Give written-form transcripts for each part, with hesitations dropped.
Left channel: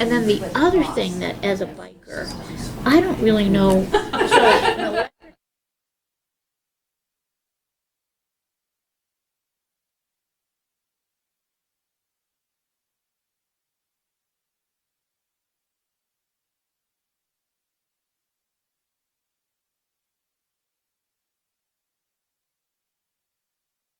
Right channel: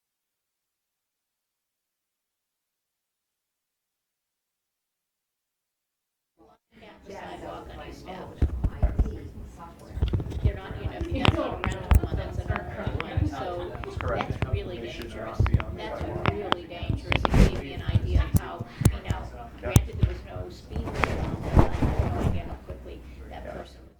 And then the other thing that, as a biker, I don't really know. So, an electric sidewalk on East Avenue. They're not, that's not a rental one, that's an earned one, so that's really dangerous. That's really dangerous. It gave me an idea of how, now, granted, there was no speed limit on that, I have no idea how quickly that person was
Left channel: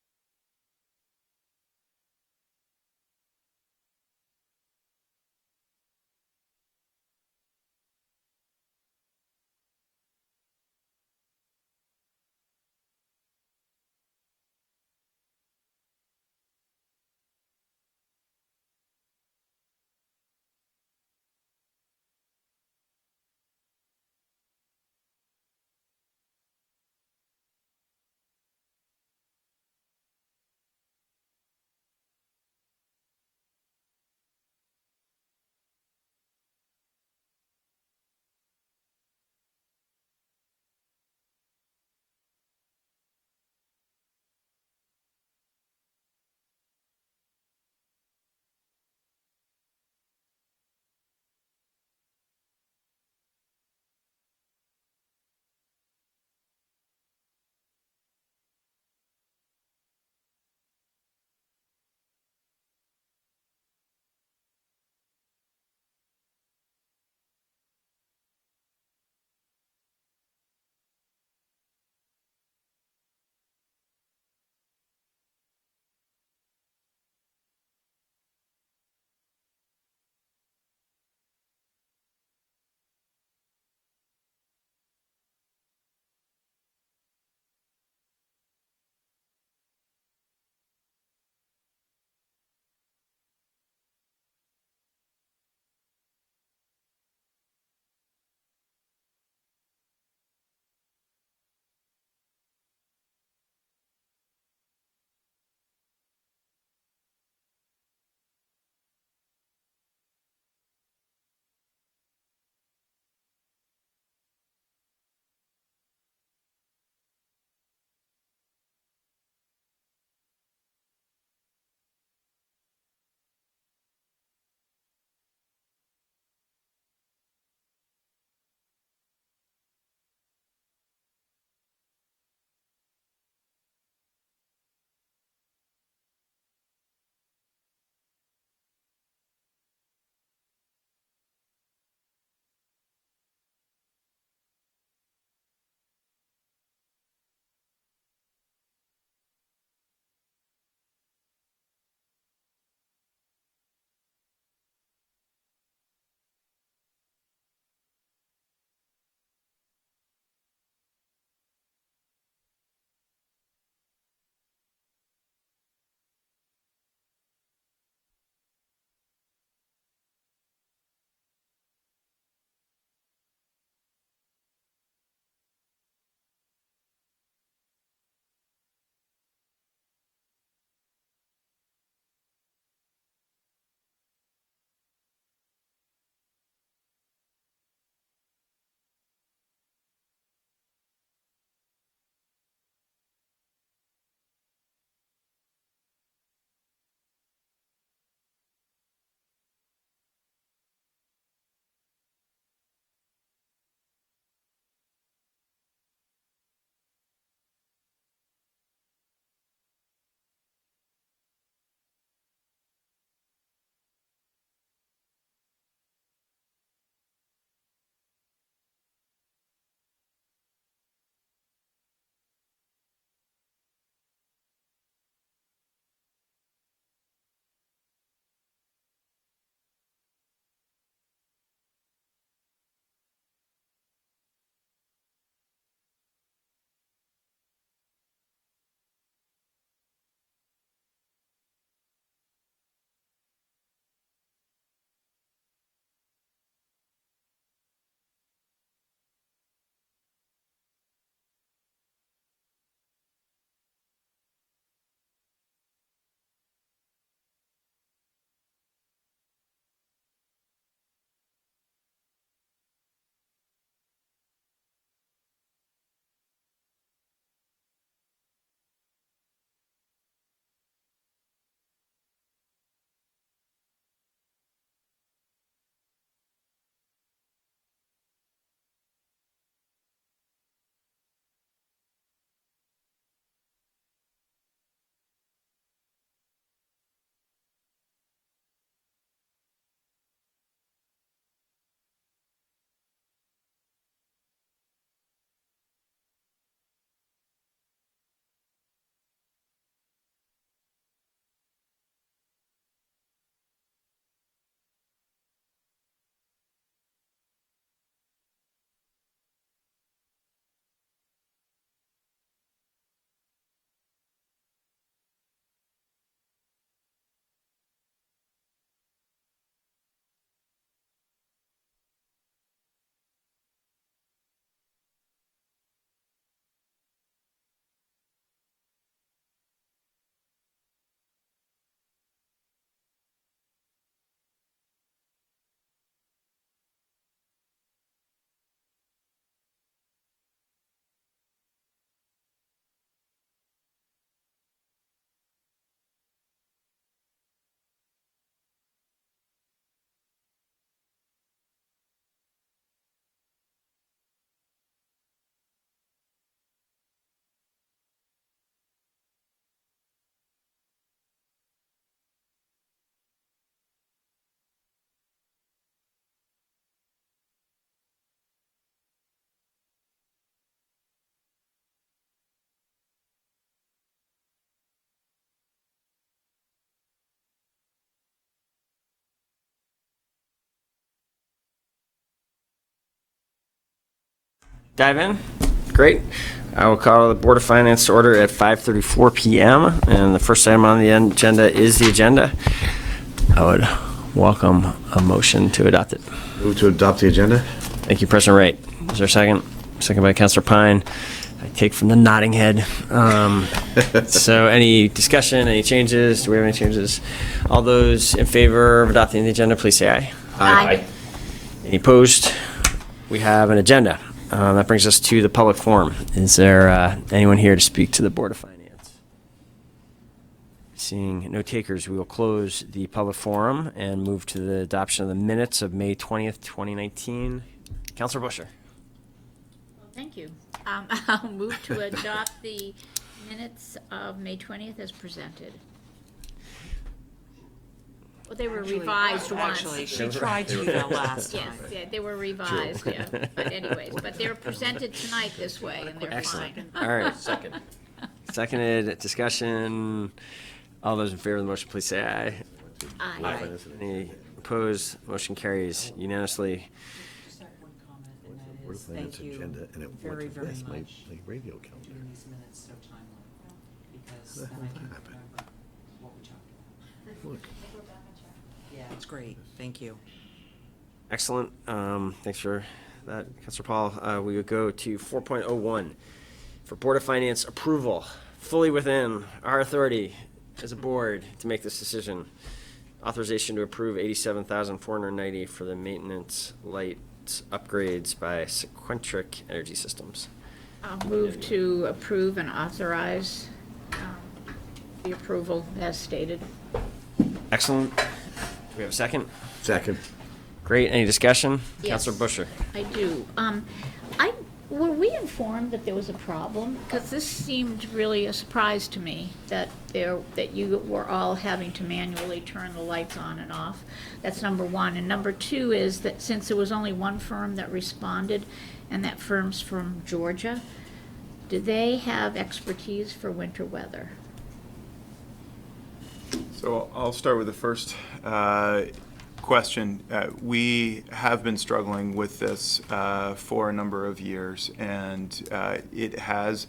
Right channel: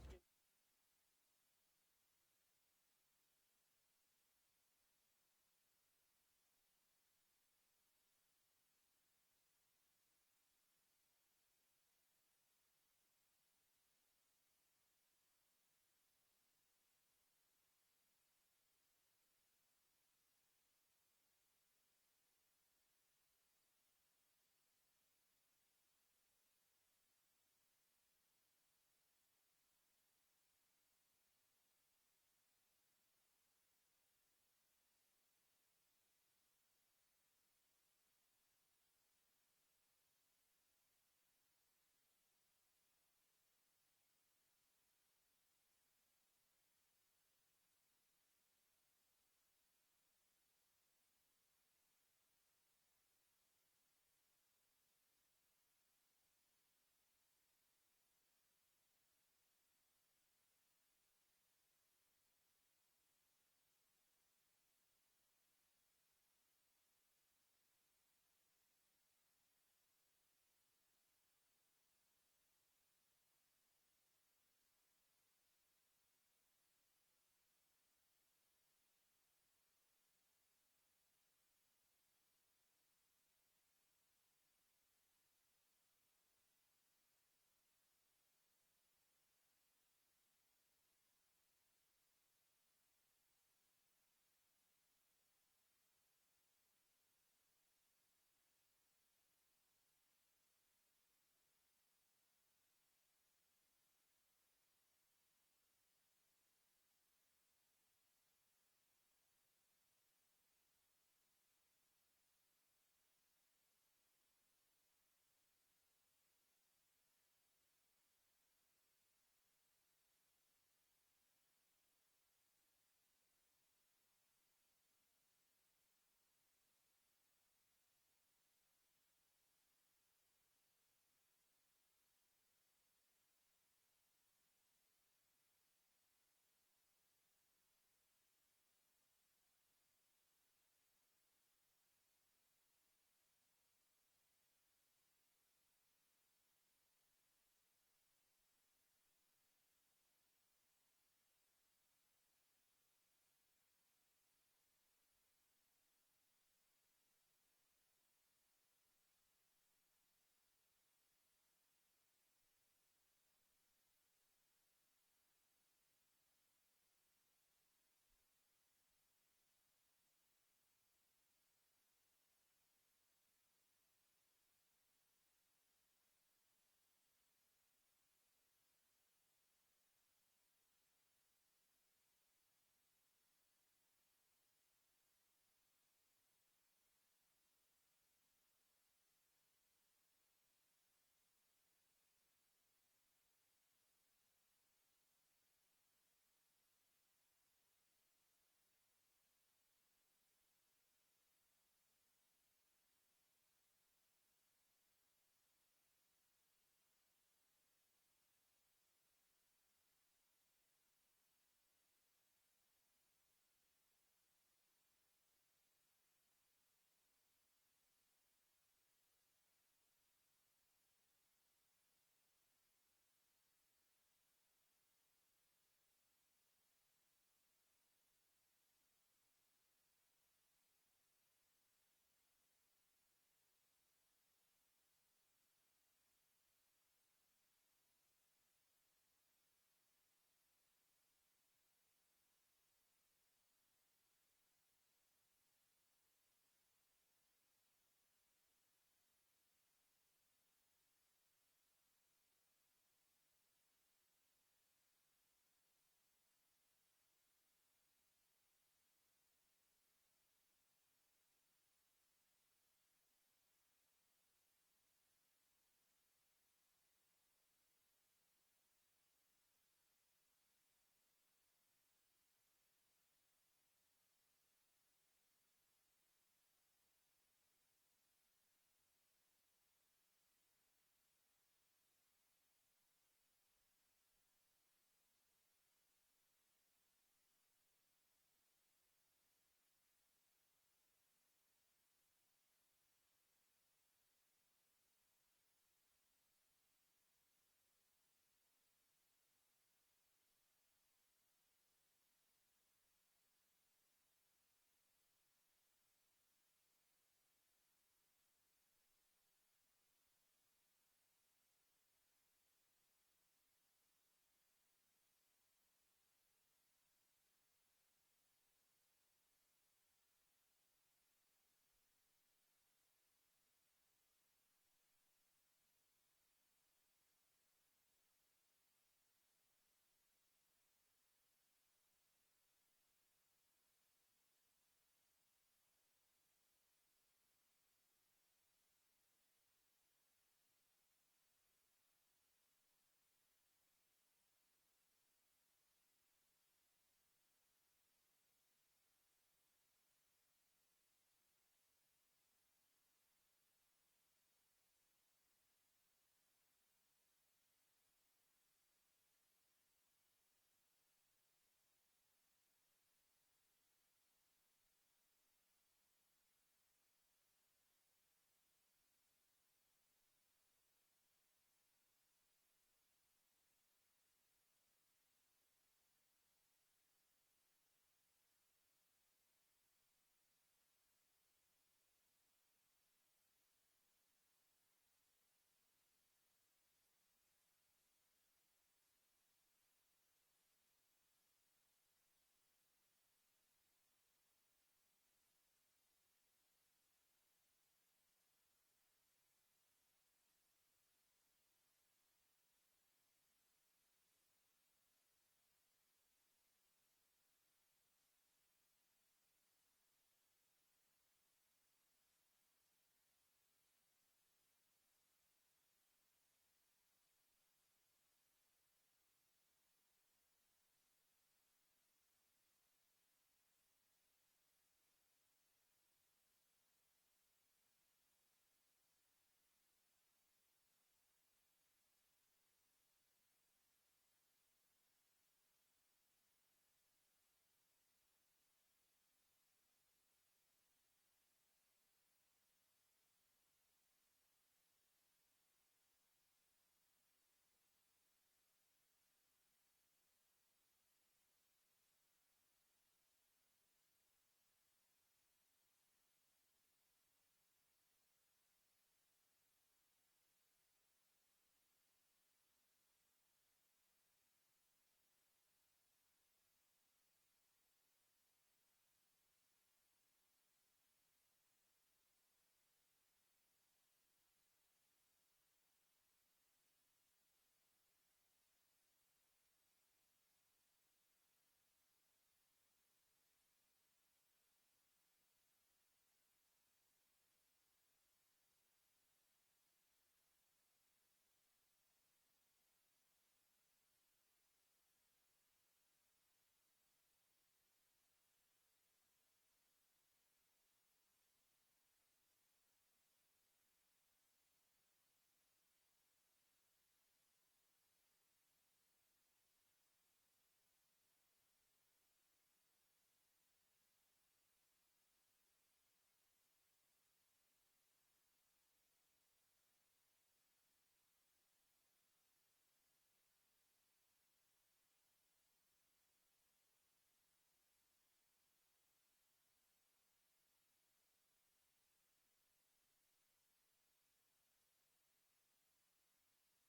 dive in? Great. I will call the Board of Finance to order at 5:34 p.m. And the first item on the agenda is the agenda. I would welcome a motion to adopt it. Move to adopt the agenda. Thank you, President Wright. Is there a second? Second by Councilor Pine. I take from the nodding head. So any discussion, any changes? Do we have any changes? All those in favor of adopting the agenda, please say aye. Aye. Any opposed? We have an agenda. That brings us to the public forum. Is there anyone here to speak to the Board of Finance? Seeing no takers, we will close the public forum and move to the adoption of the minutes of May 20th, 2019. Councilor Busher. Well, thank you. I'll move to adopt the minutes of May 20th as presented. Well, they were revised once. Actually, she tried to do that last time. Yes, yeah, they were revised, yeah. But anyways, but they're presented tonight this way, and they're Excellent. fine. All right. Seconded. Discussion. All those in favor of the motion, please say aye. Aye. Any opposed? Motion carries unanimously. Just have one comment, and Board that of is, Finance thank you agenda, and it very, went to very this, my much radio for calendar. doing these minutes so timely, because then I can happened? remember what we talked about. Look. Yeah, it's great, thank you. Excellent. Thanks for that, Councilor Paul. We would go to 4.01 for Board of Finance approval, fully within our authority as a board to make this decision. Authorization to approve $87,490 for the maintenance lights upgrades by Sequentric Energy Systems. I'll move to approve and authorize the approval as stated. Excellent. Do we have a second? Second. Great. Any discussion? Yes. Councilor Busher. I do. Were we informed that there was a problem? Because this seemed really a surprise to me, that you were all having to manually turn the lights on and off. That's number one. And number two is that since there was only one firm that responded, and that firm's from Georgia, do they have expertise for winter weather? So I'll start with the first question. We have been struggling with this for a number of years, and it has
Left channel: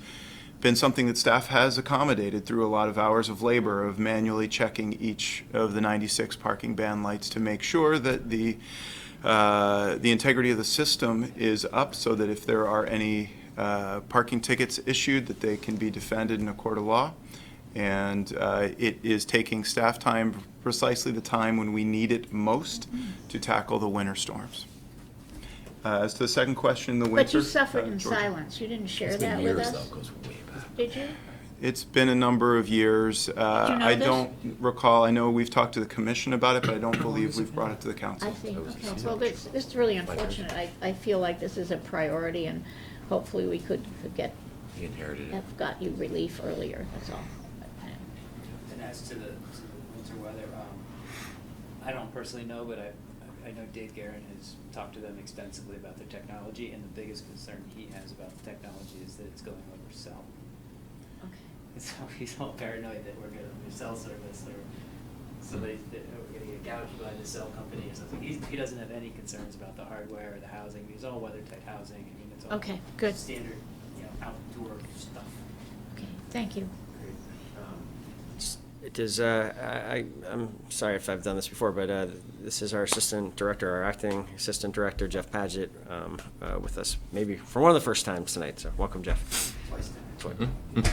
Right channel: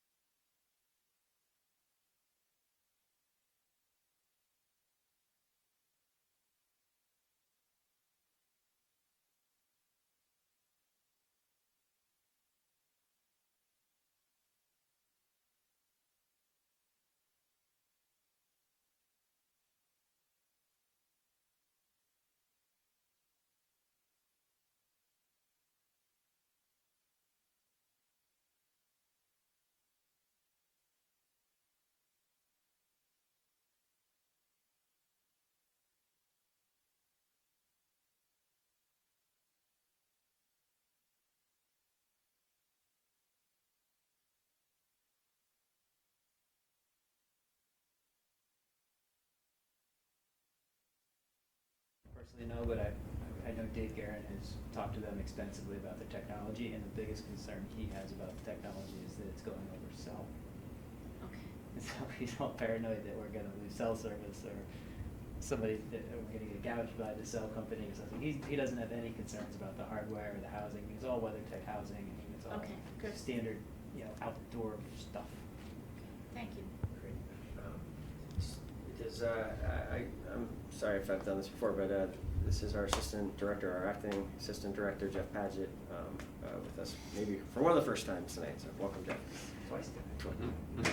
been something that staff has accommodated through a lot of hours of labor of manually checking each of the 96 parking ban lights to make sure that the integrity of the system is up, so that if there are any parking tickets issued, that they can be defended in a court of law. And it is taking staff time, precisely the time when we need it most, to tackle the winter storms. As to the second question, the winter. But you suffered in Georgia. silence. You didn't share that with us? Did you? It's been a number of years. I this? don't recall. I know we've talked to the commission about it, but I don't believe we've brought it to the council. I see, okay. Well, this is really unfortunate. I feel like this is a priority, and hopefully we could have got you relief earlier, that's all. And as to the winter weather, I don't personally know, but I know Dave Guerin has talked to them extensively about the technology, and the biggest concern he has about the technology is that it's going over cell. Okay. And so he's all paranoid that we're gonna lose cell service, or somebody, that we're gonna get gouged by the cell company or something. He doesn't have any concerns about the hardware or the housing. It's all WeatherTech housing. I mean, it's all Okay, good. standard, outdoor stuff. Okay, thank you. I'm sorry if I've done this before, but this is our assistant director, our acting assistant director, Jeff Padgett, with us, maybe for one of the first times tonight. So welcome, Jeff.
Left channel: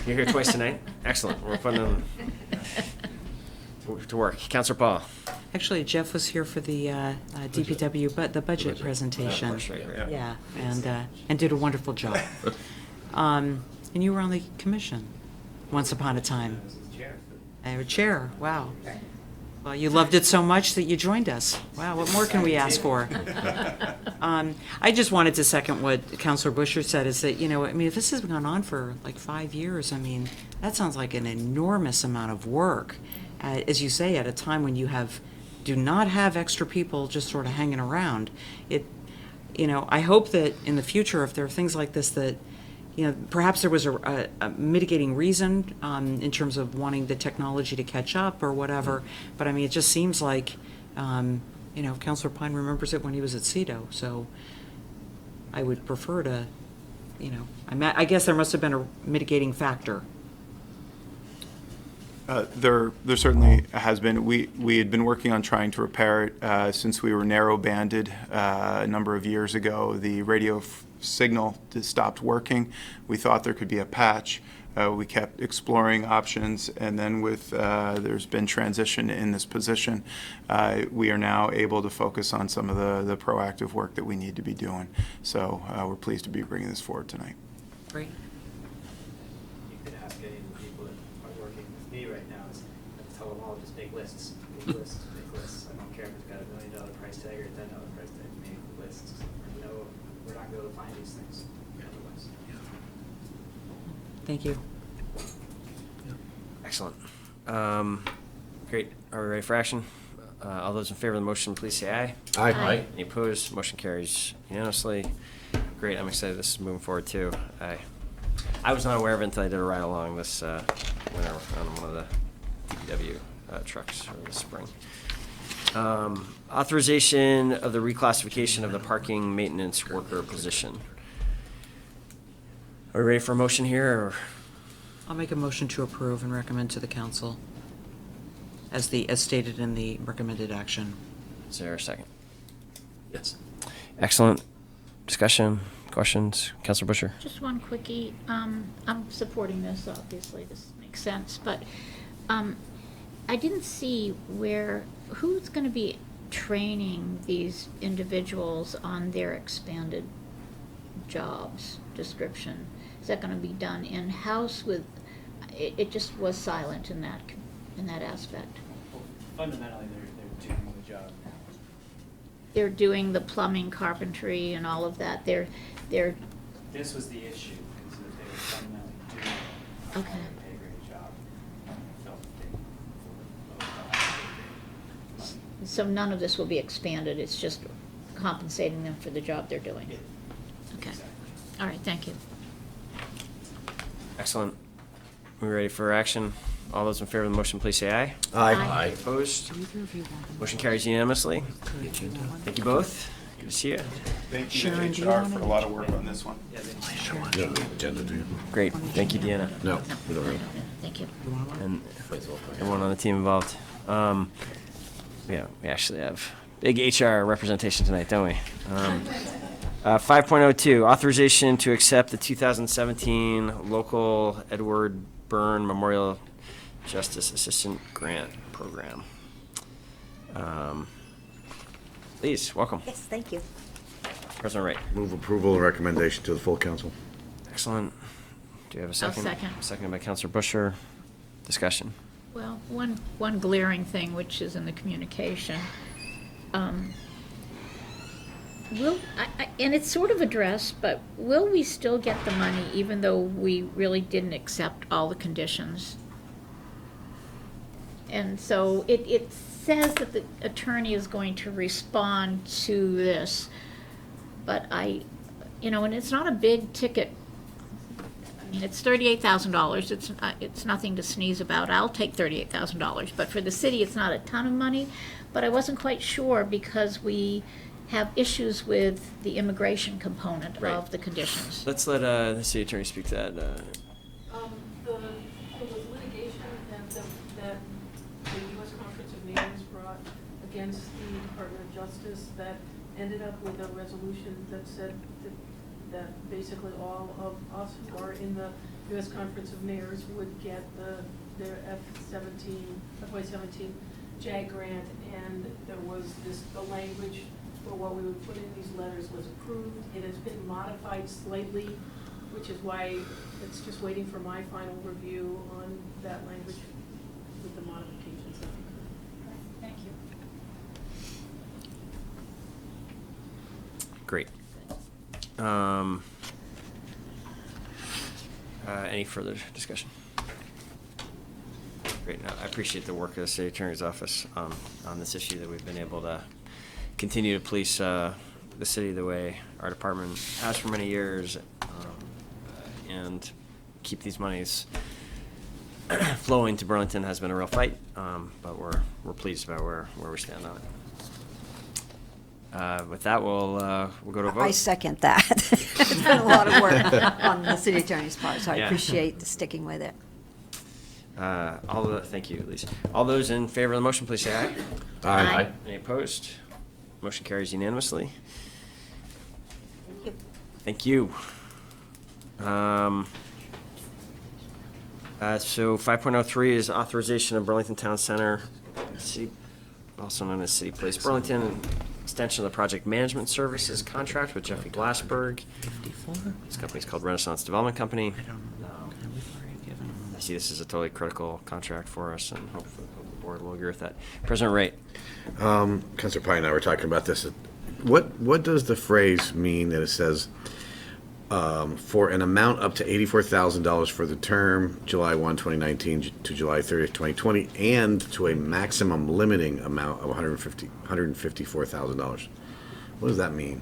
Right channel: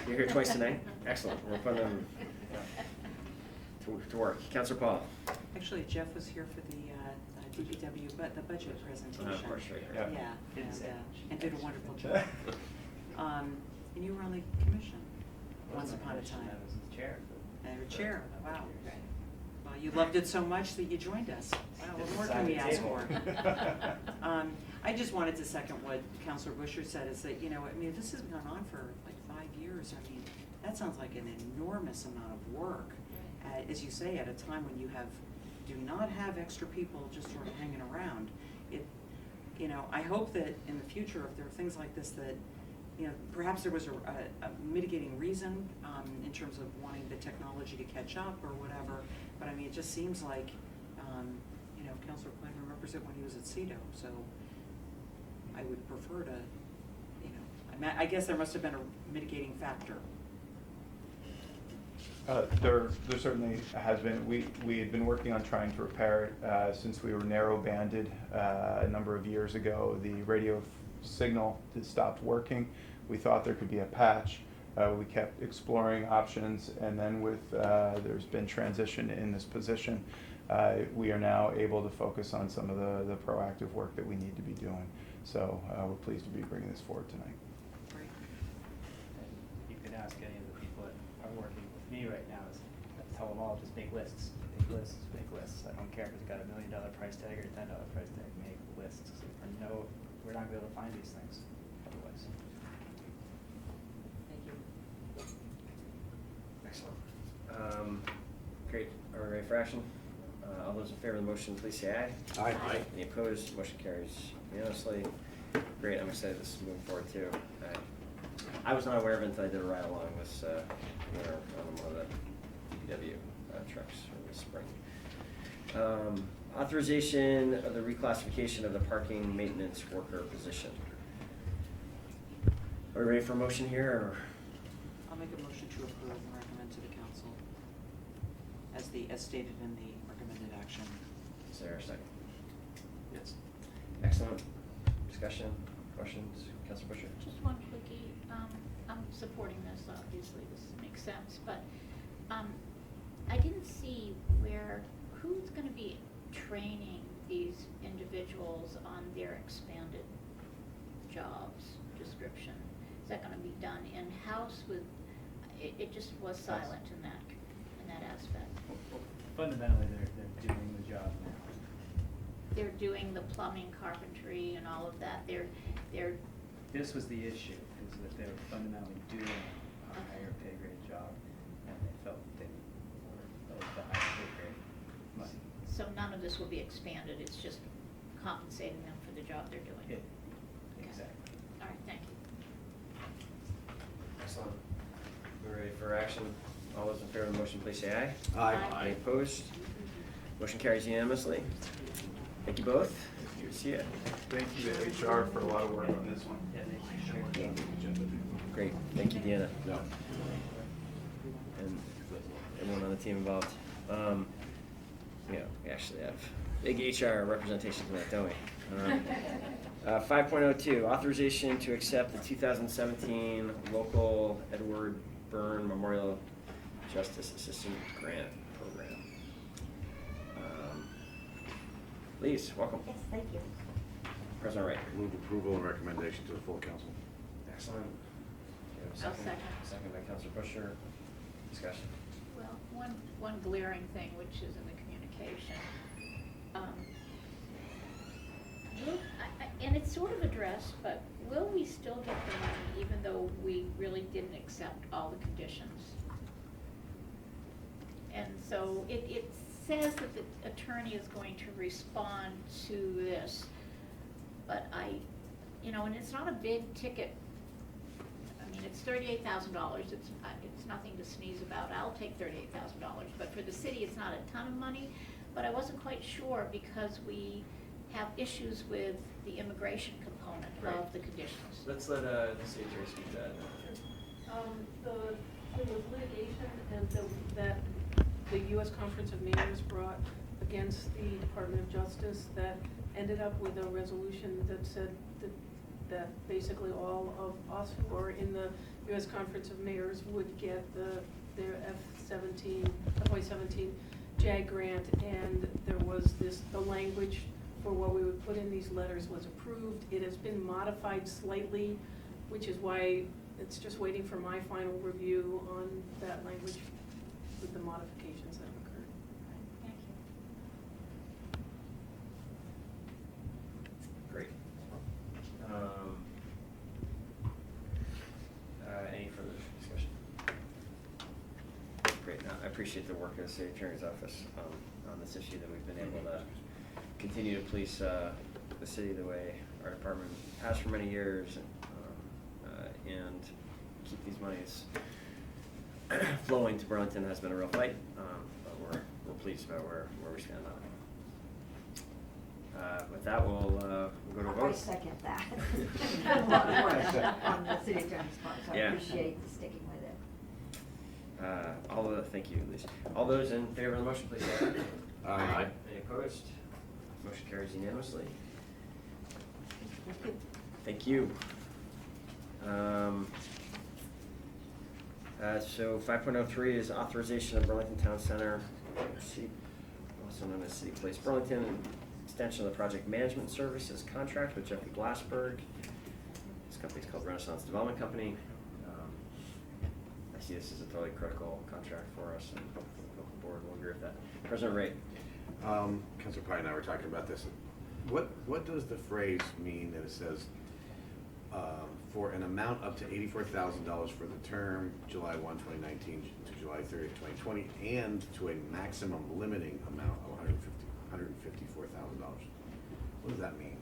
You're here twice tonight? Excellent. We're putting them to work. Councilor Paul. Actually, Jeff was here for the DPW, but the budget presentation. Right. Yeah, and did a wonderful job. And you were on the commission once upon a time. I was the chair. You were chair, wow. Well, you loved it so much that you joined us. Wow, what more can we ask for? I just wanted to second what Councilor Busher said, is that, if this has gone on for like 5 years, that sounds like an enormous amount of work. As you say, at a time when you do not have extra people just sort of hanging around. I hope that in the future, if there are things like this that, perhaps there was a mitigating reason in terms of wanting the technology to catch up or whatever, but it just seems like, Councilor Pine remembers it when he was at CEDO, so I would prefer to you know, I guess there must have been a mitigating factor. There certainly has been. We had been working on trying to repair it since we were narrow banded a number of years ago. The radio signal stopped working. We thought there could be a patch. We kept exploring options, and then with there's been transition in this position, we are now able to focus on some of the proactive work that we need to be doing. So we're pleased to be bringing this forward tonight. Great. You could ask any of the people that are working with me right now, is I tell them all, just make lists, make lists, make lists. I don't care if it's got $1 million price tag or $10 price tag, make lists. I know we're not going to be able to find these things otherwise. Thank you. Excellent. Great. Are we ready for action? All those in favor of the motion, please say aye. Aye. Aye. Any opposed? Motion carries unanimously. Great. I'm excited this is moving forward too. I was not aware of it until I did a ride along this winter on one of the DPW trucks early this spring. Authorization of the reclassification of the parking maintenance worker position. Are we ready for a motion here? Or? I'll make a motion to approve and recommend to the council as stated in the recommended action. Is there a second? Yes. Excellent. Discussion, questions? Councilor Busher? Just one quickie. I'm supporting this, obviously, this makes sense, but I didn't see who's gonna be training these individuals on their expanded jobs description? Is that gonna be done in-house with, it just was silent in that aspect. Well, fundamentally, they're doing the job now. They're doing the plumbing, carpentry, and all of that. They're This was the issue, is that they were fundamentally doing a Okay. higher pay grade job, and they felt that they could afford the higher pay grade money. so none of this will be expanded. It's just compensating them for the job they're doing. Okay. Exactly. All right, thank you. Excellent. We ready for action? All those in favor of the motion, please say aye. Aye. Aye. Opposed? Motion carries unanimously. Thank you both. Good to see you. Thank you Sharon, do to you HR wanna- for a lot of work on this one. Yeah, No, agenda, do you? Great. Thank you, Deanna. No, we don't really. Thank you. And everyone on the team involved. Yeah, we actually have big HR representation tonight, don't we? 5.02, authorization to accept the 2017 local Edward Byrne Memorial Justice Assistant Grant Program. Please, welcome. Yes, thank you. President Wright. Move approval and recommendation to the full council. Excellent. Do you have a second? second. Seconded by Councilor Busher. Discussion. Well, one glaring thing, which is in the communication, and it's sort of addressed, but will we still get the money even though we really didn't accept all the conditions? And so it says that the attorney is going to respond to this, but and it's not a big ticket. I mean, it's $38,000. It's nothing to sneeze about. I'll take $38,000, but for the city, it's not a ton of money. But I wasn't quite sure because we have issues with the immigration component Right. of the conditions. Let's let the city attorney speak to that. There was litigation that the U.S. Conference of Mayors brought against the Department of Justice that ended up with a resolution that said that basically all of us who are in the U.S. Conference of Mayors would get their FY17 JAG grant, and there was the language for what we would put in these letters was approved. It has been modified slightly, which is why it's just waiting for my final review on that language with the modifications that occurred. Thank you. Great. Any further discussion? Great. No, I appreciate the work of the city attorney's office on this issue, that we've been able to continue to police the city the way our department has for many years, and keep these monies flowing to Burlington has been a real fight, but we're pleased about where we stand on With that, we'll go to a vote. I second that. It's been a lot of work on the city attorney's part, so I Yeah. appreciate sticking with it. Thank you, Lisa. All those in favor of the motion, please say aye. Aye. Any opposed? Motion carries unanimously. Thank you. So 5.03 is authorization of Burlington Town Center, City, also known as City Place Burlington, and extension of the project management services contract with Jeffrey Glassberg. This company's called Renaissance Development Company. I see this is a totally critical contract for us, and hopefully the board will agree with that. President Wright. Councilor Pine and I were talking about this. What does the phrase mean that it says, for an amount up to $84,000 for the term July 1, 2019 to July 30th, 2020, and to a maximum limiting amount of $154,000? What does that mean?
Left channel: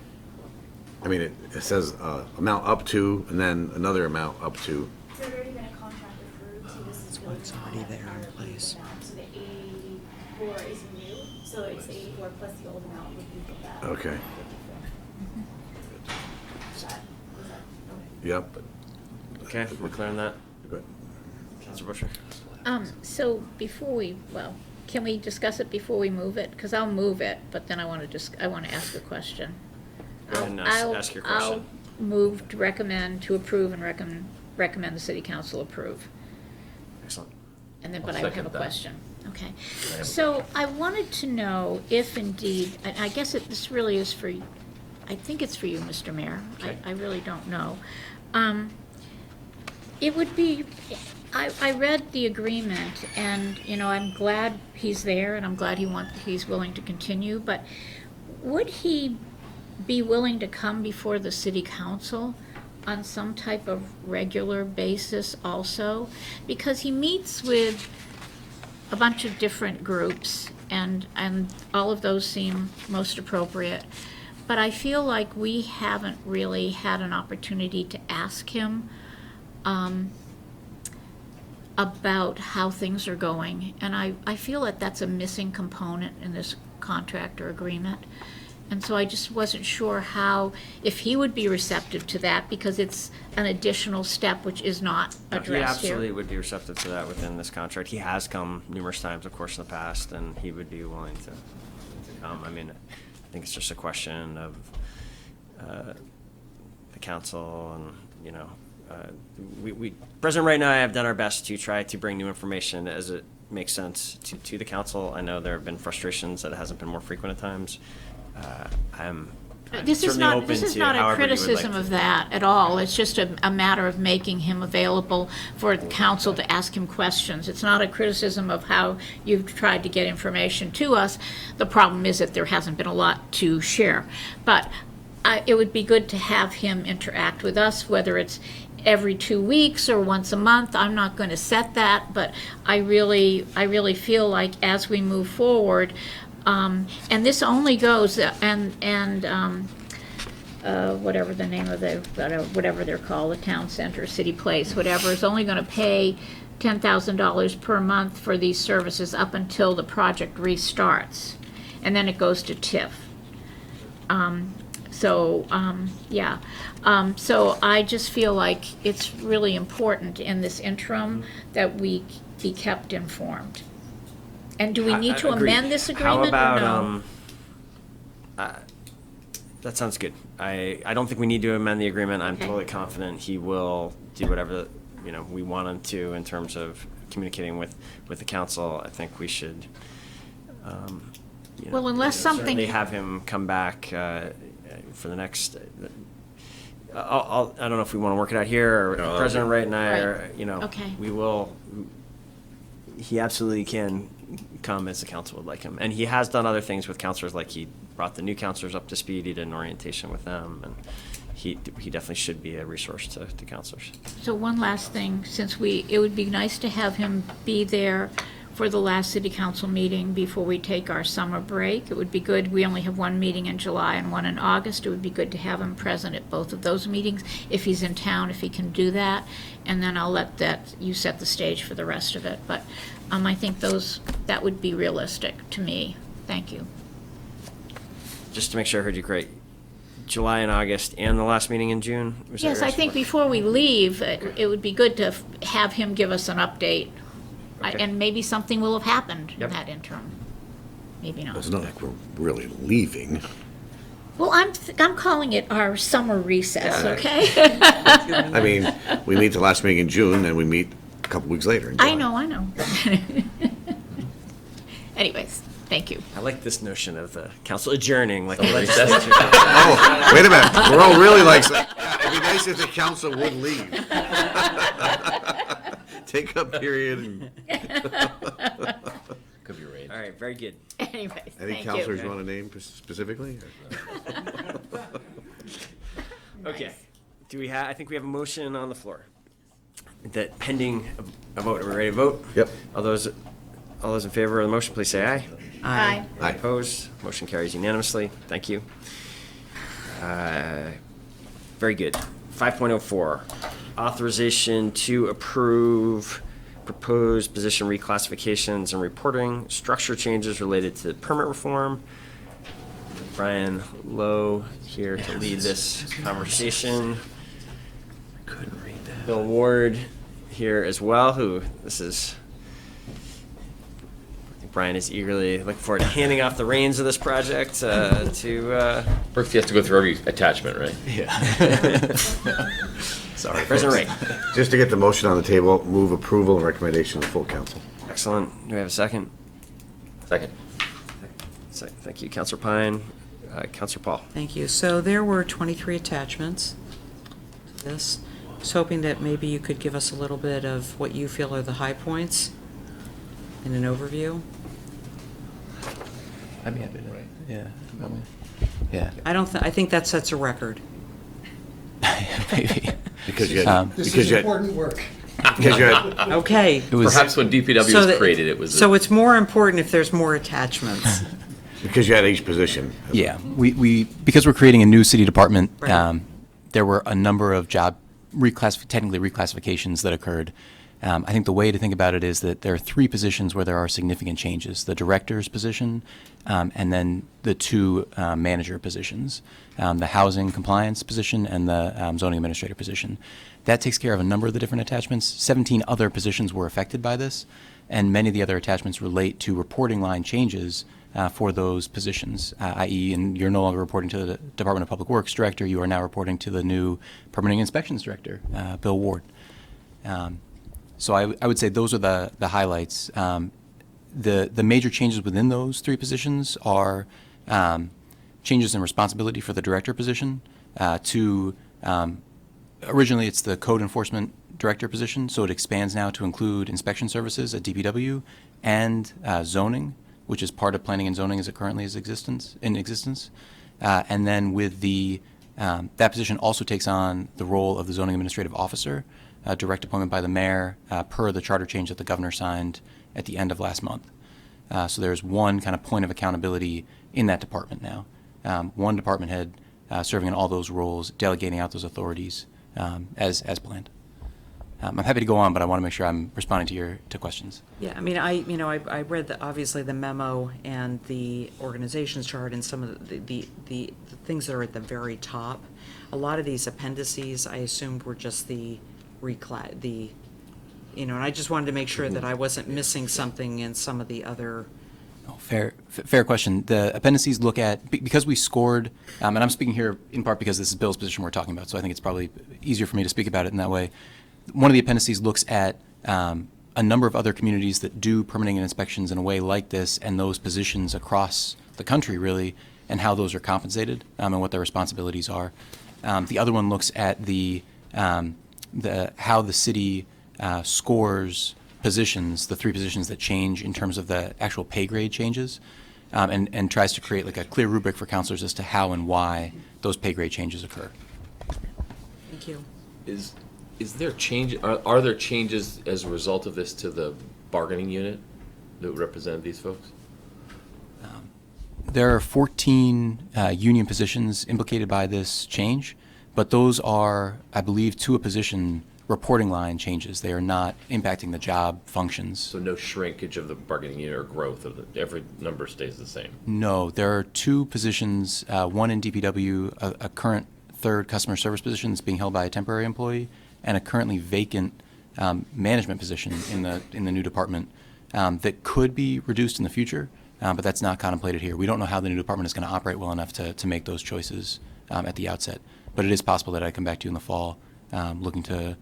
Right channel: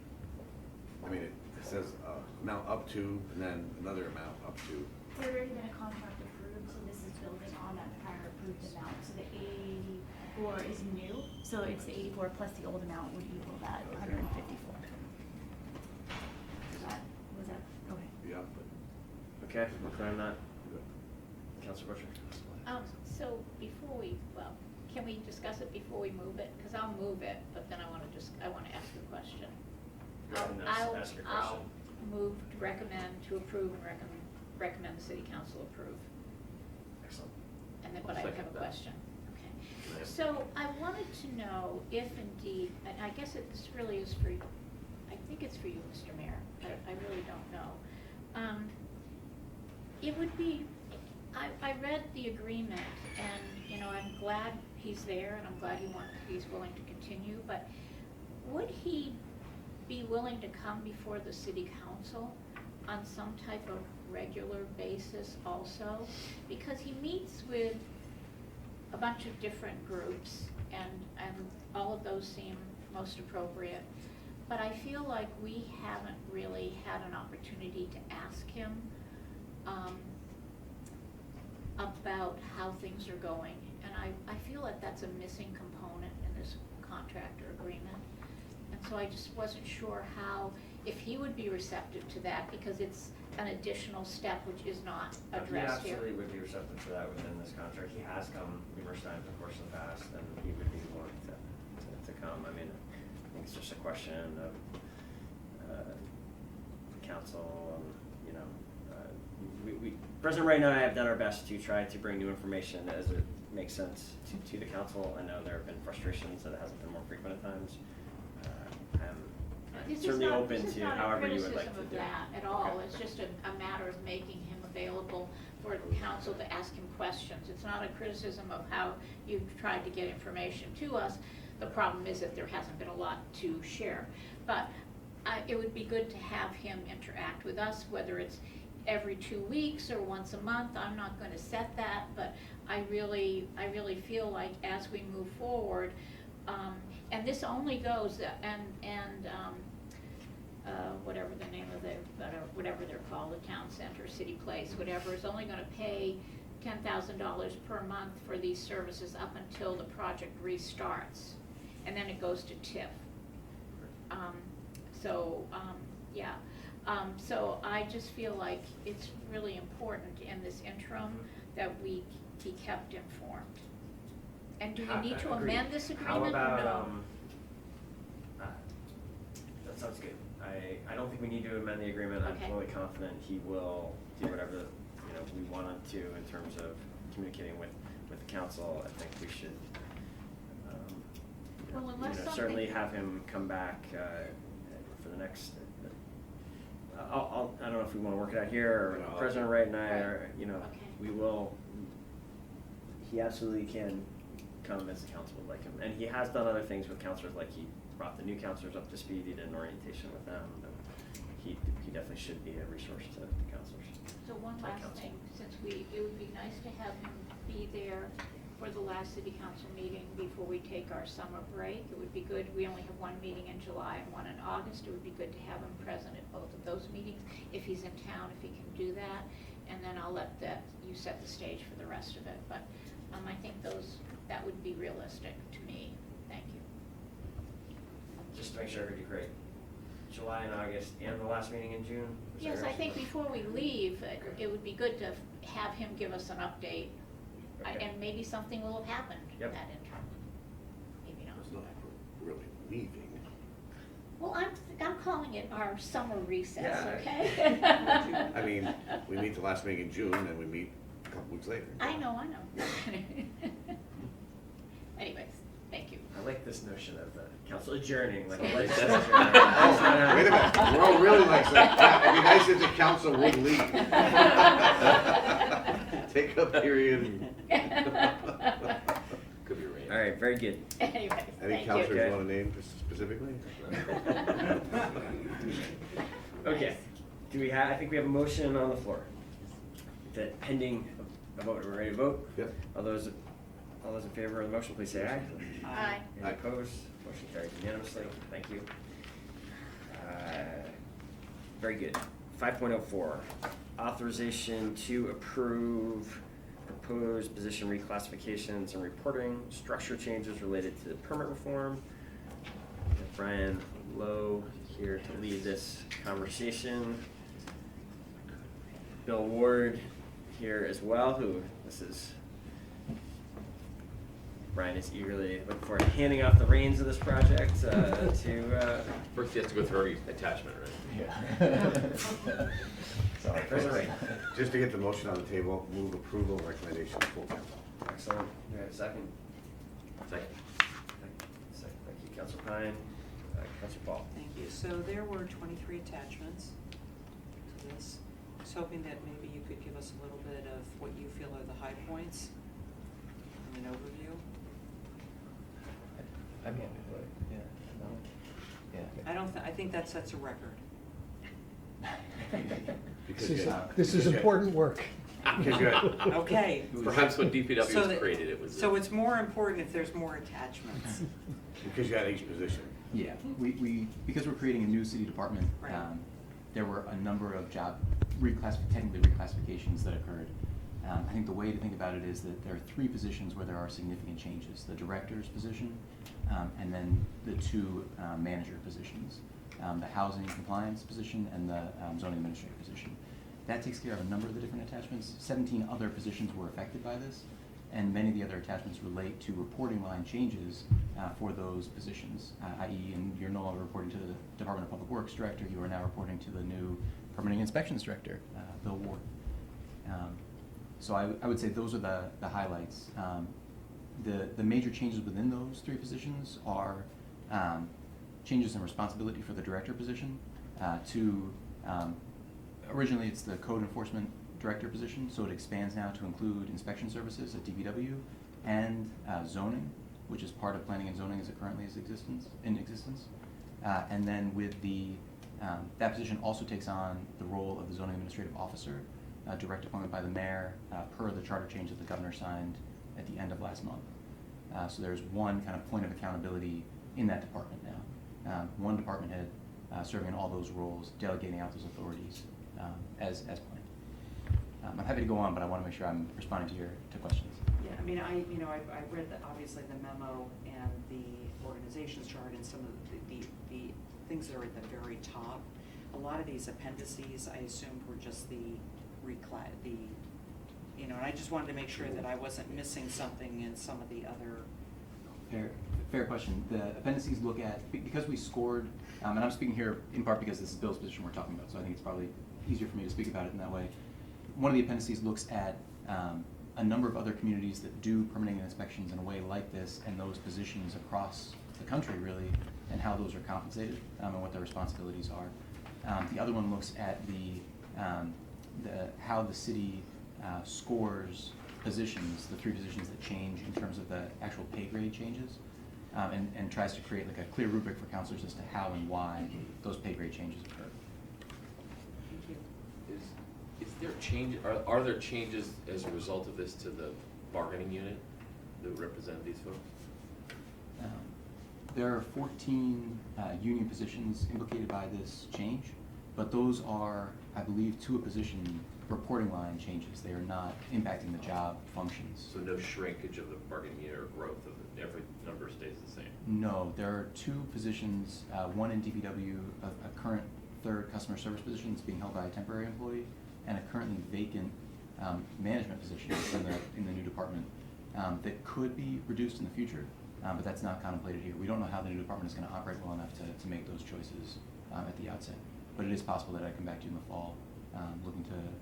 I mean, it says amount up to, and then another amount up to. There's already been a contract approved, so this is really It's already not there in our place. amount. So the 84 is new, so it's the 84 plus the old amount would equal that. Okay. 54. Was that? Yep. Okay, we're clear on that. Good. Councilor Busher. So can we discuss it before we move it? Because I'll move it, but then I want to ask a question. Go ahead and ask your I'll question. move to approve and recommend the city council approve. Excellent. And then, I'll but I have a second that. question. Okay. So I wanted to know if indeed, I guess this really is for, I think it's for you, Mr. Mayor. Okay. I really don't know. It would be, I read the agreement, and, I'm glad he's there, and I'm glad he's willing to continue, but would he be willing to come before the city council on some type of regular basis also? Because he meets with a bunch of different groups, and all of those seem most appropriate. But I feel like we haven't really had an opportunity to ask him about how things are going. And I feel that that's a missing component in this contract or agreement. And so I just wasn't sure if he would be receptive to that, because it's an additional step which is not He addressed here. absolutely would be receptive to that within this contract. He has come numerous times, of course, in the past, and he would be willing to come. I mean, I think it's just a question of the council, and President Wright and I have done our best to try to bring new information as it makes sense to the council. I know there have been frustrations that it hasn't been more frequent at times. I'm This is certainly not, open this is to not a however you would like criticism to of do it. that at all. It's just a matter of making him available for the council to ask him questions. It's not a criticism of how you've tried to get information to us. The problem is that there hasn't been a lot to share. But it would be good to have him interact with us, whether it's every 2 weeks or once a month. I'm not going to set that, but I really feel like as we move forward, and this only goes, whatever the name of whatever they're called, the town center, city place, whatever, is only going to pay $10,000 per month for these services up until the project restarts, and then it goes to TIF. So I just feel like it's really important in this interim that we be kept informed. And do we need to Agreed. amend this agreement or no? How about, that sounds good. I don't think we need to amend the agreement. I'm Okay. totally confident he will do whatever, we want him to in terms of communicating with the council. I think we should, Well, unless something- certainly have him come back for the next, I don't know if we want to work it out here, or No, President Wright and I Right. are, Okay. he absolutely can come as the council would like him. And he has done other things with counselors, like he brought the new counselors up to speed, he did an orientation with them, and he definitely should be a resource to counselors. So one last thing, since it would be nice to have him be there for the last city council meeting before we take our summer break. It would be good, we only have one meeting in July and one in August. It would be good to have him present at both of those meetings, if he's in town, if he can do that. And then I'll let you set the stage for the rest of it. But I think that would be realistic to me. Thank you. just to make sure I heard you correct, July and August and the last meeting in June? Was that Yes, your I think estimate? before we leave, it would be good to have him give us an update. Okay. And maybe something will have happened in Yep. that interim. Maybe not. It's not like we're really leaving. Well, I'm calling it our summer recess, Yeah. okay? I mean, we meet the last meeting in June, and we meet a couple weeks later in July. I know. Anyways, thank you. I like this notion of the council adjourning, like a Recess. legislature. Oh, wait a minute, we're all really like, it'd be nice if the council would leave. Take a period. Could be right. All right, very good. Anyways, Any thank councilors you. you want to name specifically? Okay, I think we have a motion on the floor. That pending a vote, are we ready to vote? Yep. All those in favor of the motion, please say aye. Aye. Aye. Opposed, motion carries unanimously, thank you. Very good. 5.04, authorization to approve proposed position reclassifications and reporting structure changes related to permit reform. Brian Lowe here to lead this conversation. Couldn't read that. Bill Ward here as well, who this is. Brian is eagerly looking forward to handing off the reins of this project to. First, he has to go through every attachment, right? Yeah. Sorry, President Ray. Just to get the motion on the table, move approval and recommendation to full council. Excellent. Do we have a second? Second. Thank you, Councilor Pine. Councilor Paul. Thank you. So there were 23 attachments to this. I was hoping that maybe you could give us a little bit of what you feel are the high points in an overview. I mean, yeah. Yeah. I think that sets a record. Maybe. Because you had, This because is you had, important work. because you had, Okay. It was perhaps when DPW So was that- created, it was. So it's more important if there's more attachments. because you had each position. Yeah, because we're creating a new city department, Right. there were a number of job technically reclassifications that occurred. I think the way to think about it is that there are 3 positions where there are significant changes: the director's position, and then the 2 manager positions, the housing compliance position and the zoning administrator position. That takes care of a number of the different attachments. 17 other positions were affected by this, and many of the other attachments relate to reporting line changes for those positions, i.e., and you're no longer reporting to the Department of Public Works director, you are now reporting to the new permitting inspections director, Bill Ward. So I would say those are the highlights. The major changes within those 3 positions are changes in responsibility for the director position to originally it's the code enforcement director position, so it expands now to include inspection services at DPW and zoning, which is part of planning and zoning as it currently is in existence. And then with that position also takes on the role of the zoning administrative officer, direct appointment by the mayor per the charter change that the governor signed at the end of last month. So there's one kind of point of accountability in that department now. One department head serving in all those roles, delegating out those authorities as planned. I'm happy to go on, but I want to make sure I'm responding to questions. Yeah, I mean, I read obviously the memo and the organizations chart and some of the things that are at the very top. A lot of these appendices, I assumed were just and I just wanted to make sure that I wasn't missing something in some of the other. Oh, fair question. The appendices look at, because we scored, and I'm speaking here in part because this is Bill's position we're talking about, so I think it's probably easier for me to speak about it in that way. One of the appendices looks at a number of other communities that do permitting and inspections in a way like this, and those positions across the country, really, and how those are compensated and what their responsibilities are. The other one looks at how the city scores positions, the 3 positions that change in terms of the actual pay grade changes, and tries to create like a clear rubric for counselors as to how and why those pay grade changes occur. Thank you. Is there change? Are there changes as a result of this to the bargaining unit that represent these folks? There are 14 union positions implicated by this change, but those are, I believe, to a position, reporting line changes. They are not impacting the job functions. So no shrinkage of the bargaining unit or growth of the, every number stays the same? No, there are two positions, one in DPW, a current third customer service position that's being held by a temporary employee, and a currently vacant management position in the new department that could be reduced in the future, but that's not contemplated here. We don't know how the new department is going to operate well enough to make those choices at the outset. But it is possible that I come back to you in the fall looking to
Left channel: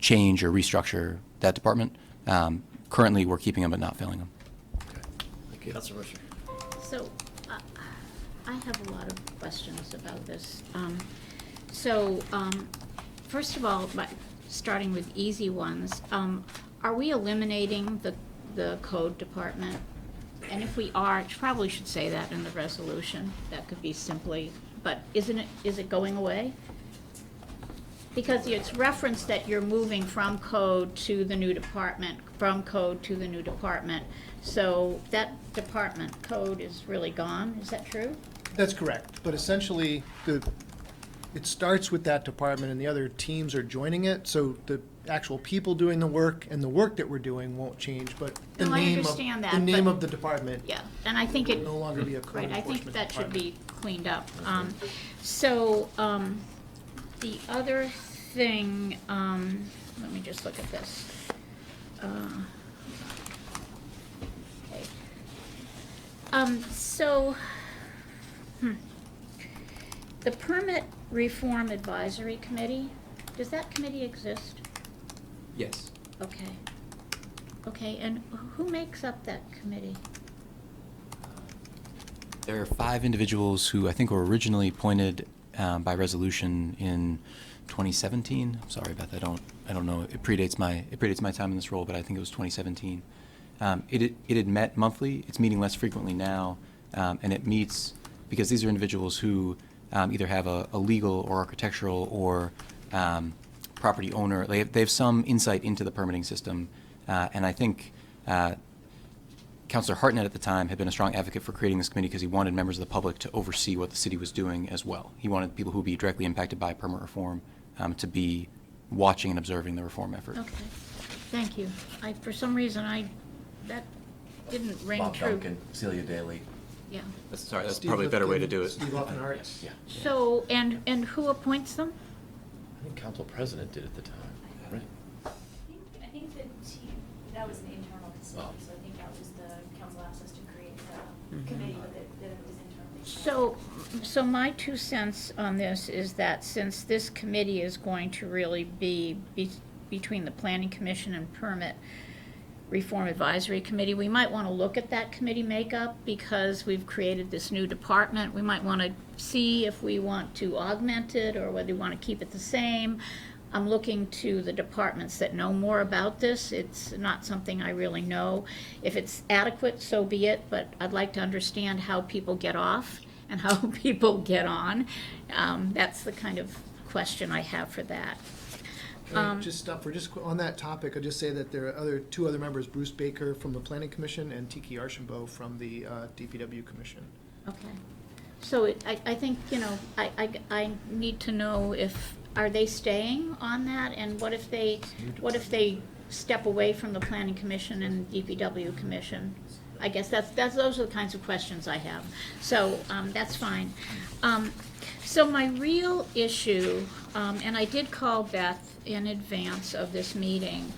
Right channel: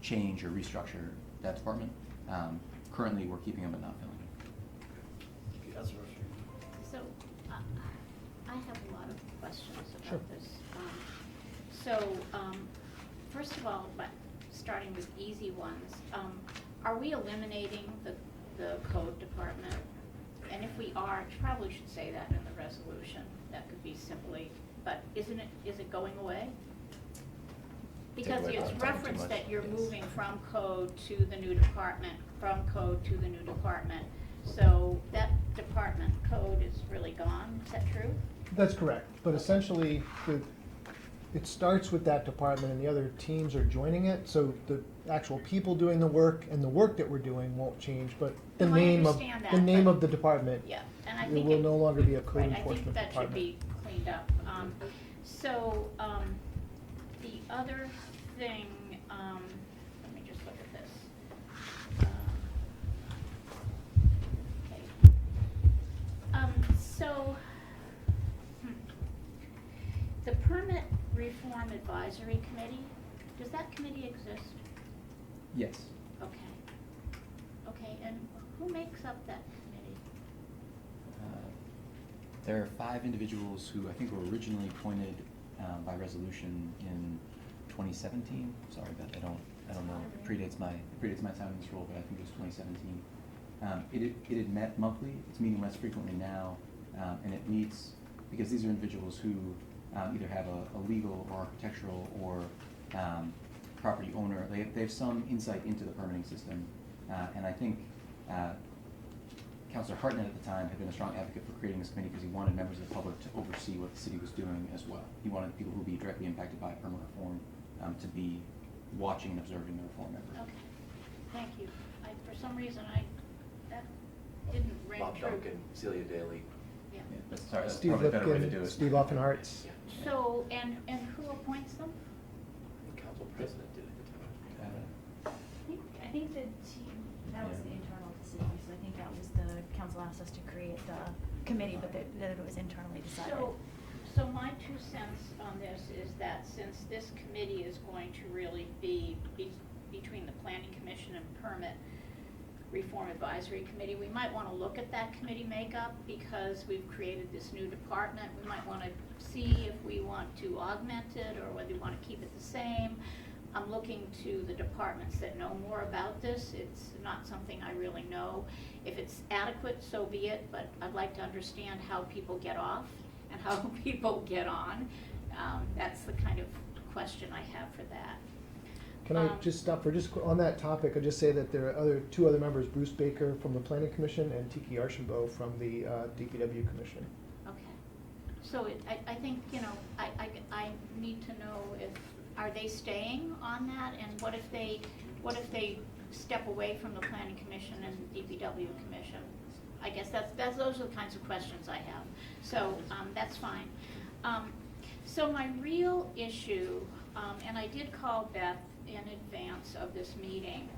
change or restructure that department. Currently, we're keeping them but not filling them. Thank you. Councilor Busher. So, I have a lot of questions about this. First of all, starting with easy ones, are we eliminating the code department? And if we are, probably should say that in the resolution. That could be simply, but is it going away? Because it's referenced that you're moving from code to the new department, from code to the new department. So that department code is really gone, is that true? That's correct, but essentially, it starts with that department and the other teams are joining it, so the actual people doing the work and the work that we're doing won't change, but the No, I name understand that, the name but- of the department. Yeah, and I think will it. no longer be a code Right, I enforcement think that should department. be cleaned up. The other thing, let me just look at this. The Permit Reform Advisory Committee, does that committee exist? Yes. Okay. Okay, and who makes up that committee? There are 5 individuals who I think were originally appointed by resolution in 2017. Sorry about that. I don't know. It predates my time in this role, but I think it was 2017. It had met monthly. It's meeting less frequently now, and it meets because these are individuals who either have a legal or architectural or property owner. They have some insight into the permitting system, and I think Councilor Hartnett at the time had been a strong advocate for creating this committee because he wanted members of the public to oversee what the city was doing as well. He wanted people who would be directly impacted by permit reform to be watching and observing the reform effort. Okay, thank you. For some reason, that didn't ring Bob true. Duncan, Celia Daly. Yeah. Sorry, that's Steve probably a better way to Lipkin, do it. Steve Offenhart. Yeah. So, and who appoints them? I think council president did at the time, right? I think that was an internal decision, so I think that was the council asked us to create the committee, but that it was internally decided. So my 2 cents on this is that since this committee is going to really be between the Planning Commission and Permit Reform Advisory Committee, we might want to look at that committee makeup because we've created this new department. We might want to see if we want to augment it or whether we want to keep it the same. I'm looking to the departments that know more about this. It's not something I really know. If it's adequate, so be it, but I'd like to understand how people get off and how people get on. That's the kind of question I have for that. Can I just stop for on that topic? I'll just say that there are 2 other members, Bruce Baker from the Planning Commission and Tiki Archambault from the DPW Commission. Okay. So I think, I need to know are they staying on that? And what if they step away from the Planning Commission and DPW Commission? I guess those are the kinds of questions I have. So, that's fine. So my real issue, and I did call Beth in advance of this meeting,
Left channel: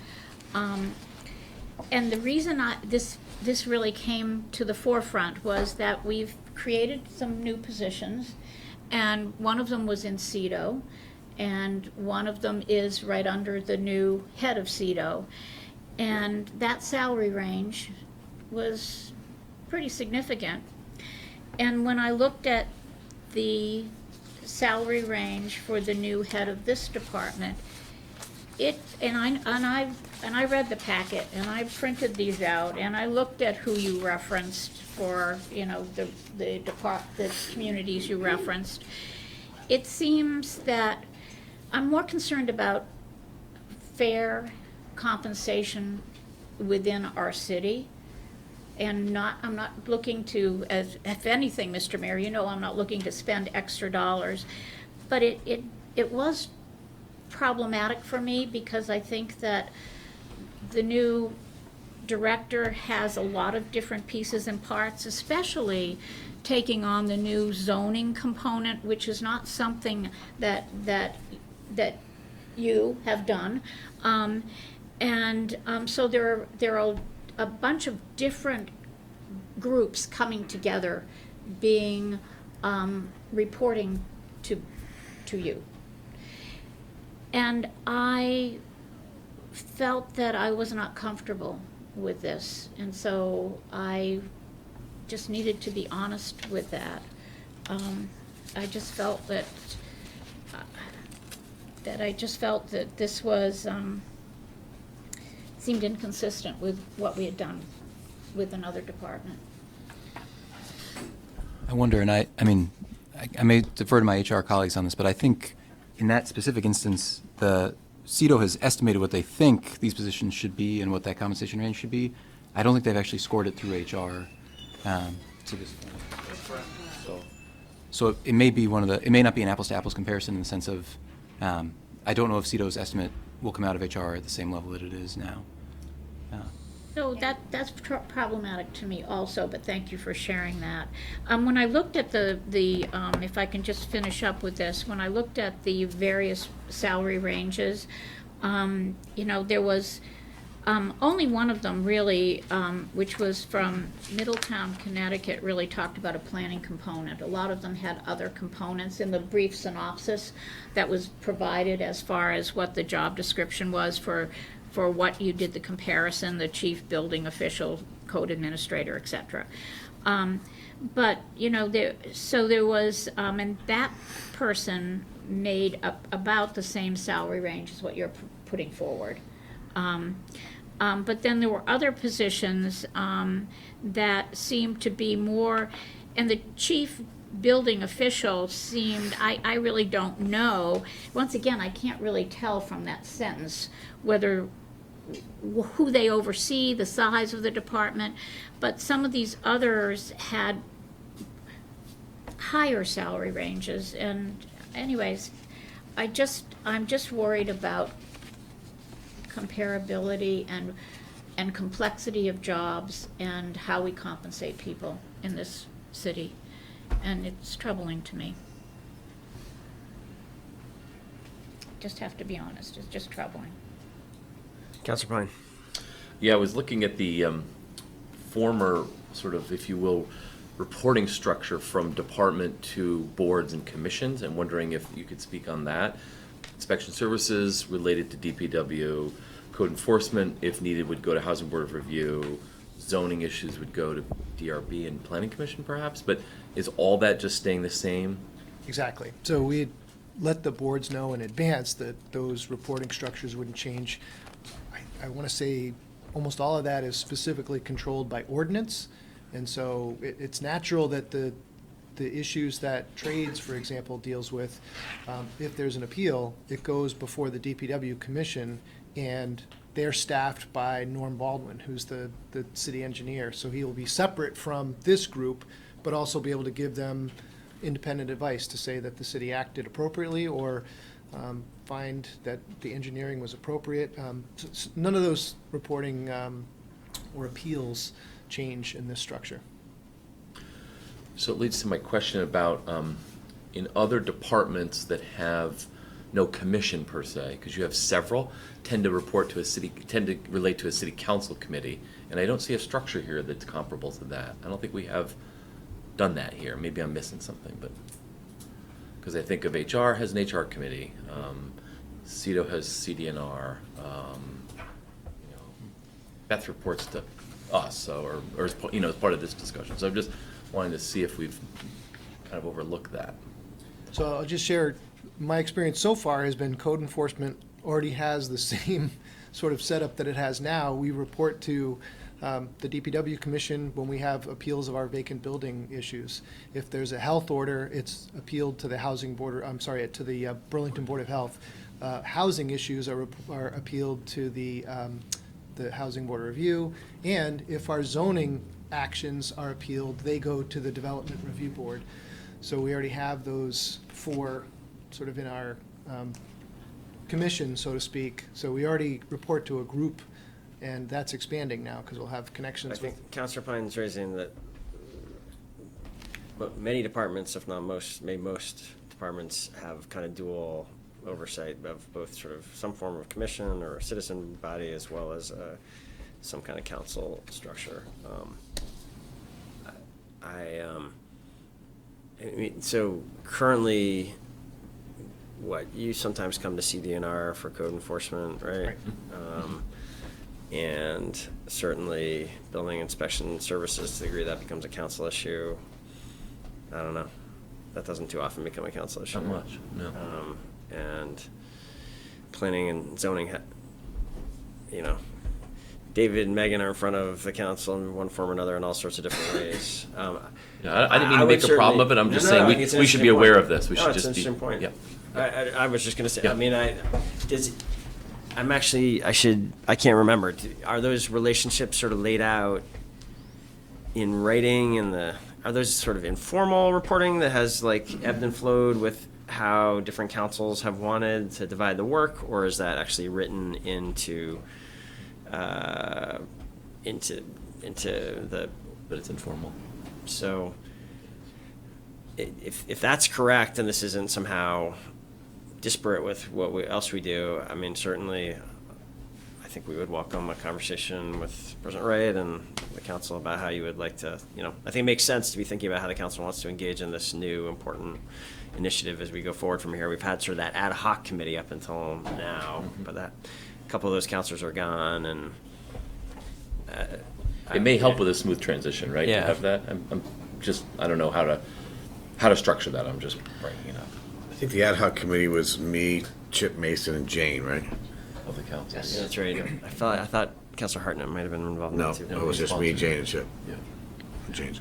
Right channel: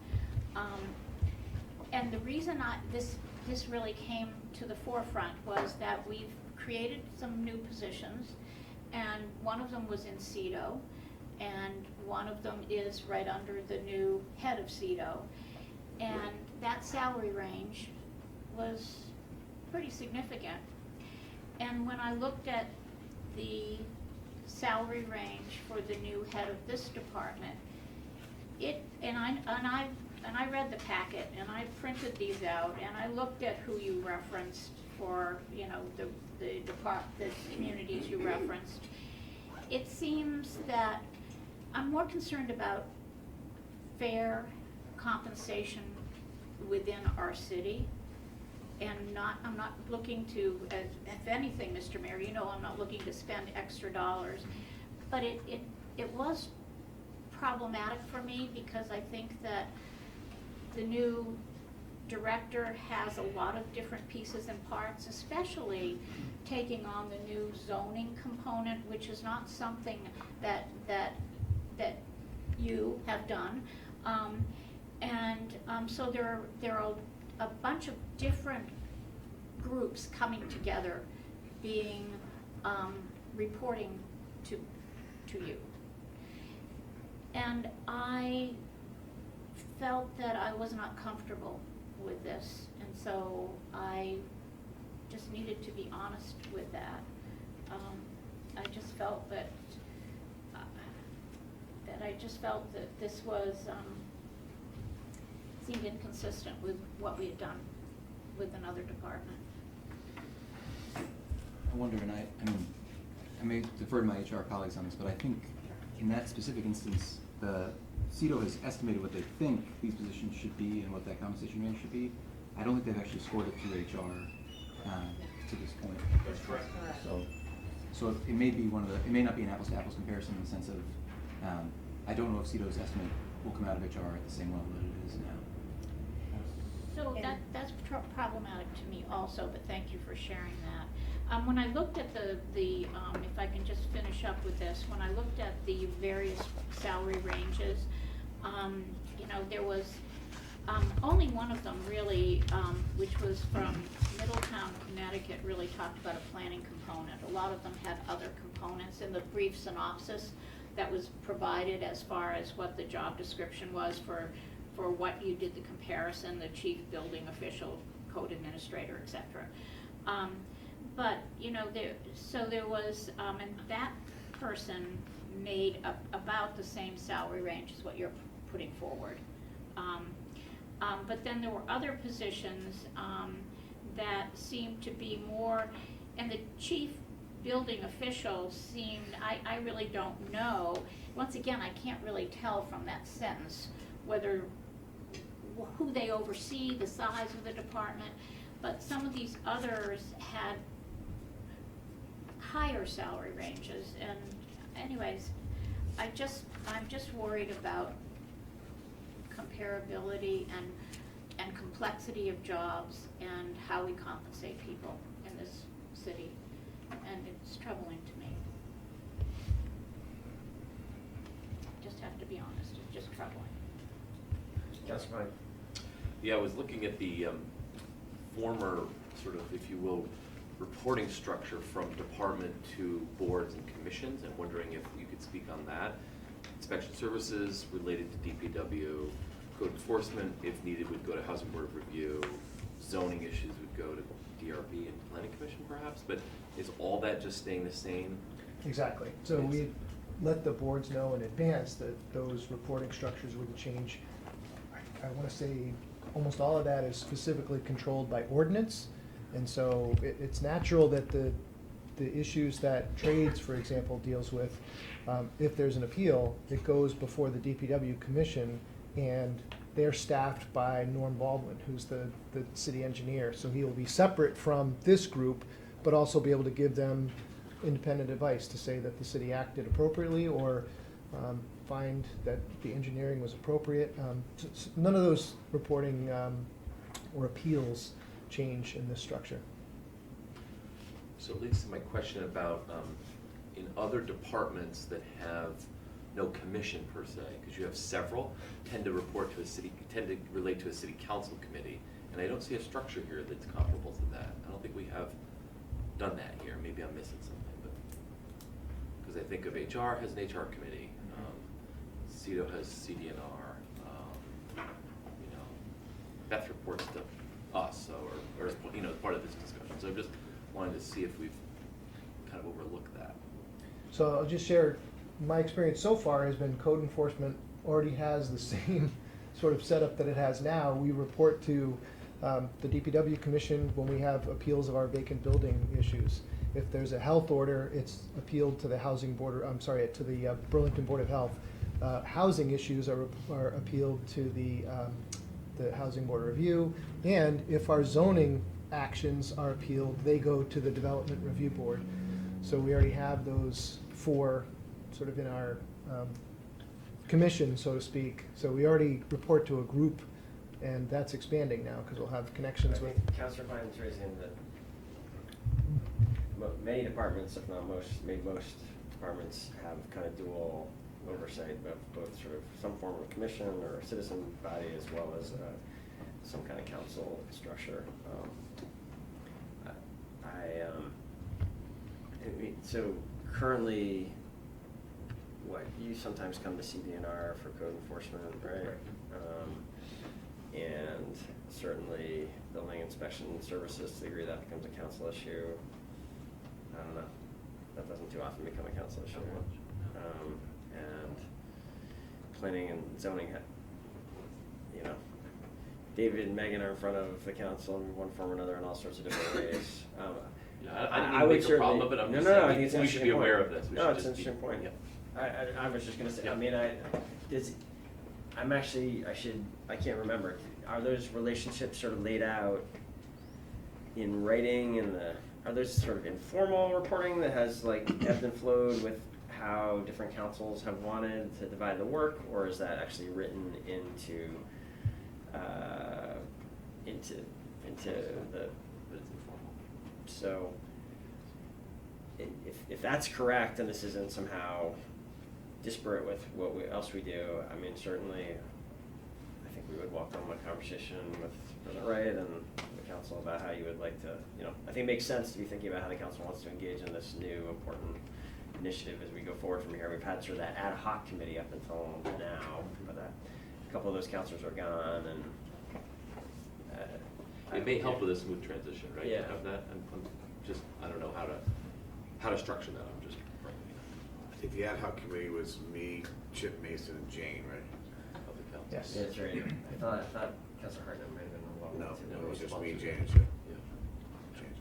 and the reason this really came to the forefront was that we've created some new positions, and one of them was in CEDO, and one of them is right under the new head of CEDO, and that salary range was pretty significant. And when I looked at the salary range for the new head of this department, I read the packet and I printed these out and I looked at who you referenced for, the communities you referenced. It seems that I'm more concerned about fair compensation within our city. And I'm not looking to, if anything, Mr. Mayor, I'm not looking to spend extra dollars. But it was problematic for me because I think that the new director has a lot of different pieces and parts, especially taking on the new zoning component, which is not something that you have done. So there are a bunch of different groups coming together, being reporting to you. And I felt that I was not comfortable with this, and so I just needed to be honest with that. I just felt that this was seemed inconsistent with what we had done with another department. I wonder, and I mean, I may defer to my HR colleagues on this, but I think in that specific instance, the CEDO has estimated what they think these positions should be and what that compensation range should be. I don't think they've actually scored it through HR to this point. So it may be it may not be an apples to apples comparison in the sense of, I don't know if CEDO's estimate will come out of HR at the same level that it is now. So that's problematic to me also, but thank you for sharing that. When I looked at the if I can just finish up with this, when I looked at the various salary ranges, there was only one of them really, which was from Middletown, Connecticut, really talked about a planning component. A lot of them had other components in the brief synopsis that was provided as far as what the job description was for what you did the comparison, the chief building official, code administrator, etc. But there was, and that person made about the same salary range as what you're putting forward. But then there were other positions that seemed to be more, and the chief building official seemed, I really don't know. Once again, I can't really tell from that sentence who they oversee, the size of the department, but some of these others had higher salary ranges. And anyways, I'm just worried about comparability and complexity of jobs and how we compensate people in this city, and it's troubling to me. Just have to be honest, it's just troubling. Councilor Pine. Yeah, I was looking at the former sort of, if you will, reporting structure from department to boards and commissions, and wondering if you could speak on that. Inspection services related to DPW, code enforcement, if needed, would go to Housing Board of Review, zoning issues would go to DRB and Planning Commission perhaps, but is all that just staying the same? Exactly. So we let the boards know in advance that those reporting structures wouldn't change. I want to say almost all of that is specifically controlled by ordinance, and so it's natural that the issues that trades, for example, deals with, if there's an appeal, it goes before the DPW commission, and they're staffed by Norm Baldwin, who's the city engineer. So he will be separate from this group, but also be able to give them independent advice to say that the city acted appropriately or find that the engineering was appropriate. None of those reporting or appeals change in this structure. So it leads to my question about in other departments that have no commission per se, because you have several, tend to relate to a city council committee, and I don't see a structure here that's comparable to that. I don't think we have done that here. Maybe I'm missing something, but because I think of HR has an HR committee, CEDO has CDNR, Beth reports to us, so, or as part of this discussion. So I'm just wanting to see if we've kind of overlooked that. So I'll just share, my experience so far has been code enforcement already has the same sort of setup that it has now. We report to the DPW commission when we have appeals of our vacant building issues. If there's a health order, it's appealed to the to the Burlington Board of Health. Housing issues are appealed to the Housing Board of Review, and if our zoning actions are appealed, they go to the Development Review Board. So we already have those four sort of in our commission, so to speak. So we already report to a group, and that's expanding now because we'll have I connections with. think Councilor Pine's raising that many departments, if not most, maybe most departments have kind of dual oversight of both sort of some form of commission or a citizen body as well as some kind of council structure. I mean, so currently, you sometimes come to CDNR for code enforcement, right? And certainly building inspection services, to the degree that becomes a council issue, I don't know. That doesn't too often become a council issue. Not much, no. And planning and zoning, David and Megan are in front of the council in one form or another in all sorts of different ways. Yeah, I didn't mean to would make a problem of it, I'm certainly- just No, saying, I think it's an we should interesting be aware point. of this, we No, should it's just an be. interesting point. Yep. I was just gonna say, Yeah. I mean, I can't remember. Are those relationships sort of laid out in writing are those sort of informal reporting that has like ebbed and flowed with how different councils have wanted to divide the work, or is that actually written into the, But it's informal. so if that's correct and this isn't somehow disparate with what else we do, I mean, certainly I think we would welcome a conversation with President Wright and the council about how you would like to, I think it makes sense to be thinking about how the council wants to engage in this new important initiative as we go forward from here. We've had sort of that ad hoc committee up until now, but a couple of those councilors are gone, and It may help with a smooth transition, right? Yeah. To have that, I don't know how to structure that, I'm just bringing it up. I think the ad hoc committee was me, Chip Mason, and Jane, right? Of the council. Yeah, that's right. I thought Councilor Hartnett might have been involved in No, that too. it was just me, Jane, and Chip. Yeah. Jane.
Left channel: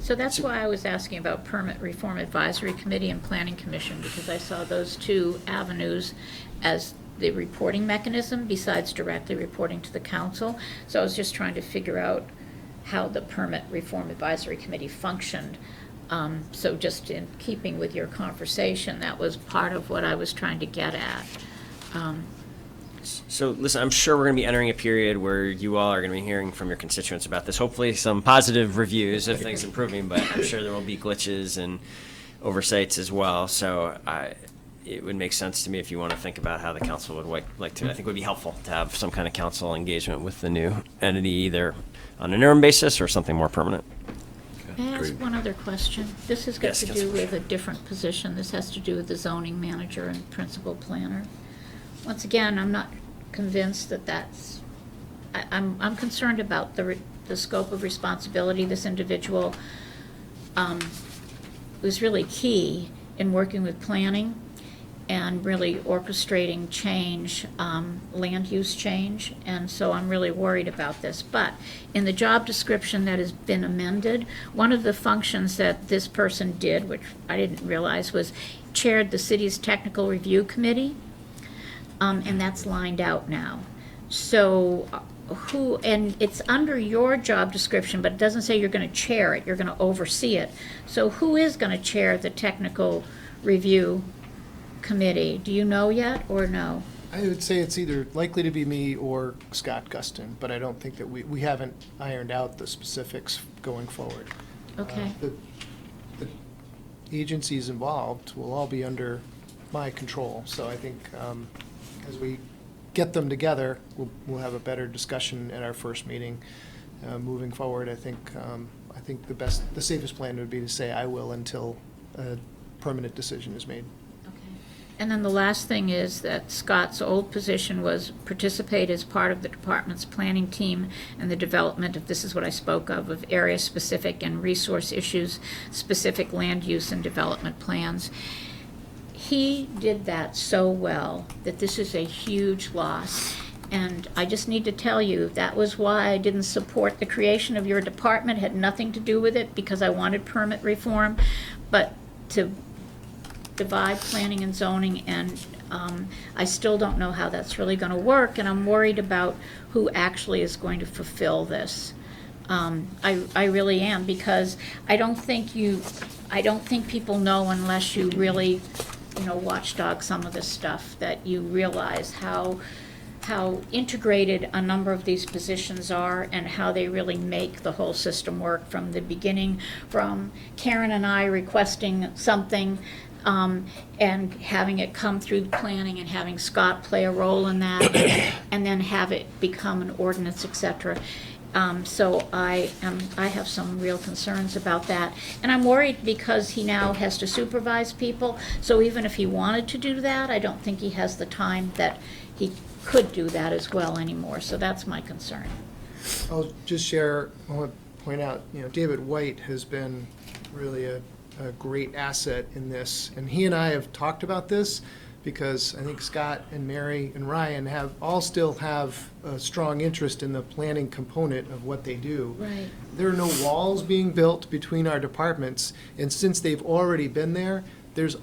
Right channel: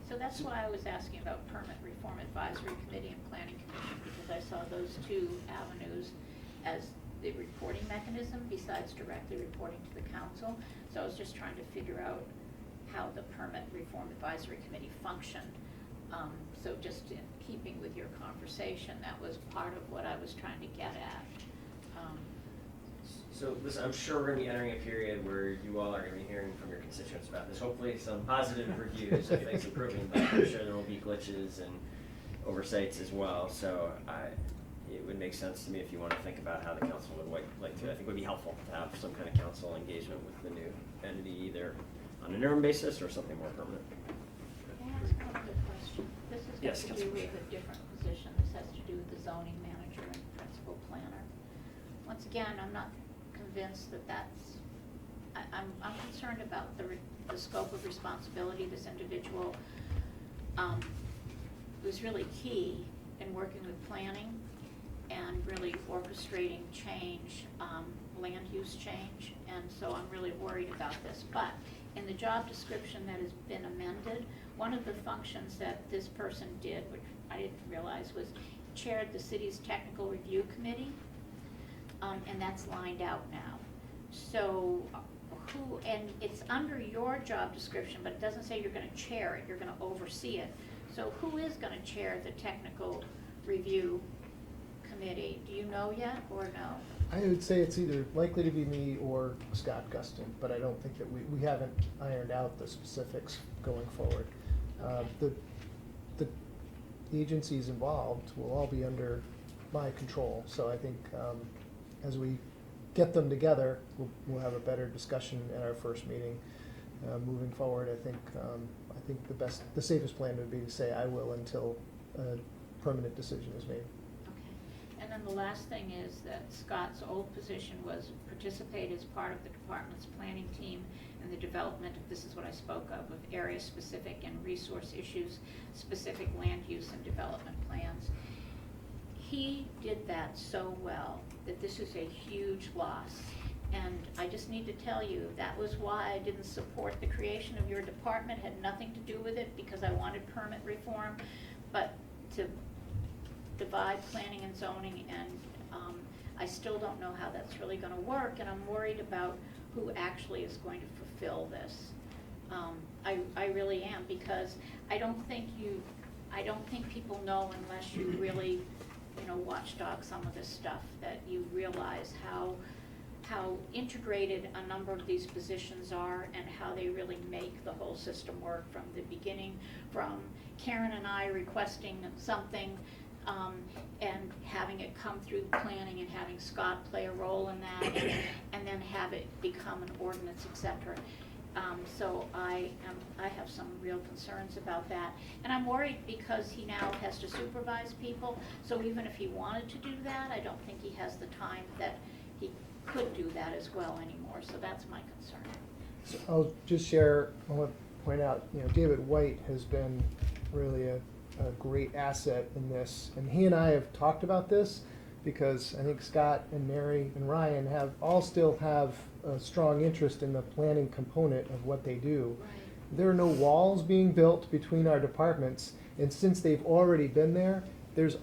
So that's why I was asking about Permit Reform Advisory Committee and Planning Commission, because I saw those two avenues as the reporting mechanism besides directly reporting to the council. So I was just trying to figure out how the Permit Reform Advisory Committee functioned. So just in keeping with your conversation, that was part of what I was trying to get at. So listen, I'm sure we're going to be entering a period where you all are going to be hearing from your constituents about this. Hopefully some positive reviews of things improving, but I'm sure there will be glitches and oversights as well. So it would make sense to me if you want to think about how the council would like to. I think it would be helpful to have some kind of council engagement with the new entity, either on an interim basis or something more permanent. May I ask Great. one other question? This has got Yes, to do Councilor with a different position. This has to do with the zoning manager and principal planner. Once again, I'm not convinced that that's, I'm concerned about the scope of responsibility. This individual was really key in working with planning and really orchestrating change, land use change, and so I'm really worried about this. But in the job description that has been amended, one of the functions that this person did, which I didn't realize, was chaired the city's technical review committee, and that's lined out now. So and it's under your job description, but it doesn't say you're gonna chair it, you're gonna oversee it. So who is gonna chair the technical review committee? Do you know yet, or no? I would say it's either likely to be me or Scott Guston, but I don't think that we haven't ironed out the specifics going forward. Okay. The agencies involved will all be under my control, so I think as we get them together, we'll have a better discussion at our first meeting. Moving forward, I think the safest plan would be to say I will until a permanent decision is made. And then the last thing is that Scott's old position was participate as part of the department's planning team and the development of, this is what I spoke of area-specific and resource issues-specific land use and development plans. He did that so well that this is a huge loss. And I just need to tell you, that was why I didn't support the creation of your department. It had nothing to do with it, because I wanted permit reform, but to divide planning and zoning, and I still don't know how that's really gonna work, and I'm worried about who actually is going to fulfill this. I really am, because I don't think people know unless you really watchdog some of this stuff, that you realize how integrated a number of these positions are and how they really make the whole system work from the beginning, from Karen and I requesting something, and having it come through the planning and having Scott play a role in that, and then have it become an ordinance, et cetera. So I have some real concerns about that. And I'm worried because he now has to supervise people. So even if he wanted to do that, I don't think he has the time that he could do that as well anymore. So that's my concern. I'll just share, I want to point out, David White has been really a great asset in this. And he and I have talked about this because I think Scott and Mary and Ryan still have a strong interest in the planning component of what they do. Right. There are no walls being built between our departments, and since they've already been there, there's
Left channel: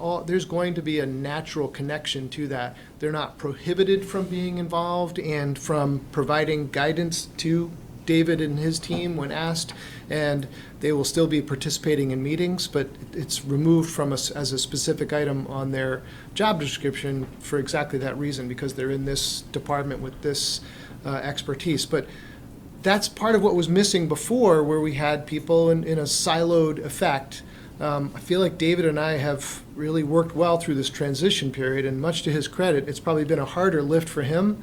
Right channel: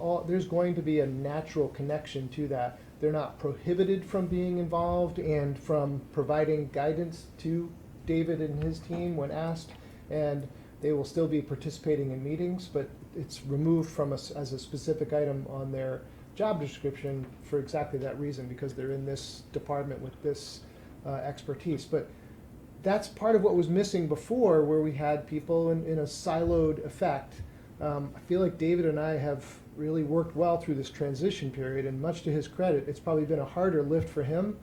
going to be a natural connection to that. They're not prohibited from being involved and from providing guidance to David and his team when asked, and they will still be participating in meetings, but it's removed from us as a specific item on their job description for exactly that reason, because they're in this department with this expertise. But that's part of what was missing before, where we had people in a siloed effect. I feel like David and I have really worked well through this transition period, and much to his credit, it's probably been a harder lift for him.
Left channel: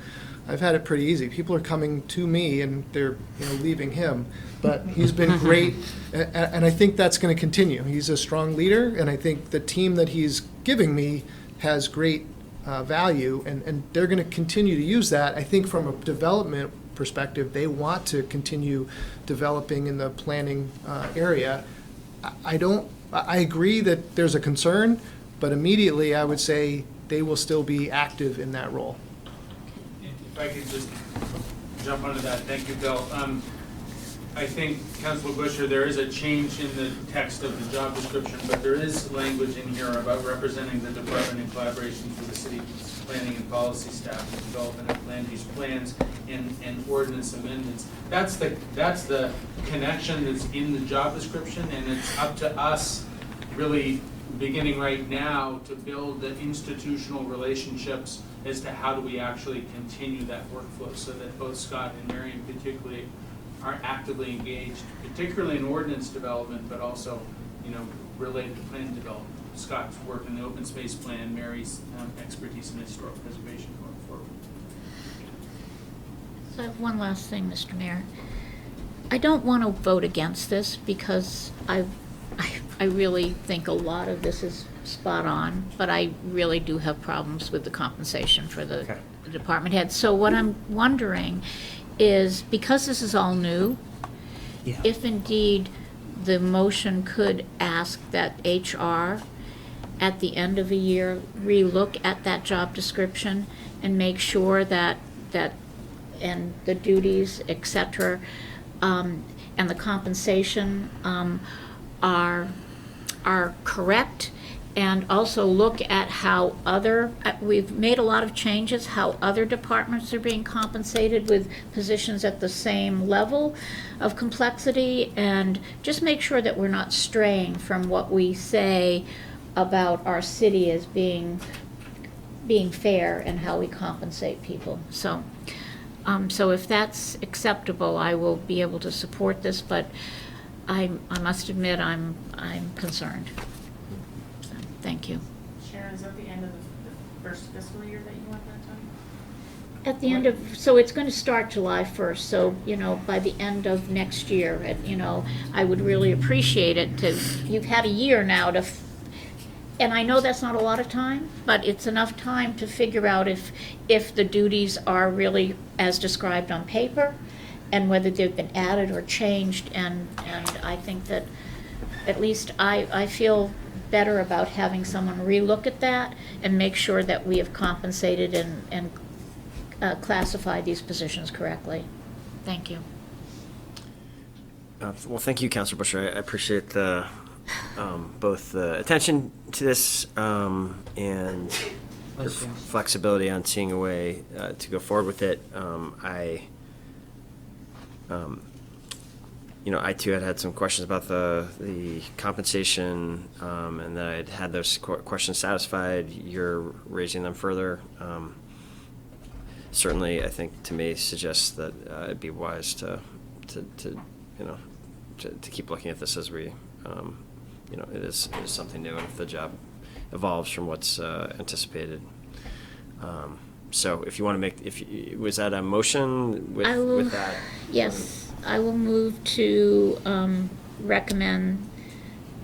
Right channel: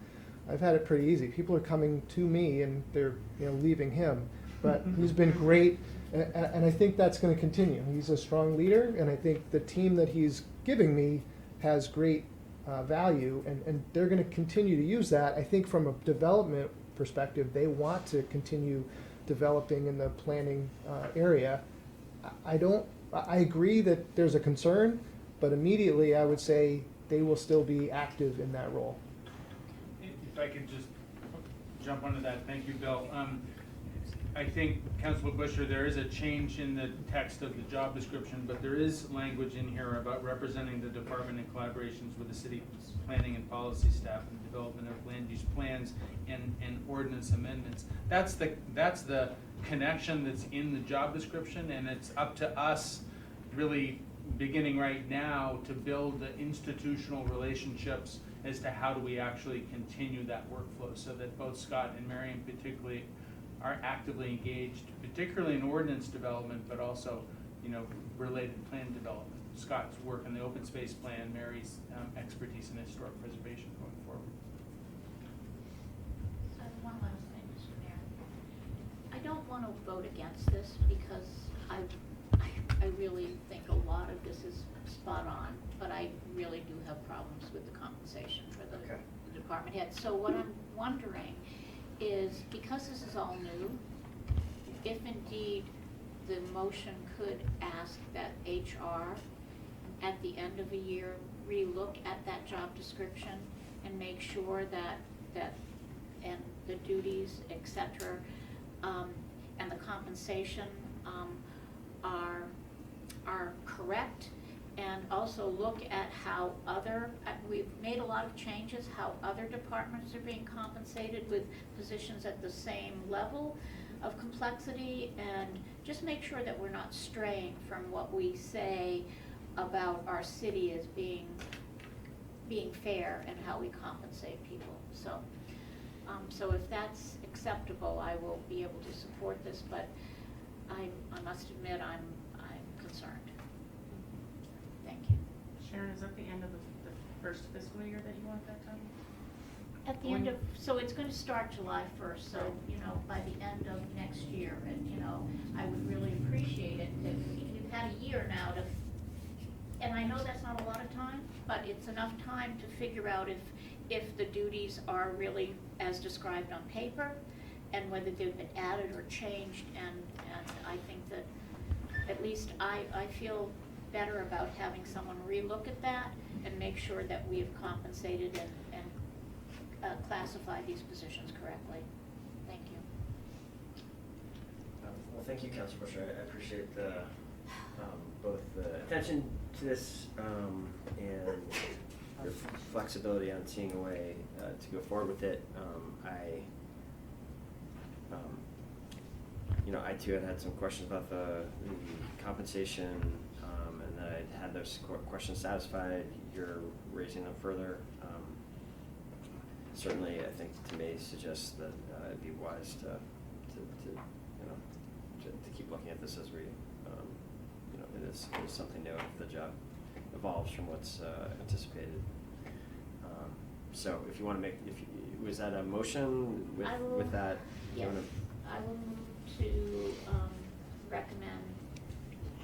I've had it pretty easy. People are coming to me and they're leaving him. But he's been great, and I think that's going to continue. He's a strong leader, and I think the team that he's giving me has great value, and they're going to continue to use that. I think from a development perspective, they want to continue developing in the planning area. I agree that there's a concern, but immediately I would say they will still be active in that role. If I could just jump onto that, thank you, Bill. I think, Councilor Busher, there is a change in the text of the job description, but there is language in here about representing the department in collaboration with the city planning and policy staff to development of land use plans and ordinance amendments. That's the connection that's in the job description, and it's up to us really beginning right now to build the institutional relationships as to how do we actually continue that workflow so that both Scott and Marion particularly are actively engaged, particularly in ordinance development, but also, related to plan development. Scott's work in the open space plan, Mary's expertise in historic preservation going forward. So I have one last thing, Mr. Mayor. I don't want to vote against this because I really think a lot of this is spot on, but I really do have problems with the compensation for the department head. So what I'm wondering is, because this is all new, if indeed the motion could ask that HR at the end of a year relook at that job description and make sure that and the duties, et cetera, and the compensation are correct, and also look at how we've made a lot of changes, how other departments are being compensated with positions at the same level of complexity, and just make sure that we're not straying from what we say about our city as being fair and how we compensate people. So if that's acceptable, I will be able to support this, but I must admit I'm concerned. So, thank you. Sharon, is that the end of the first fiscal year that you want that done? At the end of, so it's going to start July 1st, so, by the end of next year, I would really appreciate it you've had a year now and I know that's not a lot of time, but it's enough time to figure out if the duties are really as described on paper, and whether they've been added or changed, and I think that at least I feel better about having someone relook at that and make sure that we have compensated and classified these positions correctly. Thank you. Well, thank you, Councilor Busher. I appreciate both the attention to this and your flexibility on seeing a way to go forward with it. I too had some questions about the compensation, and that I'd had those questions satisfied. You're raising them further. Certainly, I think to me suggests that it'd be wise to keep looking at this as we, it is something new, and if the job evolves from what's anticipated. So if you want to was that a motion with that? Yes, I will move to recommend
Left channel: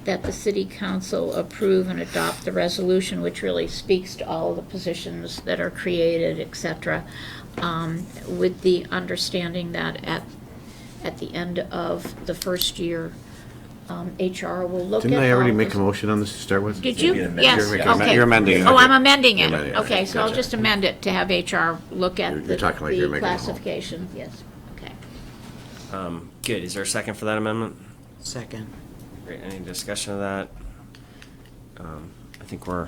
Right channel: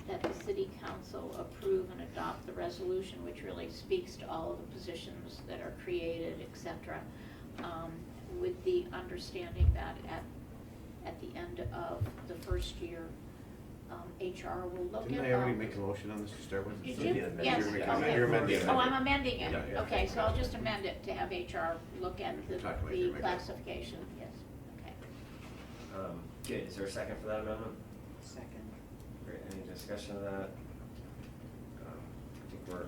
that the city council approve and adopt the resolution, which really speaks to all of the positions that are created, et cetera, with the understanding that at the end of the first year, HR will look at. Didn't I already all make the- a motion on this to start with? Did Maybe you? an Yes, amendment. okay. You're amending it. Oh, I'm Okay. amending You're it. amending it. Okay, so I'll Gotcha. just amend it to have HR look at You're the talking like you're making a motion. classification, yes, okay. Good. Is there a second for that amendment? Second. Great. Any discussion of that? I think we're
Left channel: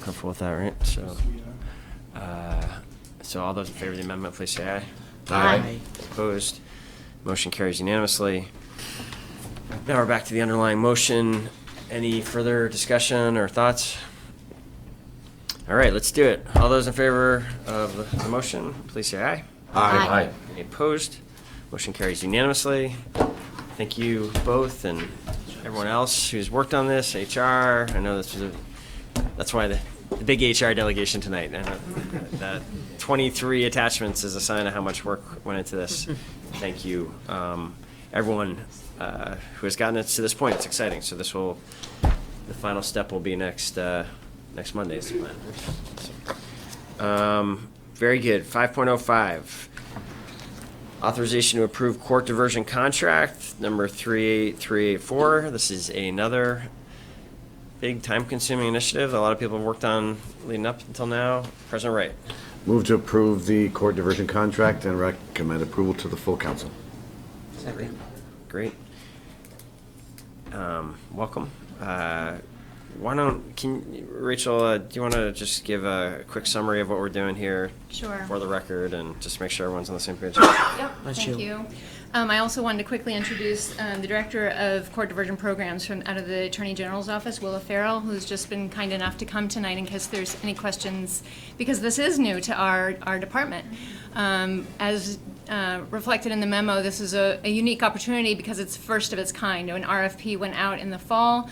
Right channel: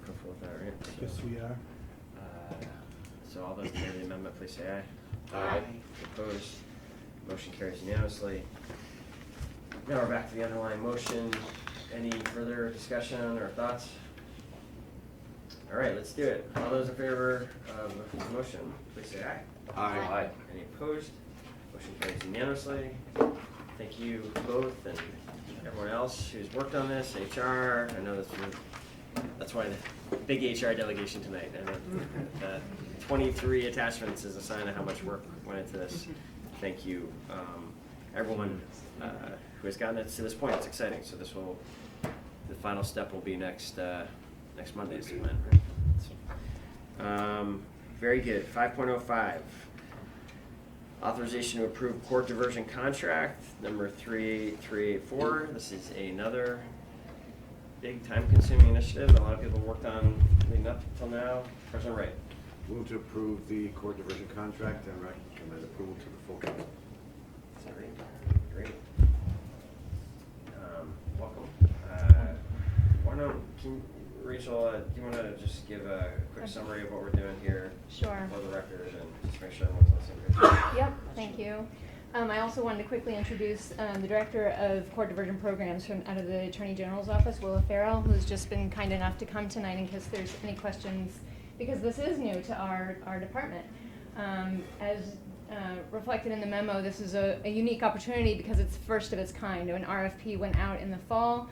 comfortable with that, right? So, so all those in favor of the amendment, please say aye. Aye. Opposed? Motion carries unanimously. Now we're back to the underlying motion. Any further discussion or thoughts? All right, let's do it. All those in favor of the motion, please say aye. Aye. Any opposed? Motion carries unanimously. Thank you both and everyone else who's worked on this, HR. I know that's why the big HR delegation tonight. I know that 23 attachments is a sign of how much work went into this. Thank you, everyone who has gotten us to this point. It's exciting. So the final step will be next Monday's plan. Very good. 5.05. Authorization to approve court diversion contract number 38384. This is another big time-consuming initiative that a lot of people have worked on leading up until now. President Wright. Move to approve the court diversion contract and recommend approval to the full council. Great. Welcome. Rachel, do you want to just give a quick summary of what we're doing here? Sure. For the record, and just make sure everyone's on the same page? Yep, That's thank you. you. I also wanted to quickly introduce the Director of Court Diversion Programs out of the Attorney General's Office, Willa Farrell, who's just been kind enough to come tonight in case there's any questions, because this is new to our department. As reflected in the memo, this is a unique opportunity because it's first of its kind. An RFP went out in the fall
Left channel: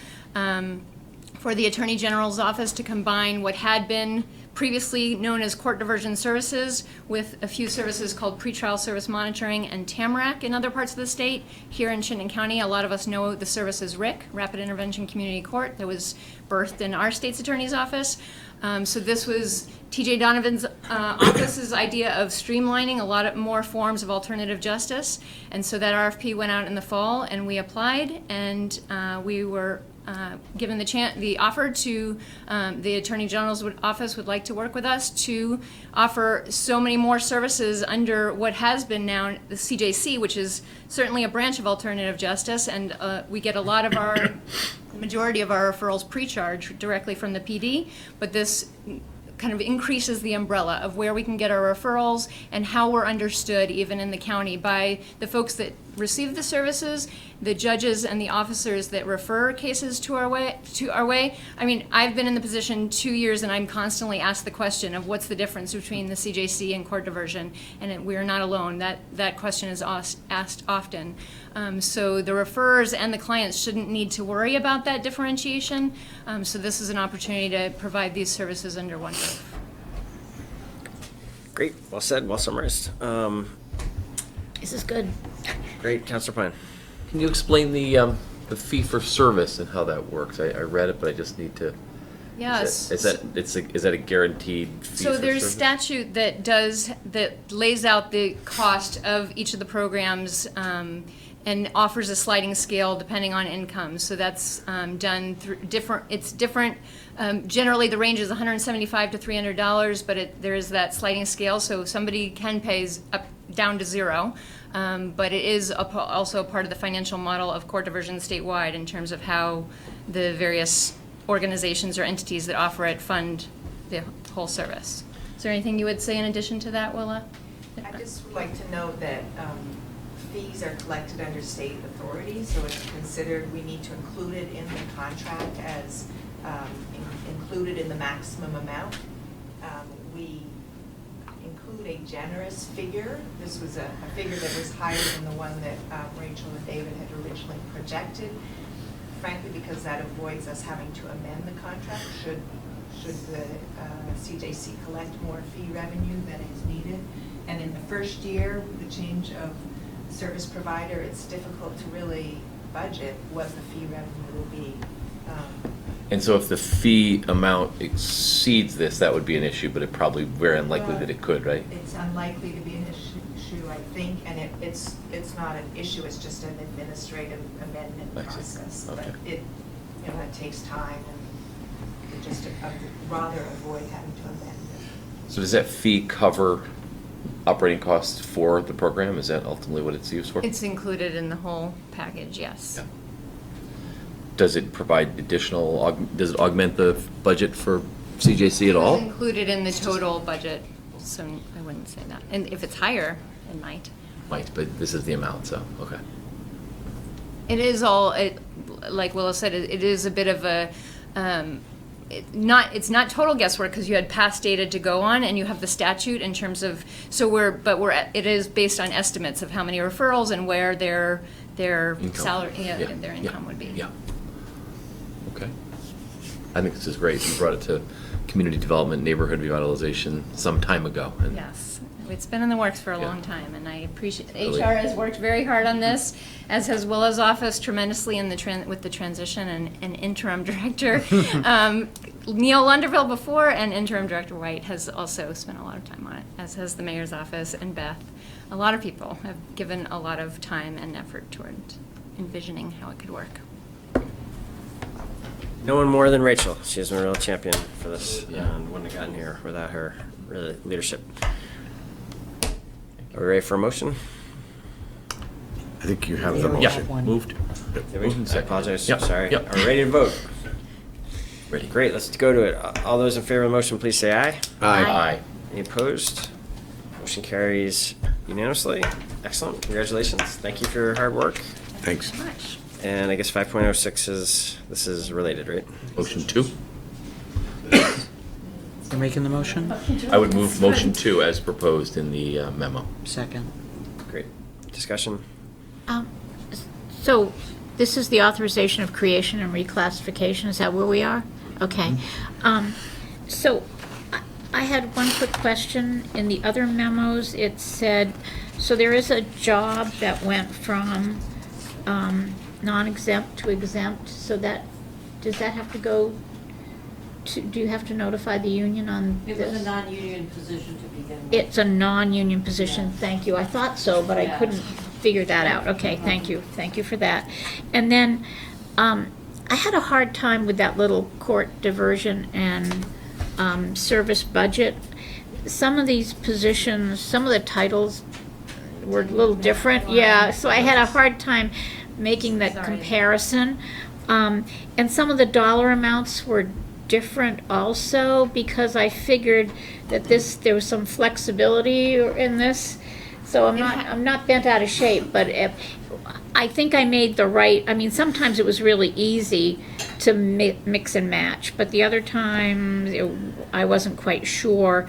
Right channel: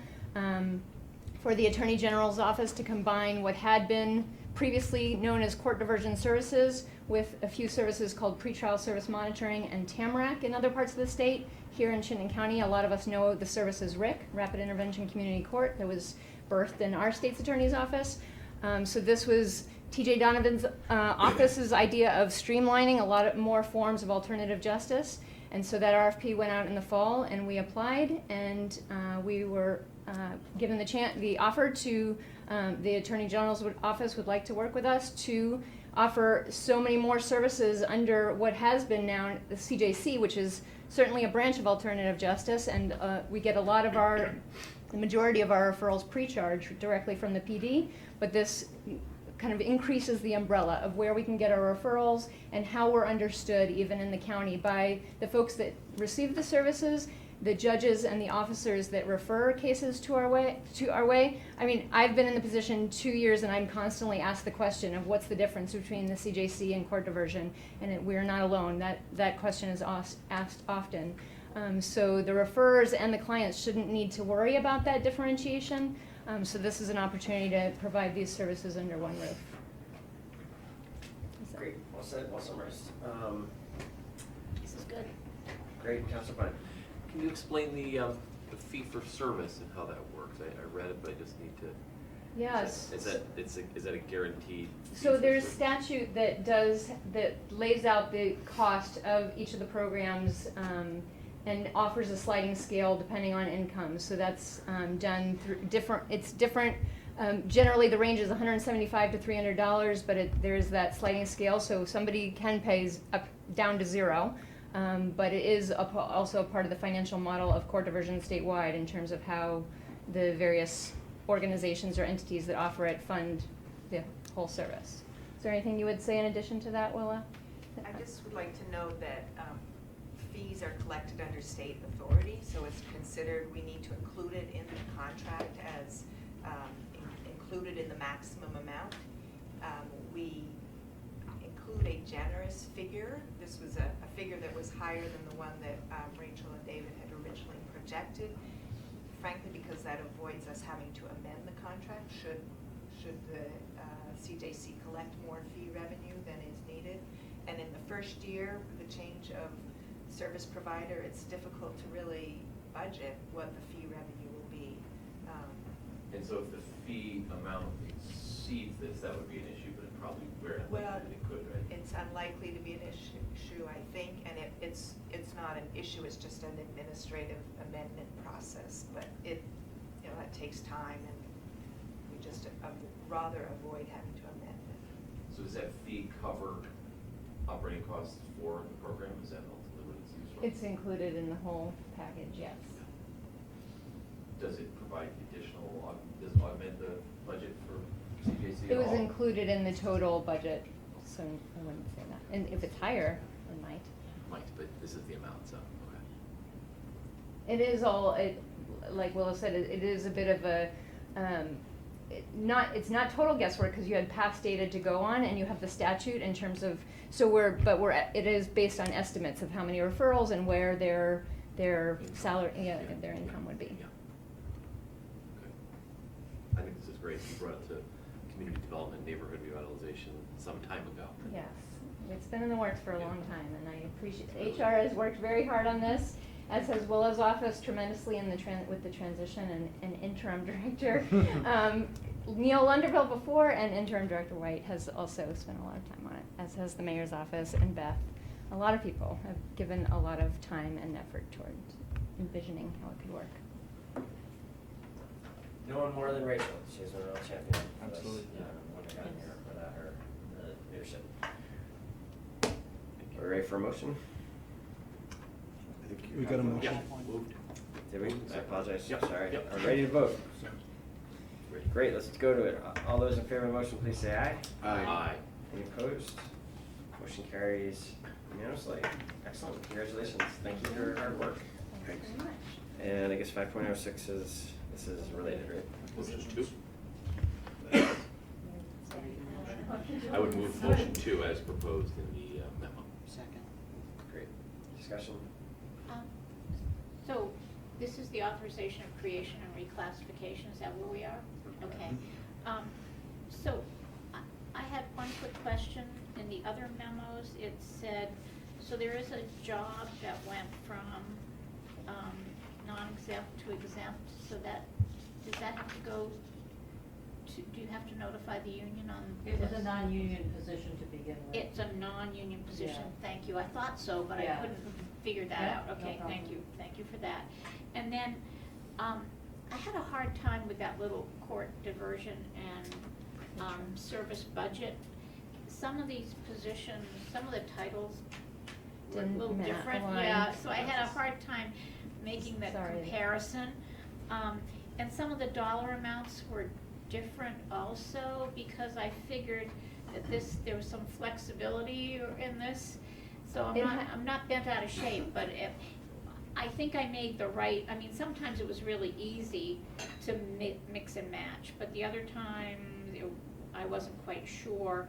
for the Attorney General's Office to combine what had been previously known as court diversion services with a few services called pretrial service monitoring and TAMRAC in other parts of the state. Here in Chittenden County, a lot of us know the service as RIC, Rapid Intervention Community Court, that was birthed in our state's attorney's office. So this was TJ Donovan's office's idea of streamlining a lot more forms of alternative justice. And so that RFP went out in the fall, and we applied, and we were given the offer to the Attorney General's office would like to work with us to offer so many more services under what has been now the CJC, which is certainly a branch of alternative justice, and we get a lot of our majority of our referrals pre-charge directly from the PD, but this kind of increases the umbrella of where we can get our referrals and how we're understood even in the county by the folks that receive the services, the judges and the officers that refer cases to our way. I mean, I've been in the position 2 years and I'm constantly asked the question of what's the difference between the CJC and court diversion, and we're not alone. That question is asked often. So the referrers and the clients shouldn't need to worry about that differentiation. So this is an opportunity to provide these services under one roof. Great. Well said. Well summarized. This is good. Great. Councilor Pine. Can you explain the fee for service and how that works? I read it, but I just need to. Yes. Is that a guaranteed fee So for there's service? statute that lays out the cost of each of the programs and offers a sliding scale depending on income. So that's done through different. It's different. Generally, the range is $175 to $300, but there is that sliding scale. So somebody can pay up down to zero. But it is also a part of the financial model of court diversion statewide in terms of how the various organizations or entities that offer it fund the whole service. Is there anything you would say in addition to that, Willa? I just would like to note that fees fees are collected under state authority, so it's considered, we need to include it in the contract as included in the maximum amount. We include a generous figure. This was a figure that was higher than the one that Rachel and David had originally projected, frankly, because that avoids us having to amend the contract should the CJC collect more fee revenue than is needed. And in the first year, with the change of service provider, it's difficult to really budget what the fee revenue will be. And so if the fee amount exceeds this, that would be an issue, but it probably very unlikely that it could, right? It's unlikely to be an issue, I think, and it's not an issue, it's just an administrative amendment process. Okay. But it takes time, and we just rather avoid having to amend it. So does that fee cover operating costs for the program? Is that ultimately what it's used for? It's included in the whole package, yes. Yeah. Does it provide additional, does it augment the budget for CJC at all? It's included in the total budget, so I wouldn't say that. And if it's higher, it might. Might, but this is the amount, so, okay. It is all, like Willa said, it is a bit of a, it's not total guesswork because you had past data to go on and you have the statute in terms of, it is based on estimates of how many referrals and where their salary, their income would be. Yeah. Okay. I think this is great. You brought it to community development, neighborhood revitalization some time ago. And Yes, it's been in the works for a Yeah. long time, and I appreciate, Really. HR has worked very hard on this, as has Willa's office tremendously in with the transition and interim director. Neil Lunderville before, and interim director White has also spent a lot of time on it, as has the mayor's office and Beth. A lot of people have given a lot of time and effort toward envisioning how it could work. No one more than Rachel. She has been a real champion for this, and wouldn't have gotten here without her really leadership. Are we ready for a motion? I think you have the Yeah, motion. moved. Did we? Moved and I seconded. apologize. Yep, Sorry. yep. Are we ready to vote? Ready. Great. Let's go to it. All those in favor of the motion, please say aye. Aye. Any opposed? Motion carries unanimously. Excellent. Congratulations. Thank you for your hard work. Thanks. Much. And I guess 5.06 this is related, right? Motion 2. You're making the motion? I would move motion 2 as proposed in the memo. Second. Great. Discussion? So this is the authorization of creation and reclassification, is that where we are? Okay. So I had one quick question. In the other memos, it said, so there is a job that went from non-exempt to exempt, so does that have to go to, do you have to notify the union on this? It was a non-union position to begin with. It's a non-union position, thank you. I thought so, but I Yeah. couldn't figure that out. Okay, thank you. Thank you for that. And then, I had a hard time with that little court diversion and, service budget. Some of these positions, some of the titles were a little different, yeah, so I had a hard time making that comparison. And some of the dollar amounts were different also, because I figured that there was some flexibility in this. So I'm not bent out of shape, but I think I made the right, I mean, sometimes it was really easy to mix and match, but the other times I wasn't quite sure.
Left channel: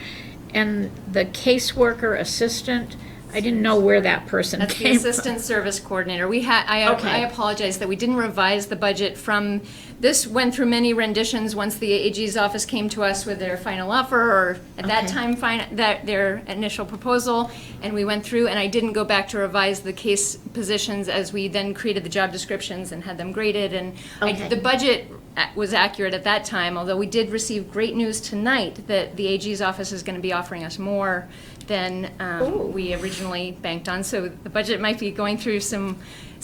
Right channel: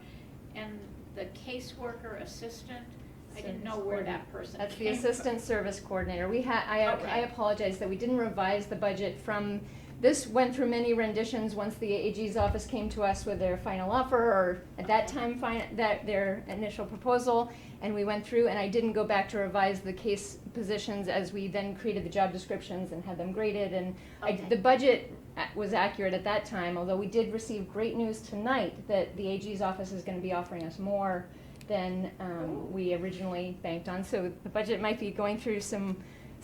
And the caseworker assistant, I didn't know where that person That's the came from. assistant service coordinator. I Okay. apologize that we didn't revise the budget from, this went through many renditions once the AG's office came to us with their final offer, or at that time, their initial proposal, and we went through, and I didn't go back to revise the case positions as we then created the job descriptions and had them graded, and Okay. the budget was accurate at that time, although we did receive great news tonight that the AG's office is gonna be offering us more than we originally banked on. So the budget might be going through some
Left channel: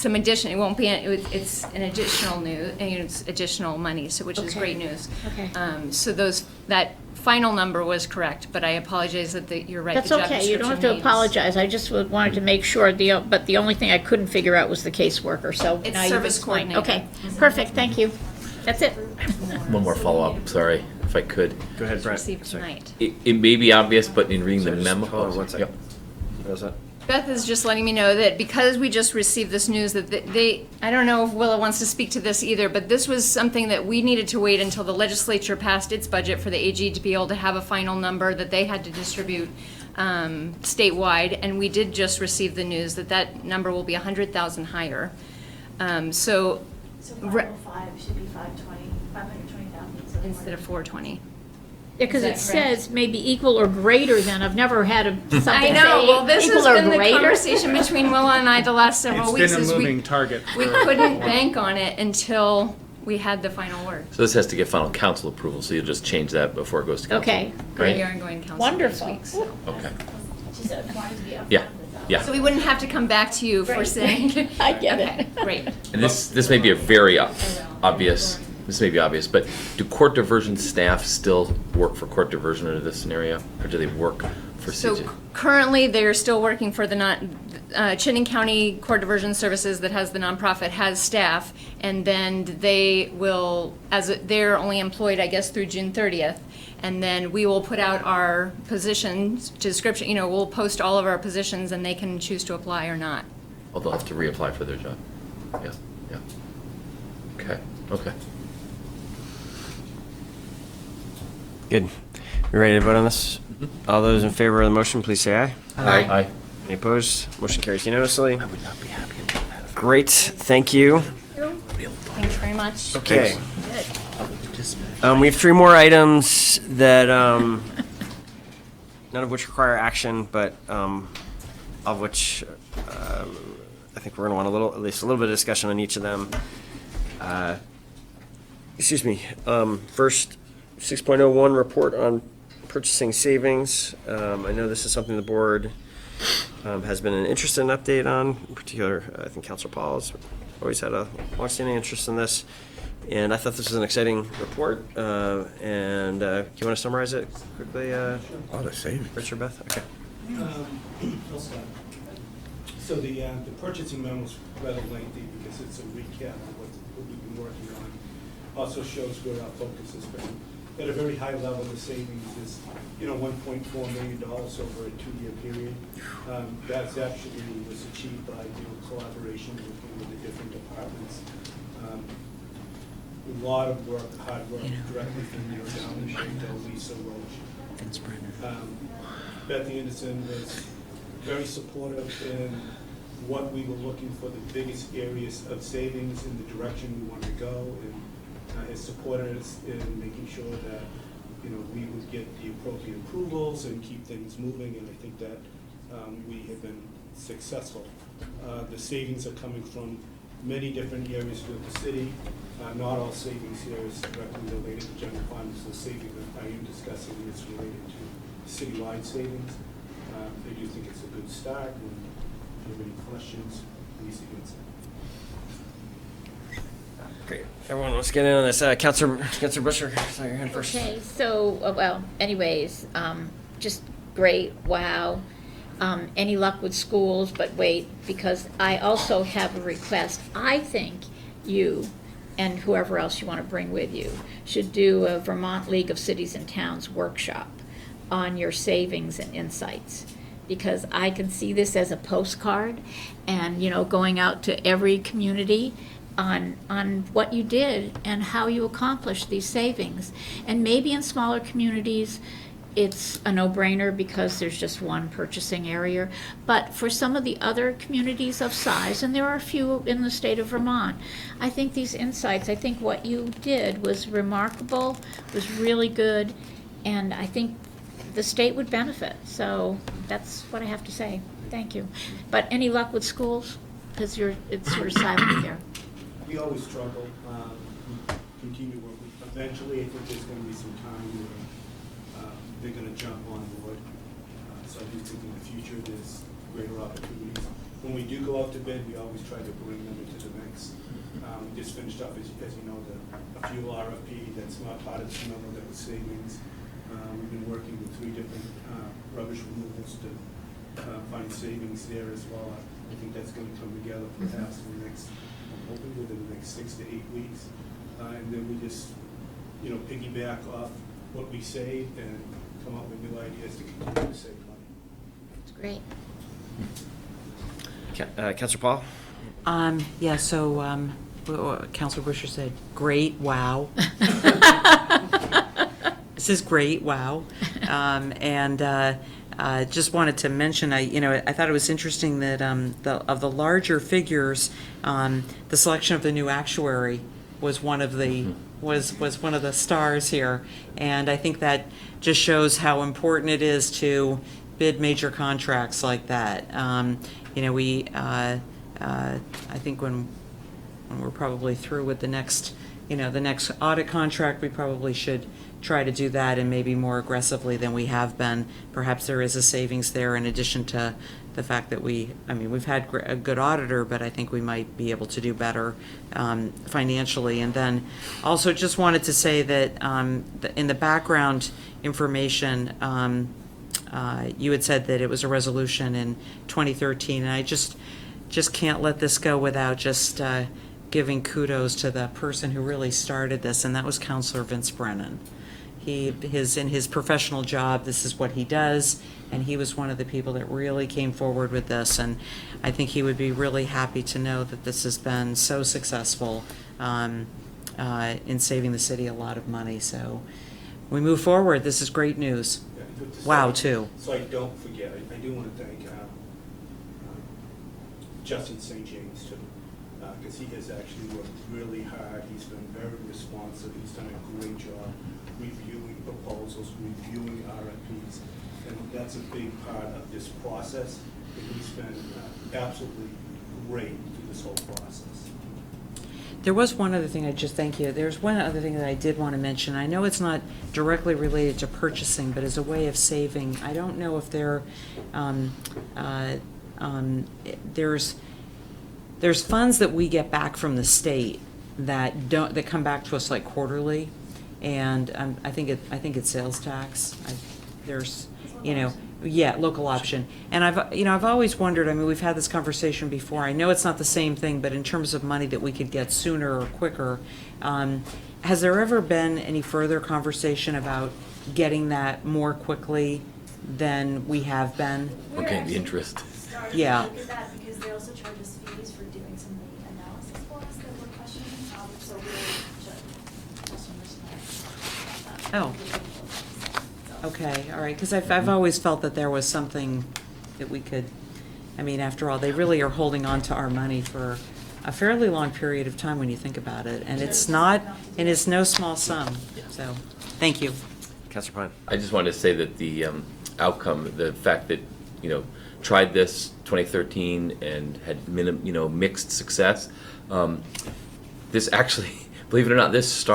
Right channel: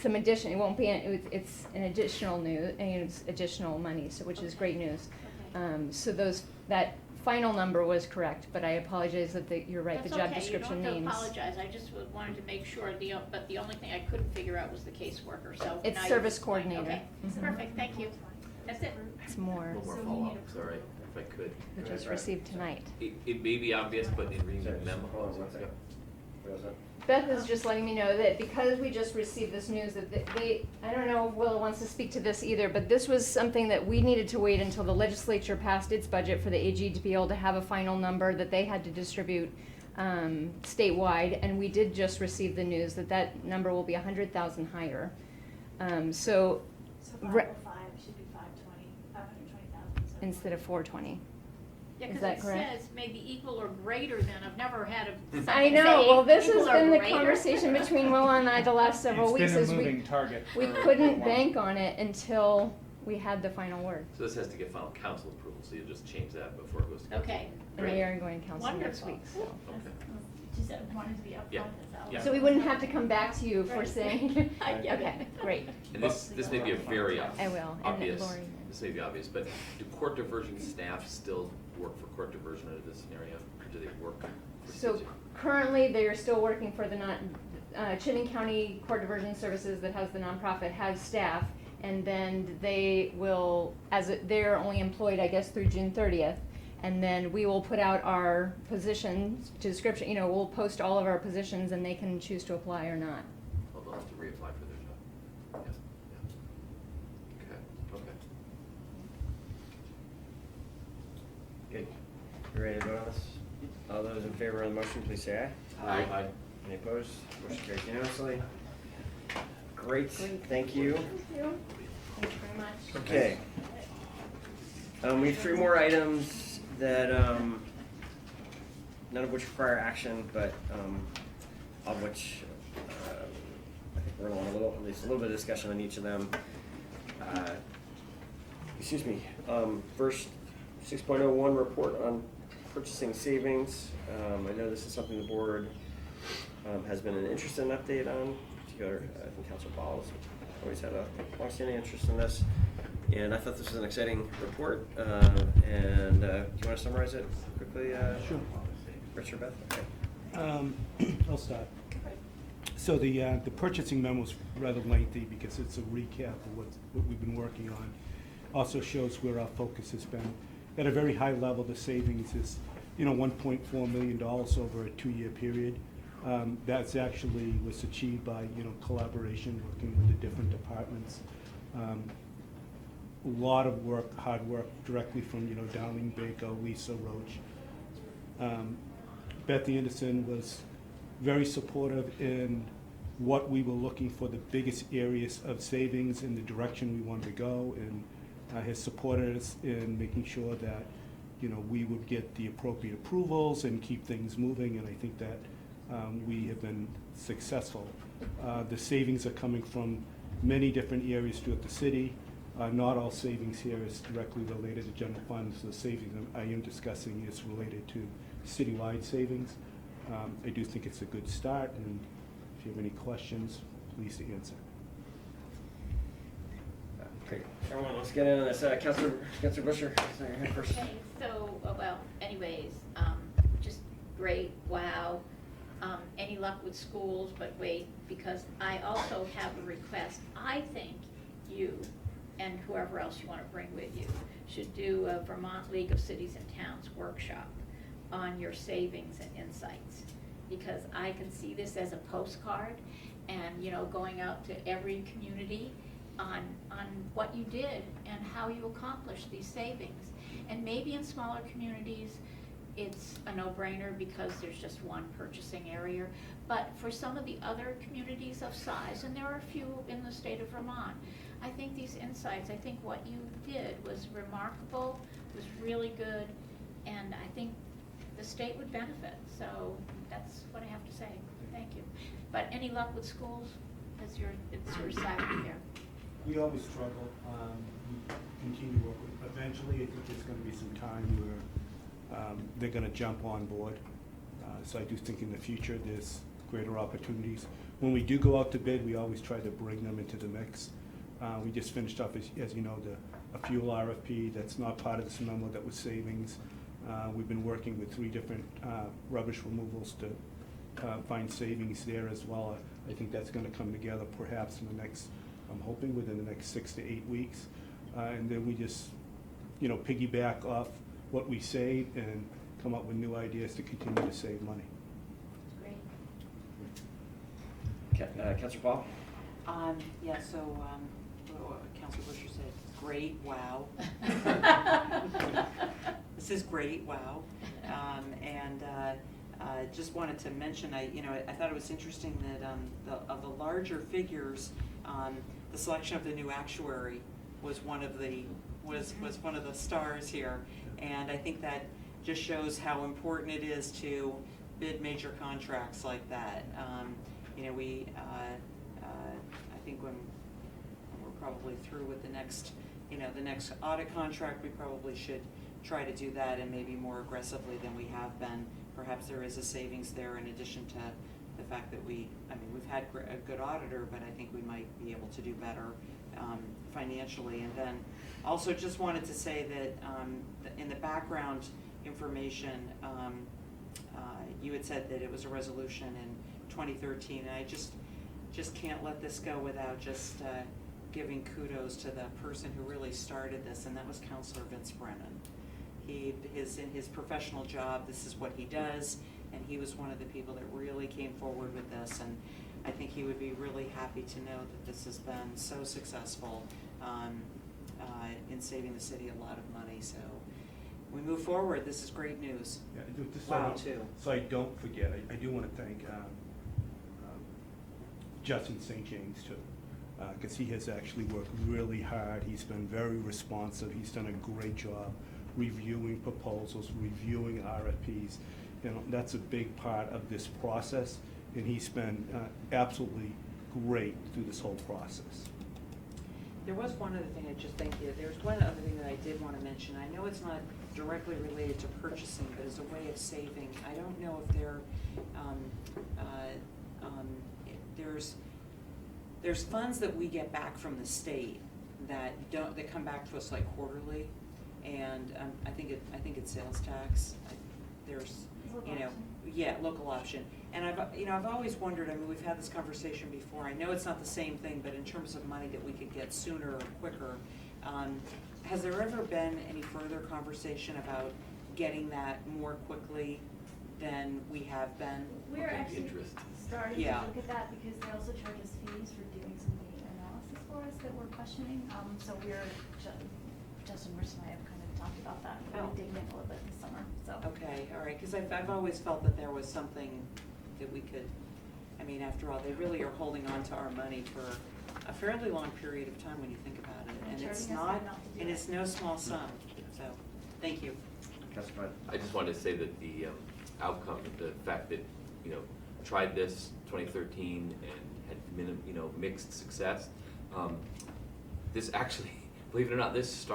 addition. It won't be. It's an additional it's additional money. So which is Okay. great news. Okay. So that final number was correct, but I apologize that you're right. That's the job okay, you don't have to description means- apologize, I just wanted to make sure, but the only thing I couldn't figure out was the caseworker, so It's now you've service explained. coordinator. Okay, perfect, thank you. That's it. One more follow-up, sorry, if I could. Go ahead, Brett. Received tonight. It may be obvious, but in reading the Sorry, just memo. hold on one second. Yep. What was that? Beth is just letting me know that because we just received this news that I don't know if Willa wants to speak to this either, but this was something that we needed to wait until the legislature passed its budget for the AG to be able to have a final number that they had to distribute statewide, and we did just receive the news that that number will be 100,000 higher. So 505 should be 520,000. instead of 420. Yeah, because it Is that correct? says maybe equal or greater than, I've never had something I say know, well, this has equal or been the greater. conversation between Willa and I the last several weeks. It's is been a we- moving target. We for- couldn't bank on it until we had the final word. So this has to get final council approval, so you'll just change that before it goes to council? Okay, Right? You're going council Wonderful. this week, so. Okay. She said, wanted to be upfront Yeah, with that. yeah. So we wouldn't have to come back to you for Right. saying. I get Okay, it. great. And this may be a very obvious, this may be obvious, but do court diversion staff still work for court diversion under this scenario? Or do they work for So CJ? currently, they're still working for the Chittenden County Court Diversion Services that has the nonprofit, has staff, and then they will, they're only employed, I guess, through June 30th. And then we will put out our positions, description, we'll post all of our positions and they can choose to apply or not. Oh, they'll have to reapply for their job. Yeah, yeah. Okay, okay. Good. We ready to vote on this? All those in favor of the motion, please say aye. Aye. Any opposed? Motion carries unanimously. I would not be happy to do that. Great, thank you. Thanks very much. Okay. We have 3 more items that, none of which require action, but, of which, I think we're gonna want at least a little bit of discussion on each of them. Excuse me, first, 6.01, report on purchasing savings. I know this is something the board, has been interested in update on, in particular, I think Councilor Paul has always had a longstanding interest in this. And I thought this was an exciting report, and, do you wanna summarize it quickly, All the savings. Rich or Beth? Okay. I'll start. So the purchasing memo is rather lengthy because it's a recap of what we've been working on. Also shows where our focus has been. At a very high level, the savings is, $1.4 million over a 2-year period. That's actually was achieved by, collaboration working with the different departments. A lot of work, hard work directly from, down in Shanto, Lisa Roach. Beth Anderson was very supportive in what we were looking for, the biggest areas of savings and the direction we wanted to go, and has supported us in making sure that, we would get the appropriate approvals and keep things moving, and I think that we have been successful. The savings are coming from many different areas throughout the city. Not all savings here is directly related to general fund, so the saving that I am discussing is related to citywide savings. I do think it's a good start, and if you have any questions, please answer. Great. Everyone, let's get in on this. Councilor Busher, sorry, your hand first. Okay, so, anyways, just great, wow. Any luck with schools, but wait, because I also have a request. I think you and whoever else you want to bring with you should do a Vermont League of Cities and Towns workshop on your savings and insights. Because I can see this as a postcard and, going out to every community on what you did and how you accomplished these savings. And maybe in smaller communities, it's a no-brainer because there's just one purchasing area. But for some of the other communities of size, and there are a few in the state of Vermont, I think these insights, I think what you did was remarkable, was really good, and I think the state would benefit. So that's what I have to say. Thank you. But any luck with schools? Because it's sort of silent here. We always struggle. We continue work. Eventually, I think there's going to be some time where they're going to jump on board. So I do think in the future there's greater opportunities. When we do go out to bid, we always try to bring them into the mix. We just finished up, as you know, a fuel RFP that's not part of this memo that was savings. We've been working with 3 different rubbish removals to find savings there as well. I think that's going to come together perhaps in the next, I'm hoping within the next 6 to 8 weeks. And then we just, piggyback off what we saved and come up with new ideas to continue to save money. It's great. Counselor Paul? Yeah, so, Counselor Busher said, great, wow. This is great, wow. Just wanted to mention, I thought it was interesting that, of the larger figures, the selection of the new actuary was one of the, was one of the stars here. And I think that just shows how important it is to bid major contracts like that. I think when we're probably through with the next audit contract, we probably should try to do that, and maybe more aggressively than we have been. Perhaps there is a savings there in addition to the fact that we've had a good auditor, but I think we might be able to do better financially. And then also just wanted to say that in the background information, you had said that it was a resolution in 2013, and I just can't let this go without just giving kudos to the person who really started this, and that was Counselor Vince Brennan. In his professional job, this is what he does, and he was one of the people that really came forward with this, and I think he would be really happy to know that this has been so successful in saving the city a lot of money. So we move forward. This is great news. Wow, too. So I don't forget, I do want to thank Justin St. James too, because he has actually worked really hard. He's been very responsive. He's done a great job reviewing proposals, reviewing RFPs. That's a big part of this process, and he's been absolutely great through this whole process. There was one other thing, thank you. There's one other thing that I did want to mention. I know it's not directly related to purchasing, but as a way of saving, I don't know if there's funds that we get back from the state that come back to us like quarterly, and I think it's sales tax. Local option. And I've always wondered, we've had this conversation before. I know it's not the same thing, but in terms of money that we could get sooner or quicker, has there ever been any further conversation about getting that more quickly than we have been? Okay, the interest. Yeah. Look at that because they also charge us fees for doing some of the analysis for us that we're questioning. So we're customers Oh. Okay, all right, because I've always felt that there was something that we could, after all, they really are holding on to our money for a fairly long period of time when you think about it, and it's no small sum, so, thank you. Councilor Pine? I just wanted to say that the outcome, the fact that, tried this 2013 and had mixed success, this actually, believe it or not, this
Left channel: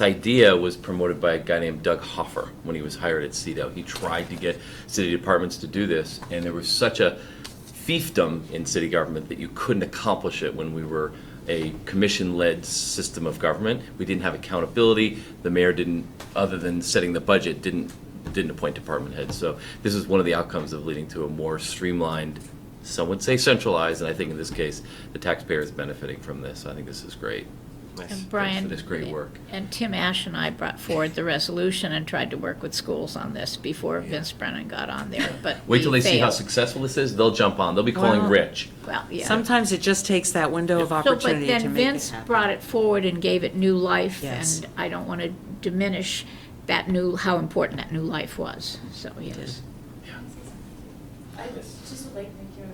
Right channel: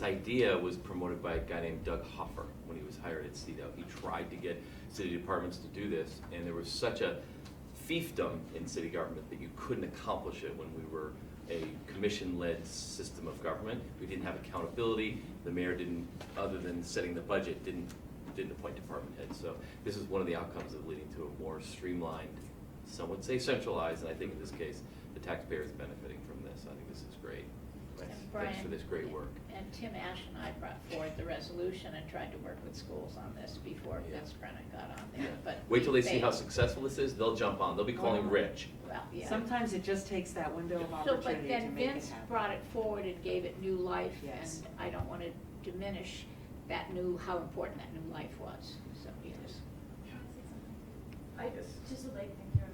idea was promoted by a guy named Doug Hoffer when he was hired at CEDO. He tried to get city departments to do this, and there was such a fiefdom in city government that you couldn't accomplish it when we were a commission-led system of government. We didn't have accountability. The mayor didn't, other than setting the budget, didn't appoint department heads. So this is one of the outcomes of leading to a more streamlined, some would say centralized, and I think in this case, the taxpayer is benefiting from this. So I think this is great. Nice. And Brian, Thanks for this great work. And Tim Ash and I brought forward the resolution and tried to work with schools on this before Vince Brennan got on there, but Wait till we they see how failed. successful this is. They'll jump on. They'll be calling Well, Rich. Well, yeah. Sometimes it just takes that window of opportunity to make it happen. So, but then Vince brought it forward and gave it new life, Yes. and I don't want to diminish how important that new life was, so, yes. I just would like to give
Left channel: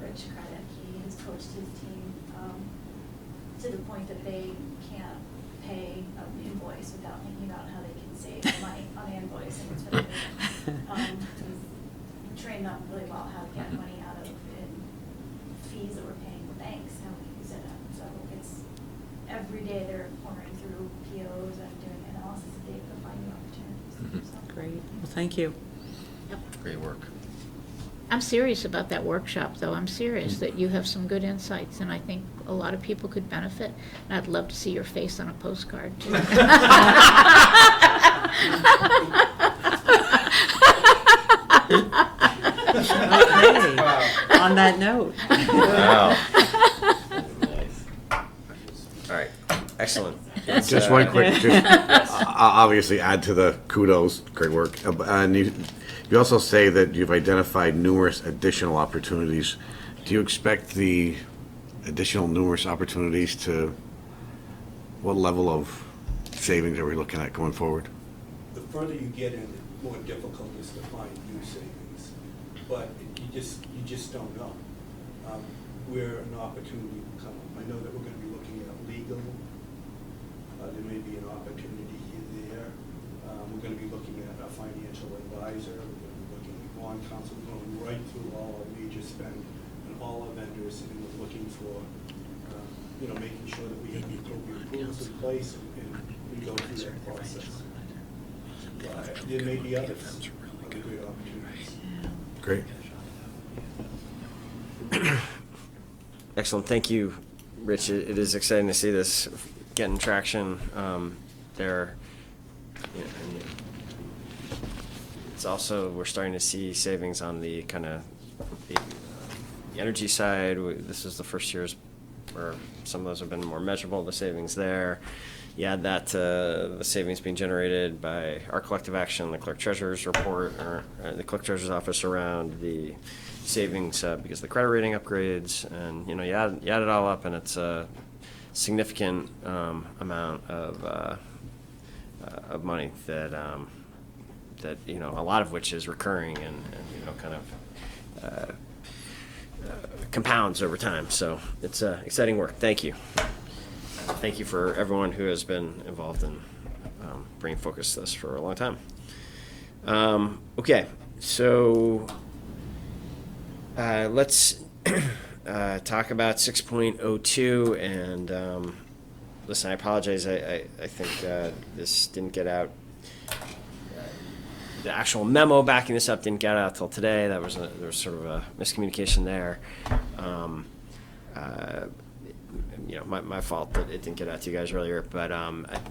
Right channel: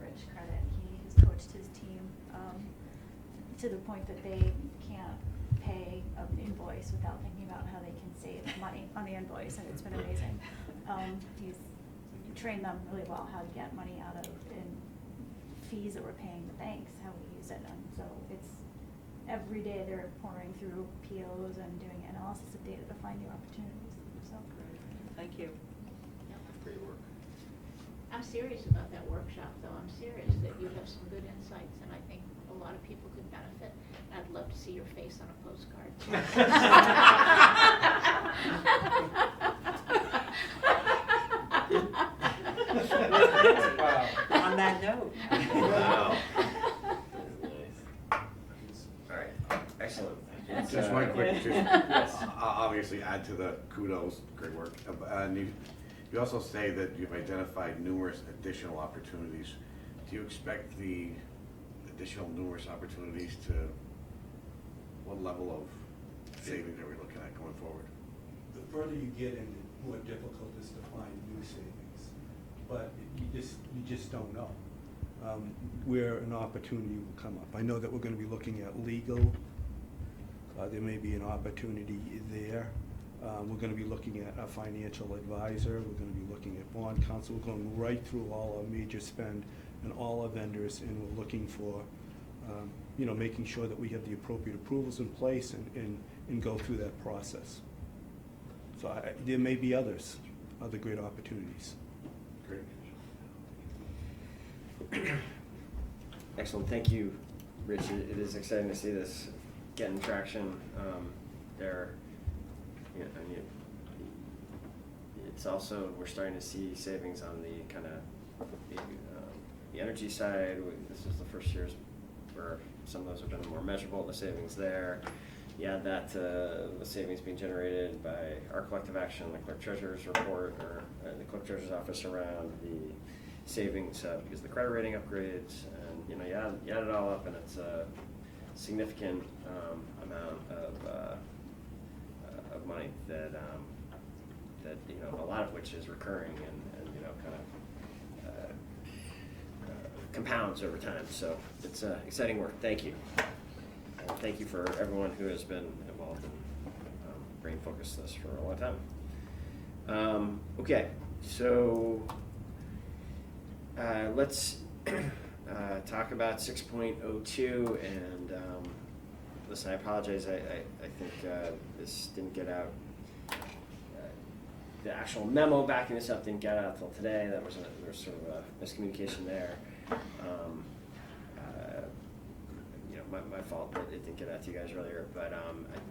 Rich credit. He has coached his team to the point that they can't pay an invoice without thinking about how they can save money on the invoice, and it's been amazing. He's trained them really well how to get money out of fees that we're paying the banks, how we use it. So it's every day they're pouring through POs and doing analysis of data to find new opportunities. So. Great, well, thank you. Great work. I'm serious about that workshop, though. I'm serious that you have some good insights, and I think a lot of people could benefit. And I'd love to see your face on a postcard, too. Okay, on that note. Wow. All right, excellent. Just one quick, obviously add to the kudos, great work. And you also say that you've identified numerous additional opportunities Do you expect the additional numerous opportunities to, what level of savings are we looking at going forward? The further you get in, the more difficult it is to find new savings. But you just don't know. Where an opportunity will come up. I know that we're gonna be looking at legal. There may be an opportunity there. We're gonna be looking at a financial advisor. We're gonna be looking at bond counsel. We're going right through all our major spend and all our vendors, and we're looking for, making sure that we have the appropriate approvals in place and go through that process. So there may be other great opportunities. Great. Excellent, thank you, Rich. It is exciting to see this getting traction there. And it's also, we're starting to see savings on the kind of the energy side. This is the first years where some of those have been more measurable, the savings there. You add that to the savings being generated by our collective action, the clerk treasurer's report, or the clerk treasurer's office around the savings because of the credit rating upgrades, and you add it all up, and it's a significant amount of money that a lot of which is recurring and kind of compounds over time. So it's exciting work. Thank you. Thank you for everyone who has been involved in bringing focus to this for a long time. Okay, so let's talk about 6.02, and listen, I apologize. I think this didn't get out. The actual memo backing this up didn't get out till today. There was sort of a miscommunication there. My fault that it didn't get out to you guys earlier. But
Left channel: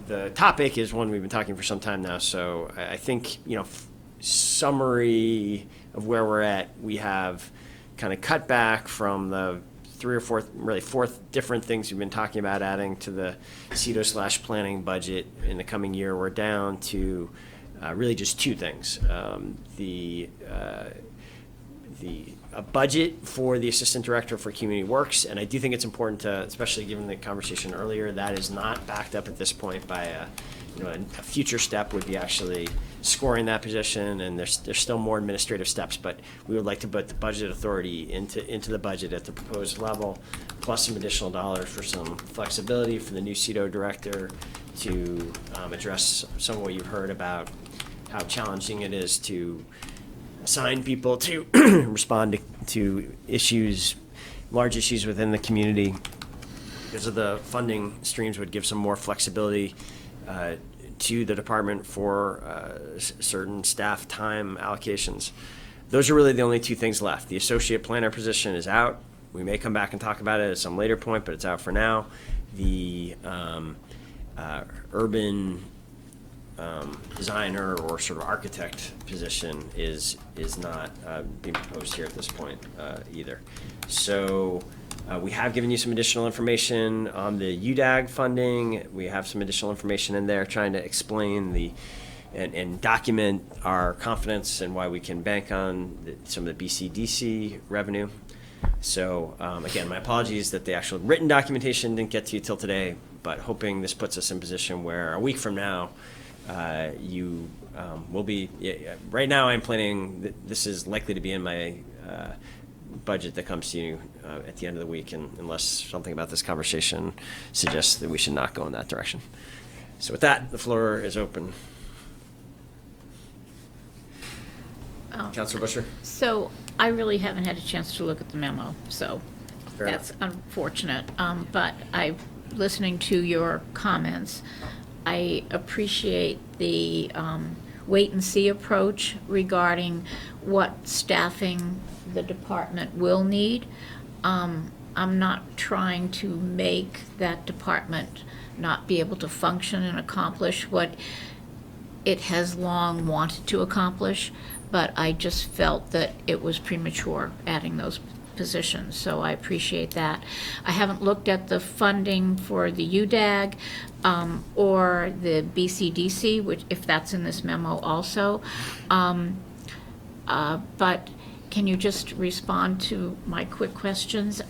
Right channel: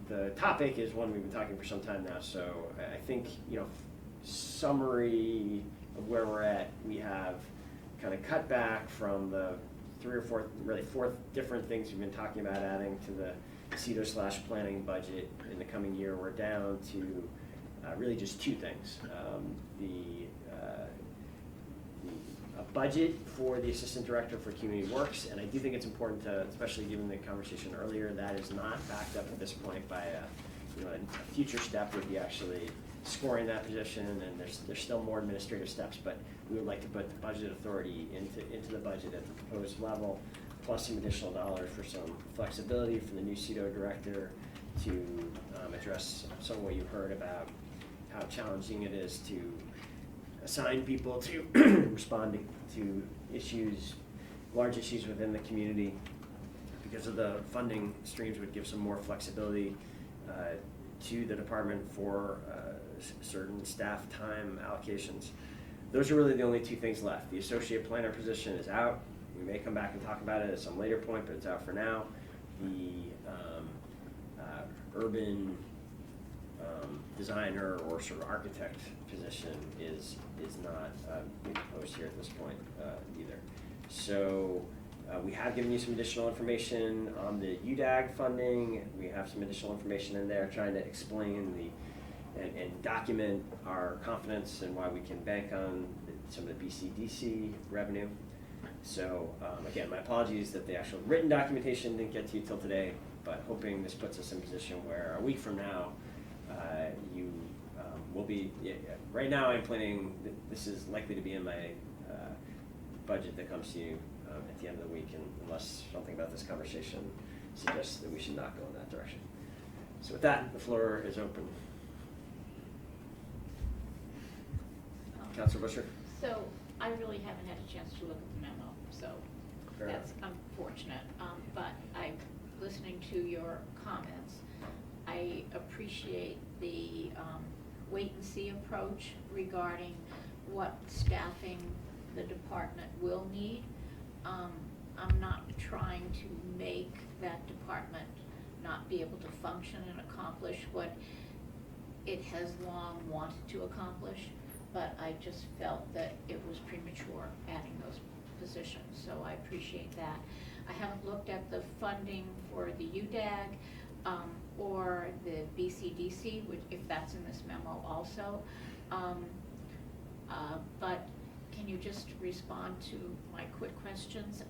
the topic is one we've been talking for some time now. So I think, summary of where we're at, we have kind of cut back from the 3 or 4, really 4 different things we've been talking about adding to the CEDO/planning budget in the coming year. We're down to really just 2 things. A budget for the assistant director for community works, and I do think it's important to, especially given the conversation earlier, that is not backed up at this point by a future step would be actually scoring that position, and there's still more administrative steps, but we would like to put the budget authority into the budget at the proposed level, plus some additional dollars for some flexibility for the new CEDO director to address some of what you've heard about how challenging it is to assign people to respond to issues, large issues within the community. Because of the funding streams would give some more flexibility to the department for certain staff time allocations. Those are really the only 2 things left. The associate planner position is out. We may come back and talk about it at some later point, but it's out for now. The urban designer or sort of architect position is not being proposed here at this point either. So we have given you some additional information on the UDAG funding. We have some additional information in there trying to explain and document our confidence and why we can bank on some of the BCDC revenue. So again, my apologies that the actual written documentation didn't get to you till today, but hoping this puts us in position where a week from now you will be. Right now, I'm planning that this is likely to be in my budget that comes to you at the end of the week, unless something about this conversation suggests that we should not go in that direction. So with that, the floor is open. Councilor Busher? So I really haven't had a chance to look at the memo, so Fair that's enough. unfortunate. But listening to your comments, I appreciate the wait and see approach regarding what staffing the department will need. I'm not trying to make that department not be able to function and accomplish what it has long wanted to accomplish, but I just felt that it was premature adding those positions, so I appreciate that. I haven't looked at the funding for the UDAG or the BCDC, which if that's in this memo also. But can you just respond to my quick questions?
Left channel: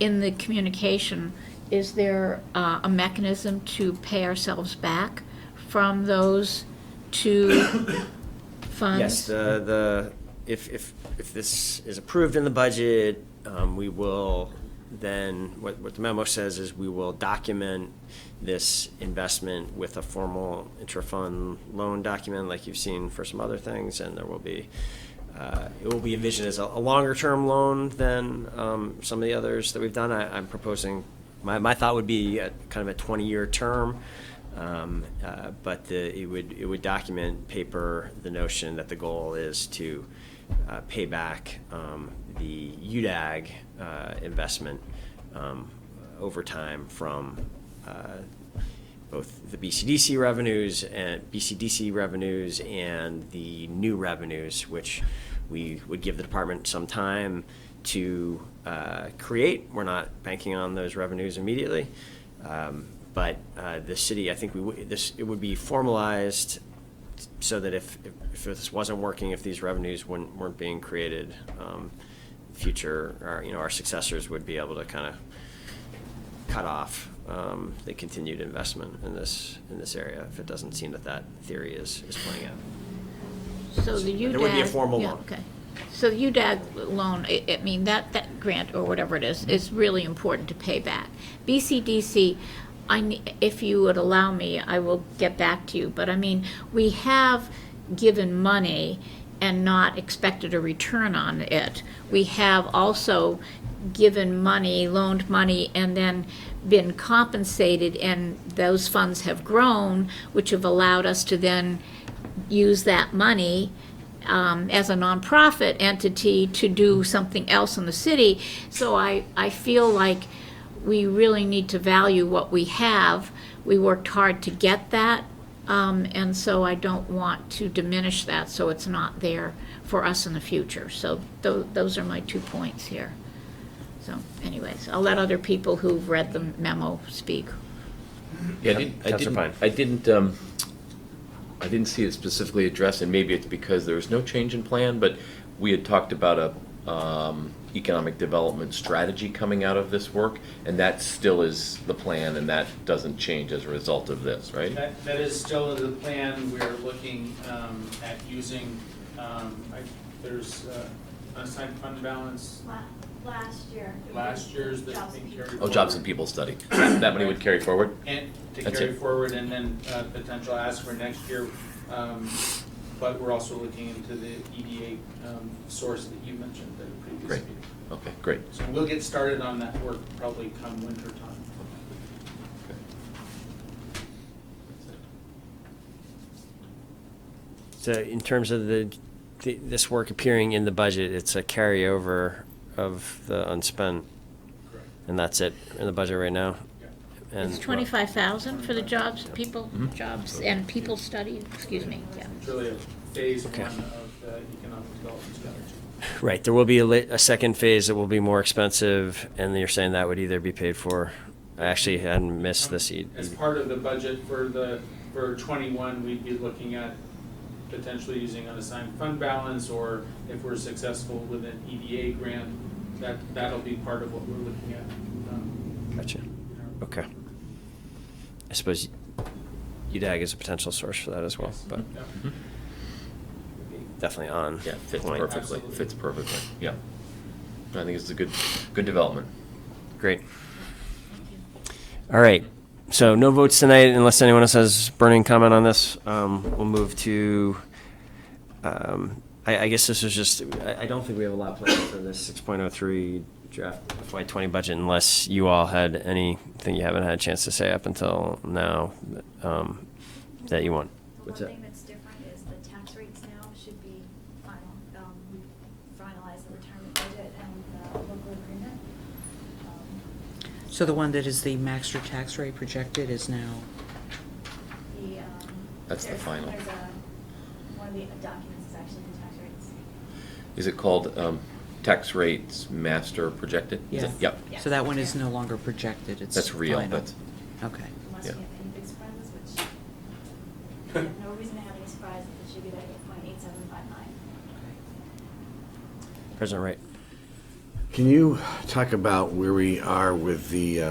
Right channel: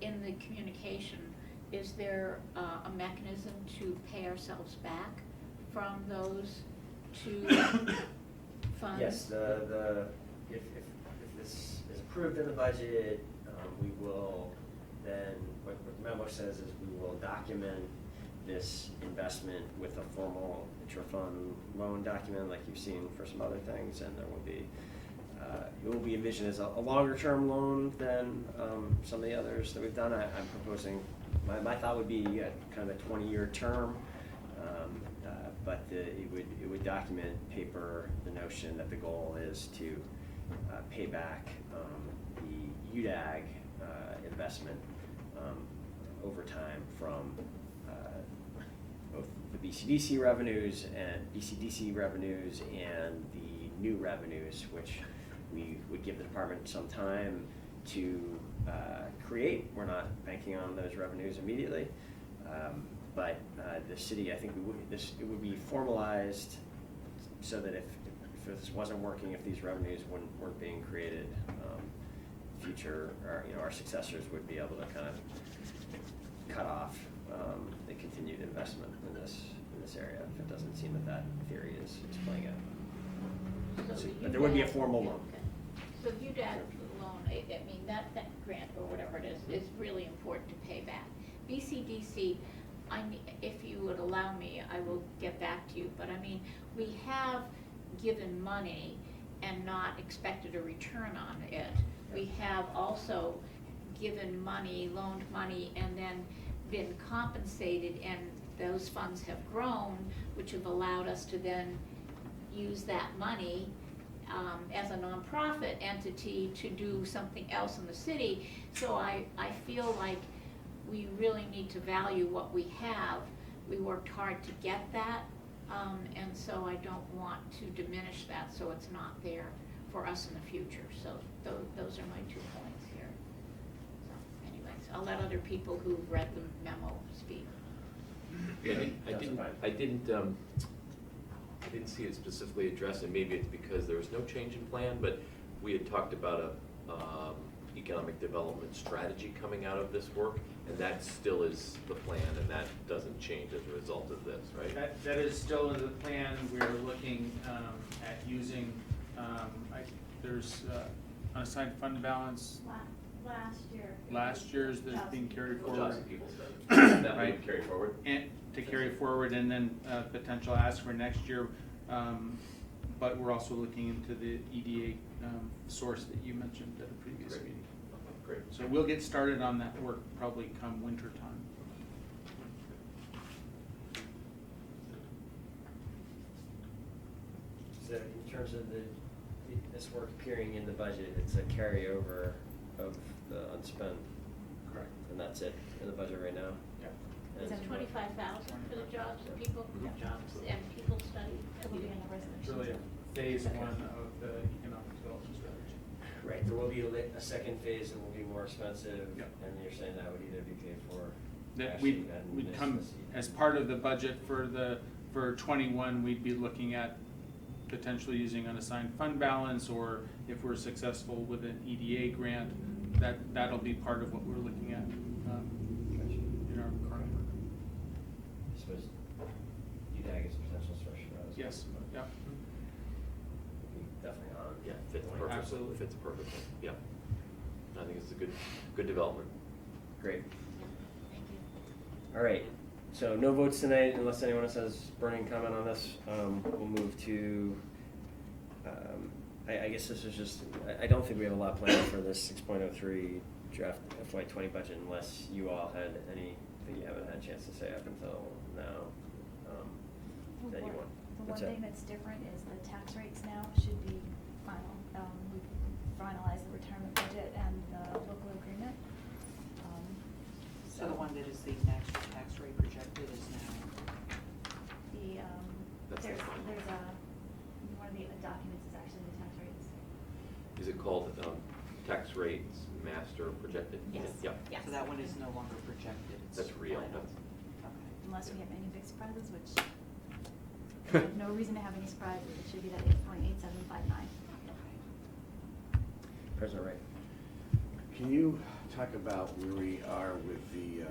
In the communication, is there a mechanism to pay ourselves back from those two funds? Yes, if this is approved in the budget, we will then, what the memo says is we will document this investment with a formal intra-fund loan document like you've seen for some other things, and there will be, it will be envisioned as a longer-term loan than some of the others that we've done. I'm proposing, my thought would be kind of a 20-year term, but it would document paper the notion that the goal is to pay back the UDAG investment over time from both the BCDC revenues and the new revenues, which we would give the department some time to create. We're not banking on those revenues immediately, but the city, I think it would be formalized so that if this wasn't working, if these revenues weren't being created, our successors would be able to kind of cut off the continued investment in this area if it doesn't seem that theory is playing out. So the UDAG. There would be a formal yeah, loan. okay. So the UDAG loan, I mean, that grant or whatever it is really important to pay back. BCDC, if you would allow me, I will get back to you, but I mean, we have given money and not expected a return on it. We have also given money, loaned money, and then been compensated, and those funds have grown, which have allowed us to then use that money as a nonprofit entity to do something else in the city. So I feel like we really need to value what we have. We worked hard to get that, and so I don't want to diminish that so it's not there for us in the future. So those are my 2 points here. So anyways, I'll let other people who've read the memo speak. Yeah, I didn't see it specifically addressed, and maybe it's because there was no change in plan, but we had talked about a economic development strategy coming out of this work, and that still is the plan, and that doesn't change as a result of this, right? That is still the plan. We're looking at using, there's unassigned fund balance. Last year's that's being carried forward. Oh, jobs and people study. That money would carry forward? And to That's carry it. forward, and then potential ask for next year. But we're also looking into the EDA source that you mentioned at a previous Great. meeting. Okay, great. So we'll get started on that work probably come winter time. So in terms of this work appearing in the budget, it's a carryover of the unspent, and that's it in the budget right now. And It's 25,000 for the jobs, Mhm. jobs and people study, excuse me, yeah. It's really a phase Okay. one of the economic development strategy. Right, there will be a second phase that will be more expensive, and you're saying that would either be paid for, I actually hadn't missed the seed. As part of the budget for 21, we'd be looking at potentially using unassigned fund balance, or if we're successful with an EDA grant, that'll be part of what we're looking at. Gotcha, okay. I suppose UDAG is a potential source for that as well, Yes. but Yep. definitely on Yeah, fits point. perfectly, Absolutely. fits perfectly, yeah. I think it's a good development. Great. All right, so no votes tonight unless anyone else has burning comment on this. We'll move to, I guess this was just, I don't think we have a lot planned for this 6.03 draft FY20 budget unless you all had anything you haven't had a chance to say up until now that you want. The What's one that? thing that's different is the tax rates now should be final. We've finalized the retirement budget and the local agreement. So the one that is the master tax rate projected is now, That's the final. There's one of the documents is actually the tax rates. Is it called tax rates master projected? Is it- Yeah. Yep. so that one is no longer projected, it's That's real, final. that's, Okay. Unless Yeah. we have any big surprises, which we have no reason to have any surprises. It should be that 8.8759. President Wright. Can you talk about where we are with the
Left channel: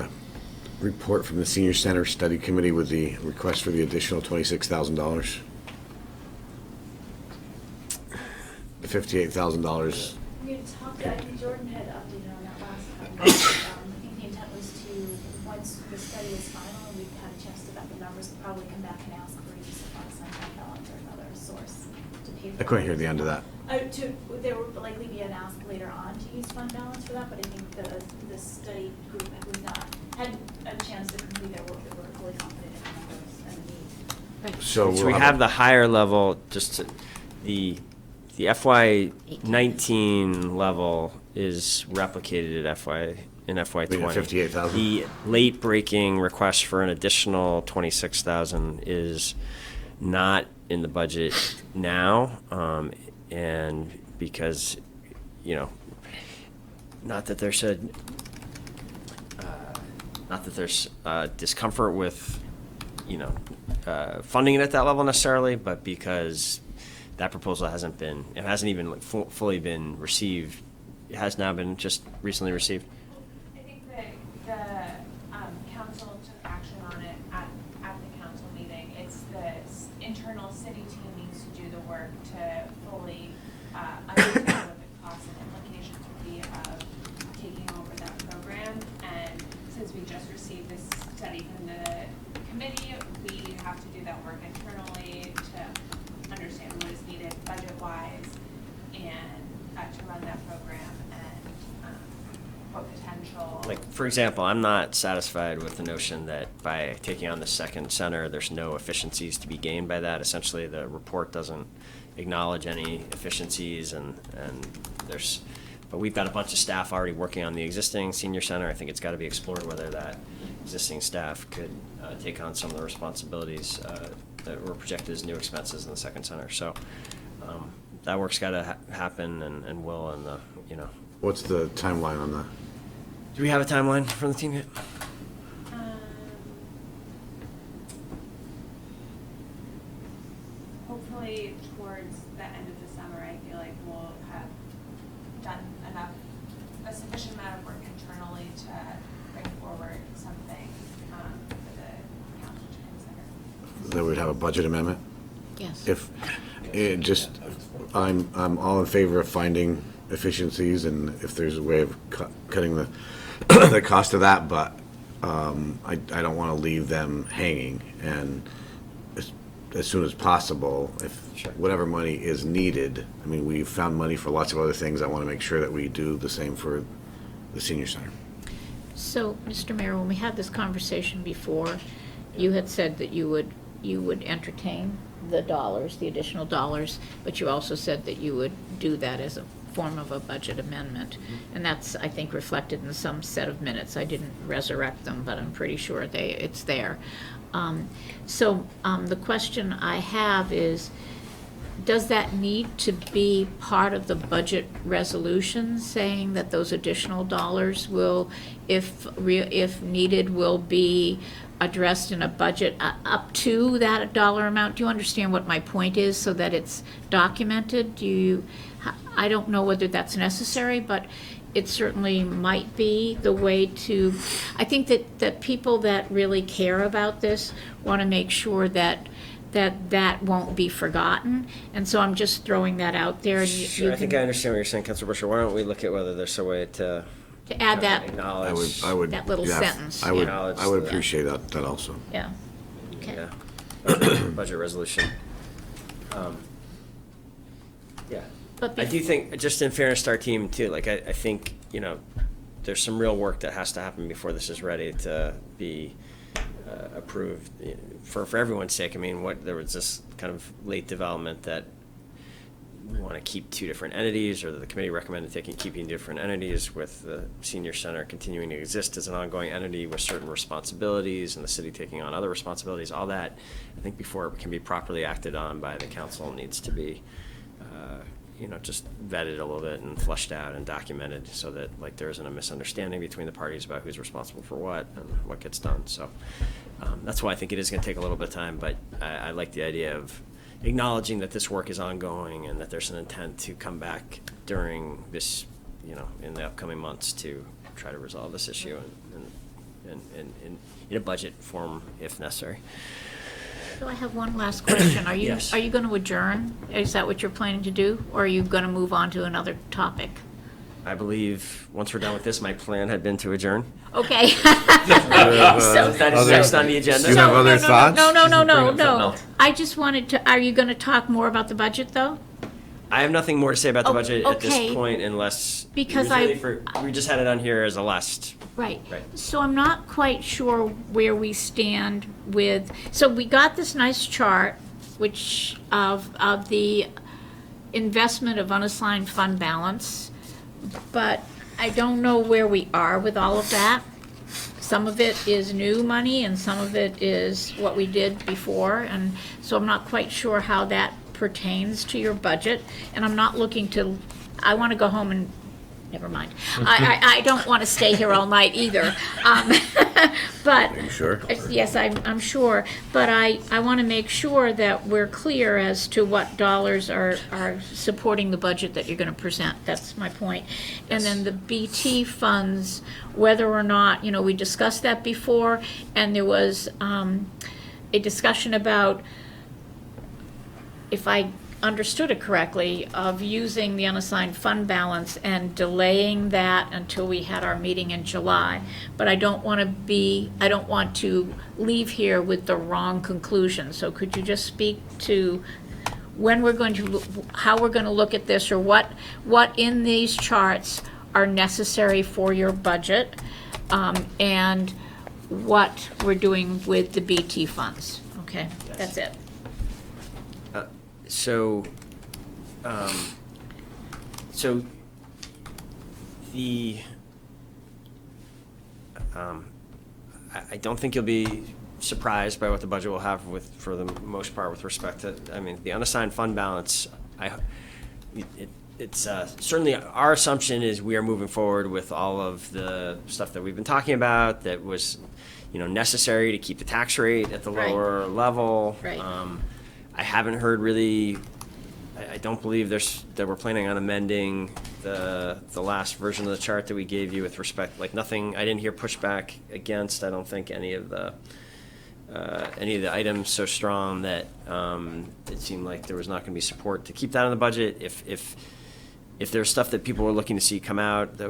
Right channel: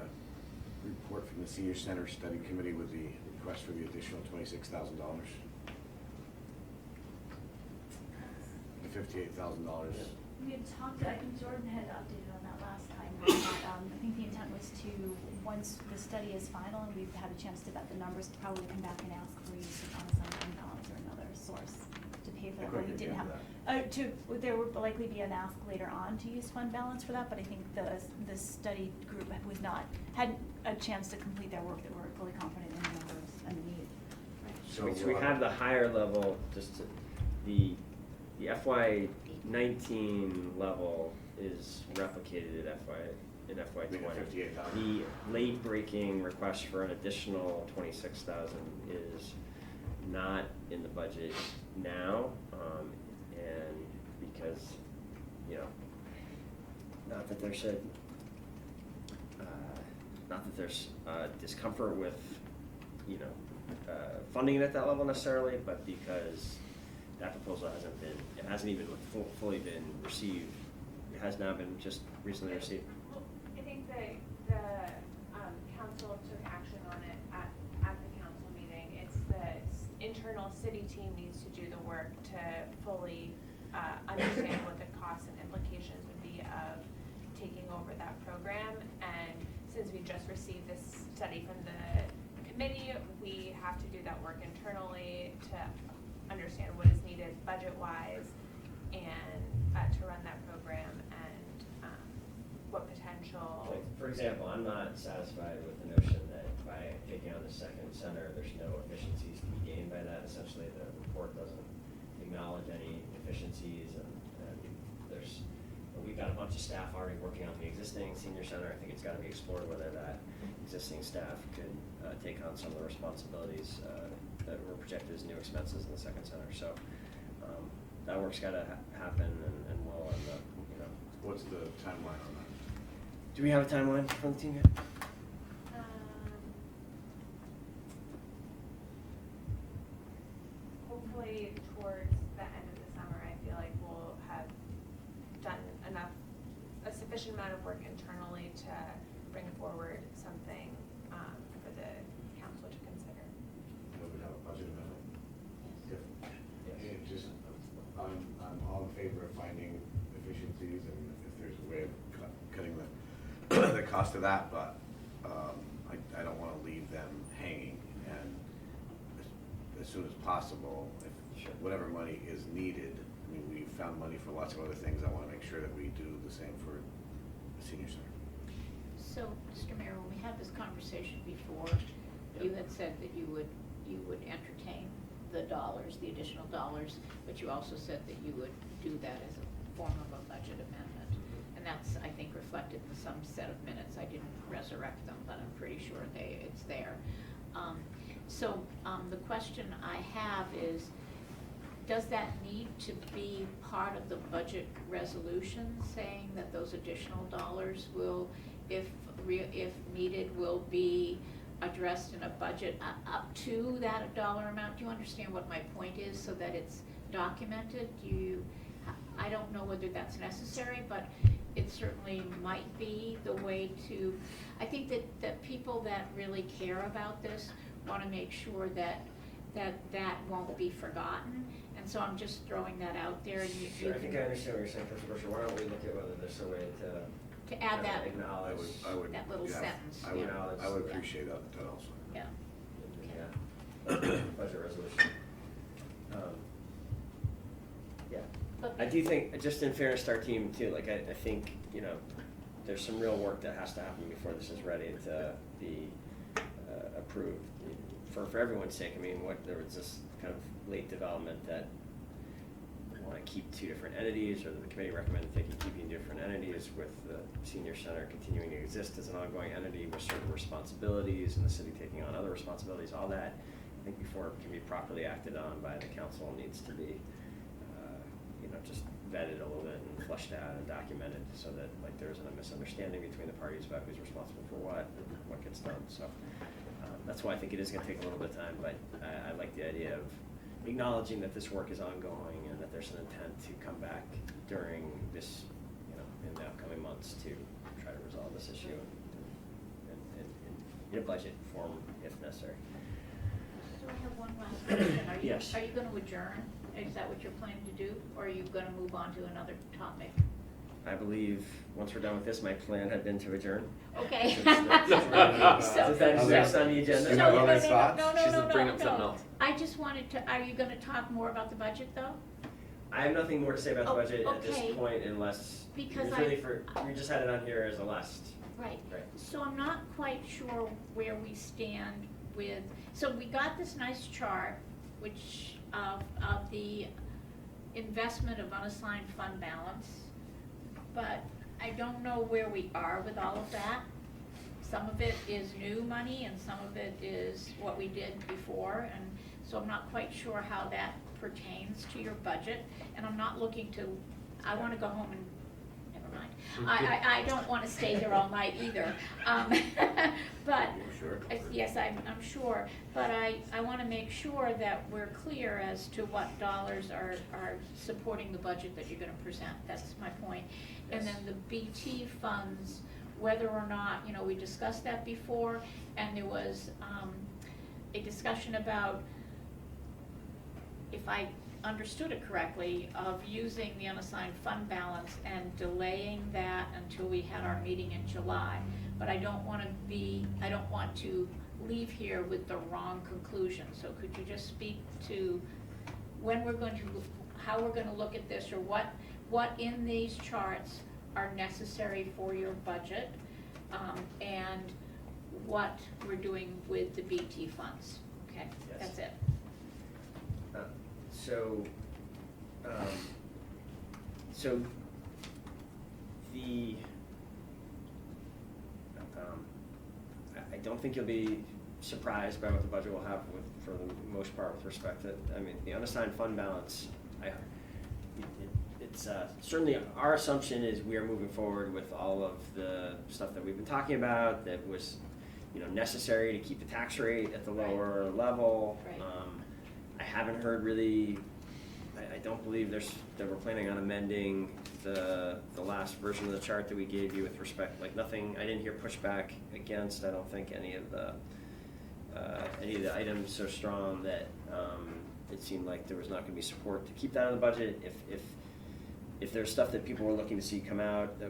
report from the Senior Center Study Committee with the request for the additional $26,000? The $58,000. We had talked, I think Jordan had updated on that last time. I think the intent was to, once the study is final and we've had a chance to vet the numbers, probably come back and ask for use of funds on fund balance or another source to pay for. I couldn't hear the end of that. There would likely be an ask later on to use fund balance for that, but I think the study group we've not had a chance to complete their work, that we're fully confident in the numbers and the need. So we have the higher level, the FY19 level is replicated at in FY20. 58,000. The late breaking request for an additional 26,000 is not in the budget now, and because, not that there's discomfort with, funding it at that level necessarily, but because that proposal hasn't even fully been received. It has now been just recently received. I think that the council took action on it at the council meeting. It's the internal city team needs to do the work to fully understand what the costs and implications would be of taking over that program. And since we just received this study from the committee, we have to do that work internally to understand what is needed budget-wise and to run that program and what potential. Like, for example, I'm not satisfied with the notion that by taking on the second center, there's no efficiencies to be gained by that. Essentially, the report doesn't acknowledge any efficiencies, but we've got a bunch of staff already working on the existing senior center. I think it's got to be explored whether that existing staff could take on some of the responsibilities that were projected as new expenses in the second center. So that work's got to happen and will, and What's the timeline on that? Do we have a timeline from the team yet? Hopefully towards the end of the summer, I feel like we'll have done a sufficient amount of work internally to bring forward something for the council to consider. That we'd have a budget amendment? Yes. If, I'm all in favor of finding efficiencies, and if there's a way of cutting the the cost of that, but I don't want to leave them hanging, and as soon as possible, if whatever money is needed. I mean, we've found money for lots of other things. I want to make sure that we do the same for the senior center. So, Mr. Mayor, when we had this conversation before, you had said that you would entertain the additional dollars, but you also said that you would do that as a form of a budget amendment. And that's, I think, reflected in some set of minutes. I didn't resurrect them, but I'm pretty sure it's there. The question I have is, does that need to be part of the budget resolution, saying that those additional dollars will, if needed, will be addressed in a budget up to that dollar amount? Do you understand what my point is, so that it's documented? I don't know whether that's necessary, but it certainly might be the way to, I think that people that really care about this want to make sure that won't be forgotten, and so I'm just throwing that out there. And Sure, I think I understand what you're saying, Councilor Busher. Why don't we look at whether there's a way to add that, acknowledge that little sentence. I would appreciate that also. Yeah. Okay. Yeah. Budget resolution. Yeah. But I do think, just in fairness to our team too, like I think, there's some real work that has to happen before this is ready to be approved. For everyone's sake, I mean, there was this kind of late development that we want to keep two different entities, or the committee recommended keeping different entities, with the senior center continuing to exist as an ongoing entity with certain responsibilities, and the city taking on other responsibilities. All that, I think, before it can be properly acted on by the council, needs to be just vetted a little bit and fleshed out and documented, so that there isn't a misunderstanding between the parties about who's responsible for what and what gets done. So that's why I think it is going to take a little bit of time, but I like the idea of acknowledging that this work is ongoing and that there's an intent to come back during this, in the upcoming months to try to resolve this issue in a budget form if necessary. So I have one last question. Are you, Yes. are you going to adjourn? Is that what you're planning to do? Or are you going to move on to another topic? I believe, once we're done with this, my plan had been to adjourn. Okay. So that is next on the agenda. You have other thoughts? No. Bring up something else. I just wanted to, are you going to talk more about the budget, though? I have nothing more to say about the Oh, budget at okay. this point unless. Because we just had it on here as a last. Right. Right. So I'm not quite sure where we stand with, so we got this nice chart, which of the investment of unassigned fund balance, but I don't know where we are with all of that. Some of it is new money and some of it is what we did before, and so I'm not quite sure how that pertains to your budget, and I'm not looking to, I want to go home and, never mind. I don't want to stay here all night either. But. Are you sure? Yes, I'm sure, but I want to make sure that we're clear as to what dollars are supporting the budget that you're going to present. That's my point. And then the BT funds, whether or not, we discussed that before, and there was a discussion about, if I understood it correctly, of using the unassigned fund balance and delaying that until we had our meeting in July. But I don't want to leave here with the wrong conclusion. So could you just speak to when we're going to, how we're going to look at this, or what in these charts are necessary for your budget, and what we're doing with the BT funds? Okay, that's it. So the, I don't think you'll be surprised by what the budget will have for the most part, with respect to, the unassigned fund balance. It's certainly our assumption is we are moving forward with all of the stuff that we've been talking about that was, necessary to keep the tax rate at the lower level. Right. I haven't heard really, I don't believe that we're planning on amending the last version of the chart that we gave you with respect, nothing, I didn't hear pushback against, I don't think any of the items so strong that it seemed like there was not going to be support to keep that on the budget. If there's stuff that people were looking to see come out, that,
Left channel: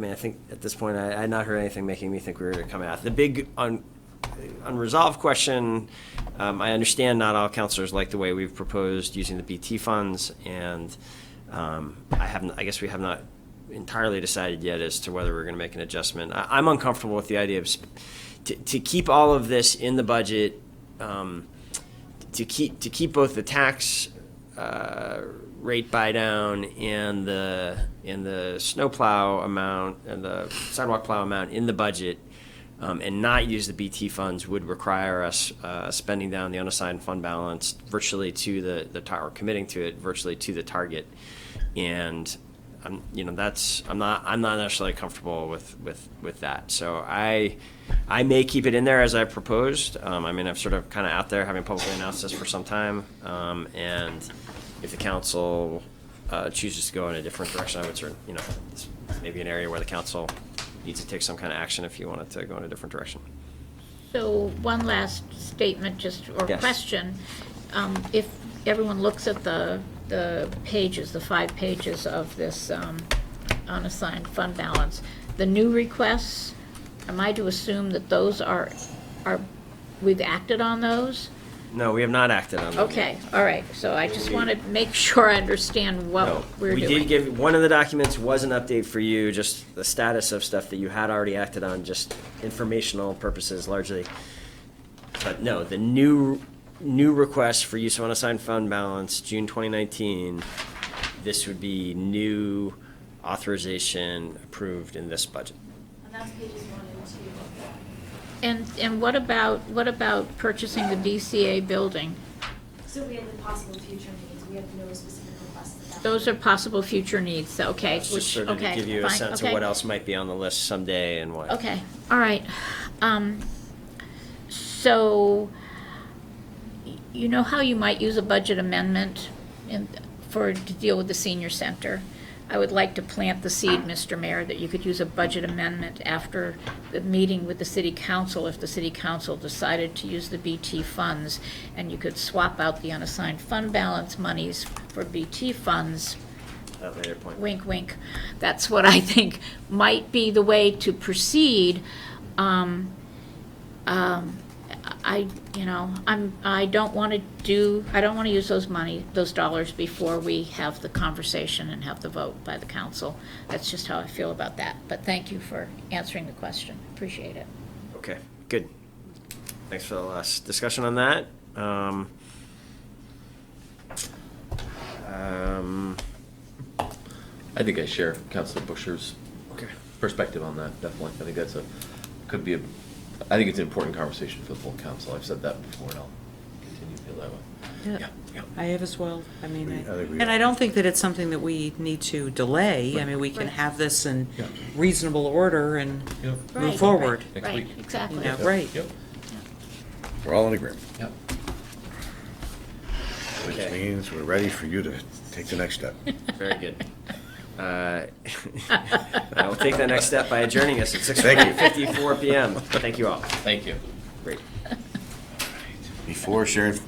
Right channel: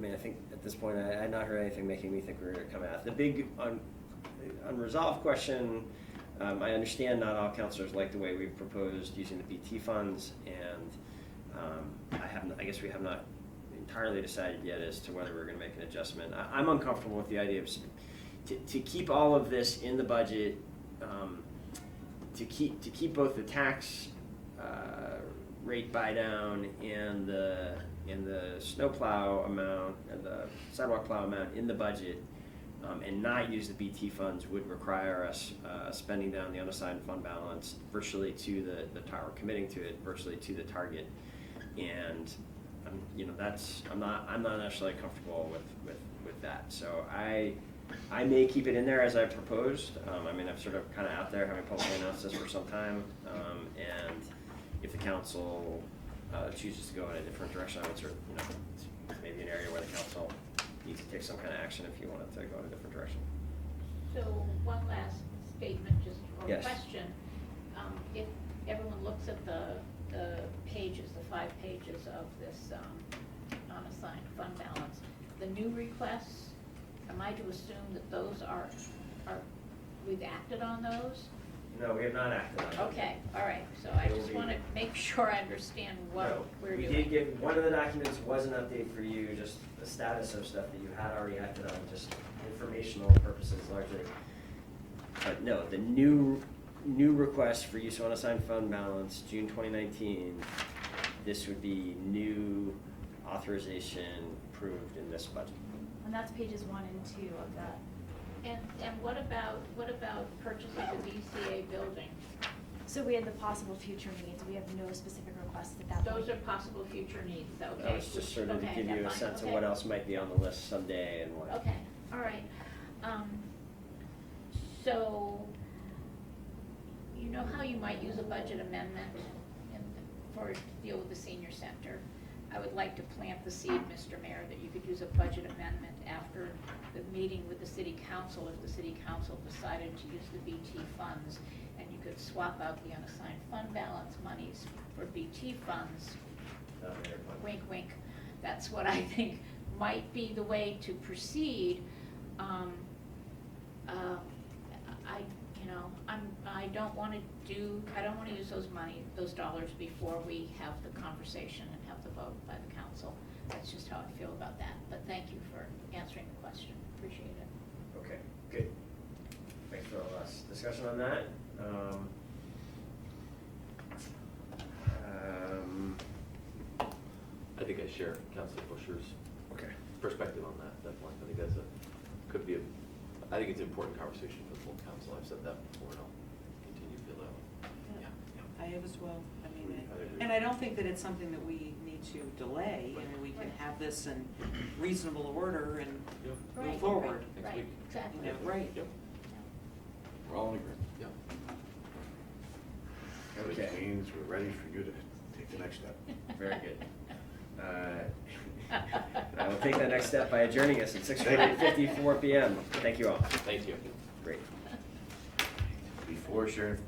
I think at this point I had not heard anything making me think we were going to come out. The big unresolved question, I understand not all counselors like the way we've proposed using the BT funds, and I guess we have not entirely decided yet as to whether we're going to make an adjustment. I'm uncomfortable with the idea of to keep all of this in the budget, to keep both the tax rate buy down and the snowplow amount and the sidewalk plow amount in the budget. And not use the BT funds would require us spending down the unassigned fund balance virtually to the or committing to it virtually to the target, and I'm not necessarily comfortable with that. So I may keep it in there as I proposed. I've sort of kind of out there having publicly announced this for some time, and if the council chooses to go in a different direction, I would certainly, this may be an area where the council needs to take some kind of action if you wanted to go in a different direction. So one last statement, or Yes. question. If everyone looks at the pages, the 5 pages of this unassigned fund balance, the new requests, am I to assume that those are we've acted on those? No, we have not acted on them. Okay, all right. So I just want to make sure I understand what No, we're doing. we did give, one of the documents was an update for you, just the status of stuff that you had already acted on, just informational purposes largely. But no, the new request for use of unassigned fund balance, June 2019, this would be new authorization approved in this budget. And that's pages 1 and 2 of that. And what about purchasing the DCA building? So we have the possible future needs, we have no specific requests that. Those are possible future needs, okay. It's just sort of to give you a sense of what else might be on the list someday and what. Okay, all right. So you know how you might use a budget amendment to deal with the senior center? I would like to plant the seed, Mr. Mayor, that you could use a budget amendment after the meeting with the city council, if the city council decided to use the BT funds, and you could swap out the unassigned fund balance monies for BT funds. At a later point. Wink, wink. That's what I think might be the way to proceed. I don't want to use those dollars before we have the conversation and have the vote by the council. That's just how I feel about that. But thank you for answering the question. Appreciate it. Okay, good. Thanks for the last discussion on that. I think I share Councilor Busher's Okay. perspective on that, definitely. I think I think it's an important conversation for the full council. I've said that before, and I'll continue to feel that way. Yeah, I have as well. I mean, I think we and are. I don't think that it's something that we need to delay. I mean, we can have this in reasonable order and Right, move forward. Next Right, week. exactly. Yeah, right. Yep. We're all in agreement, Yep. which Okay. means we're ready for you to take the next step. Very good. I will take that next step by adjourning us at Thank you. 6:54 PM. Thank you all. Thank you. Great. Before Sharon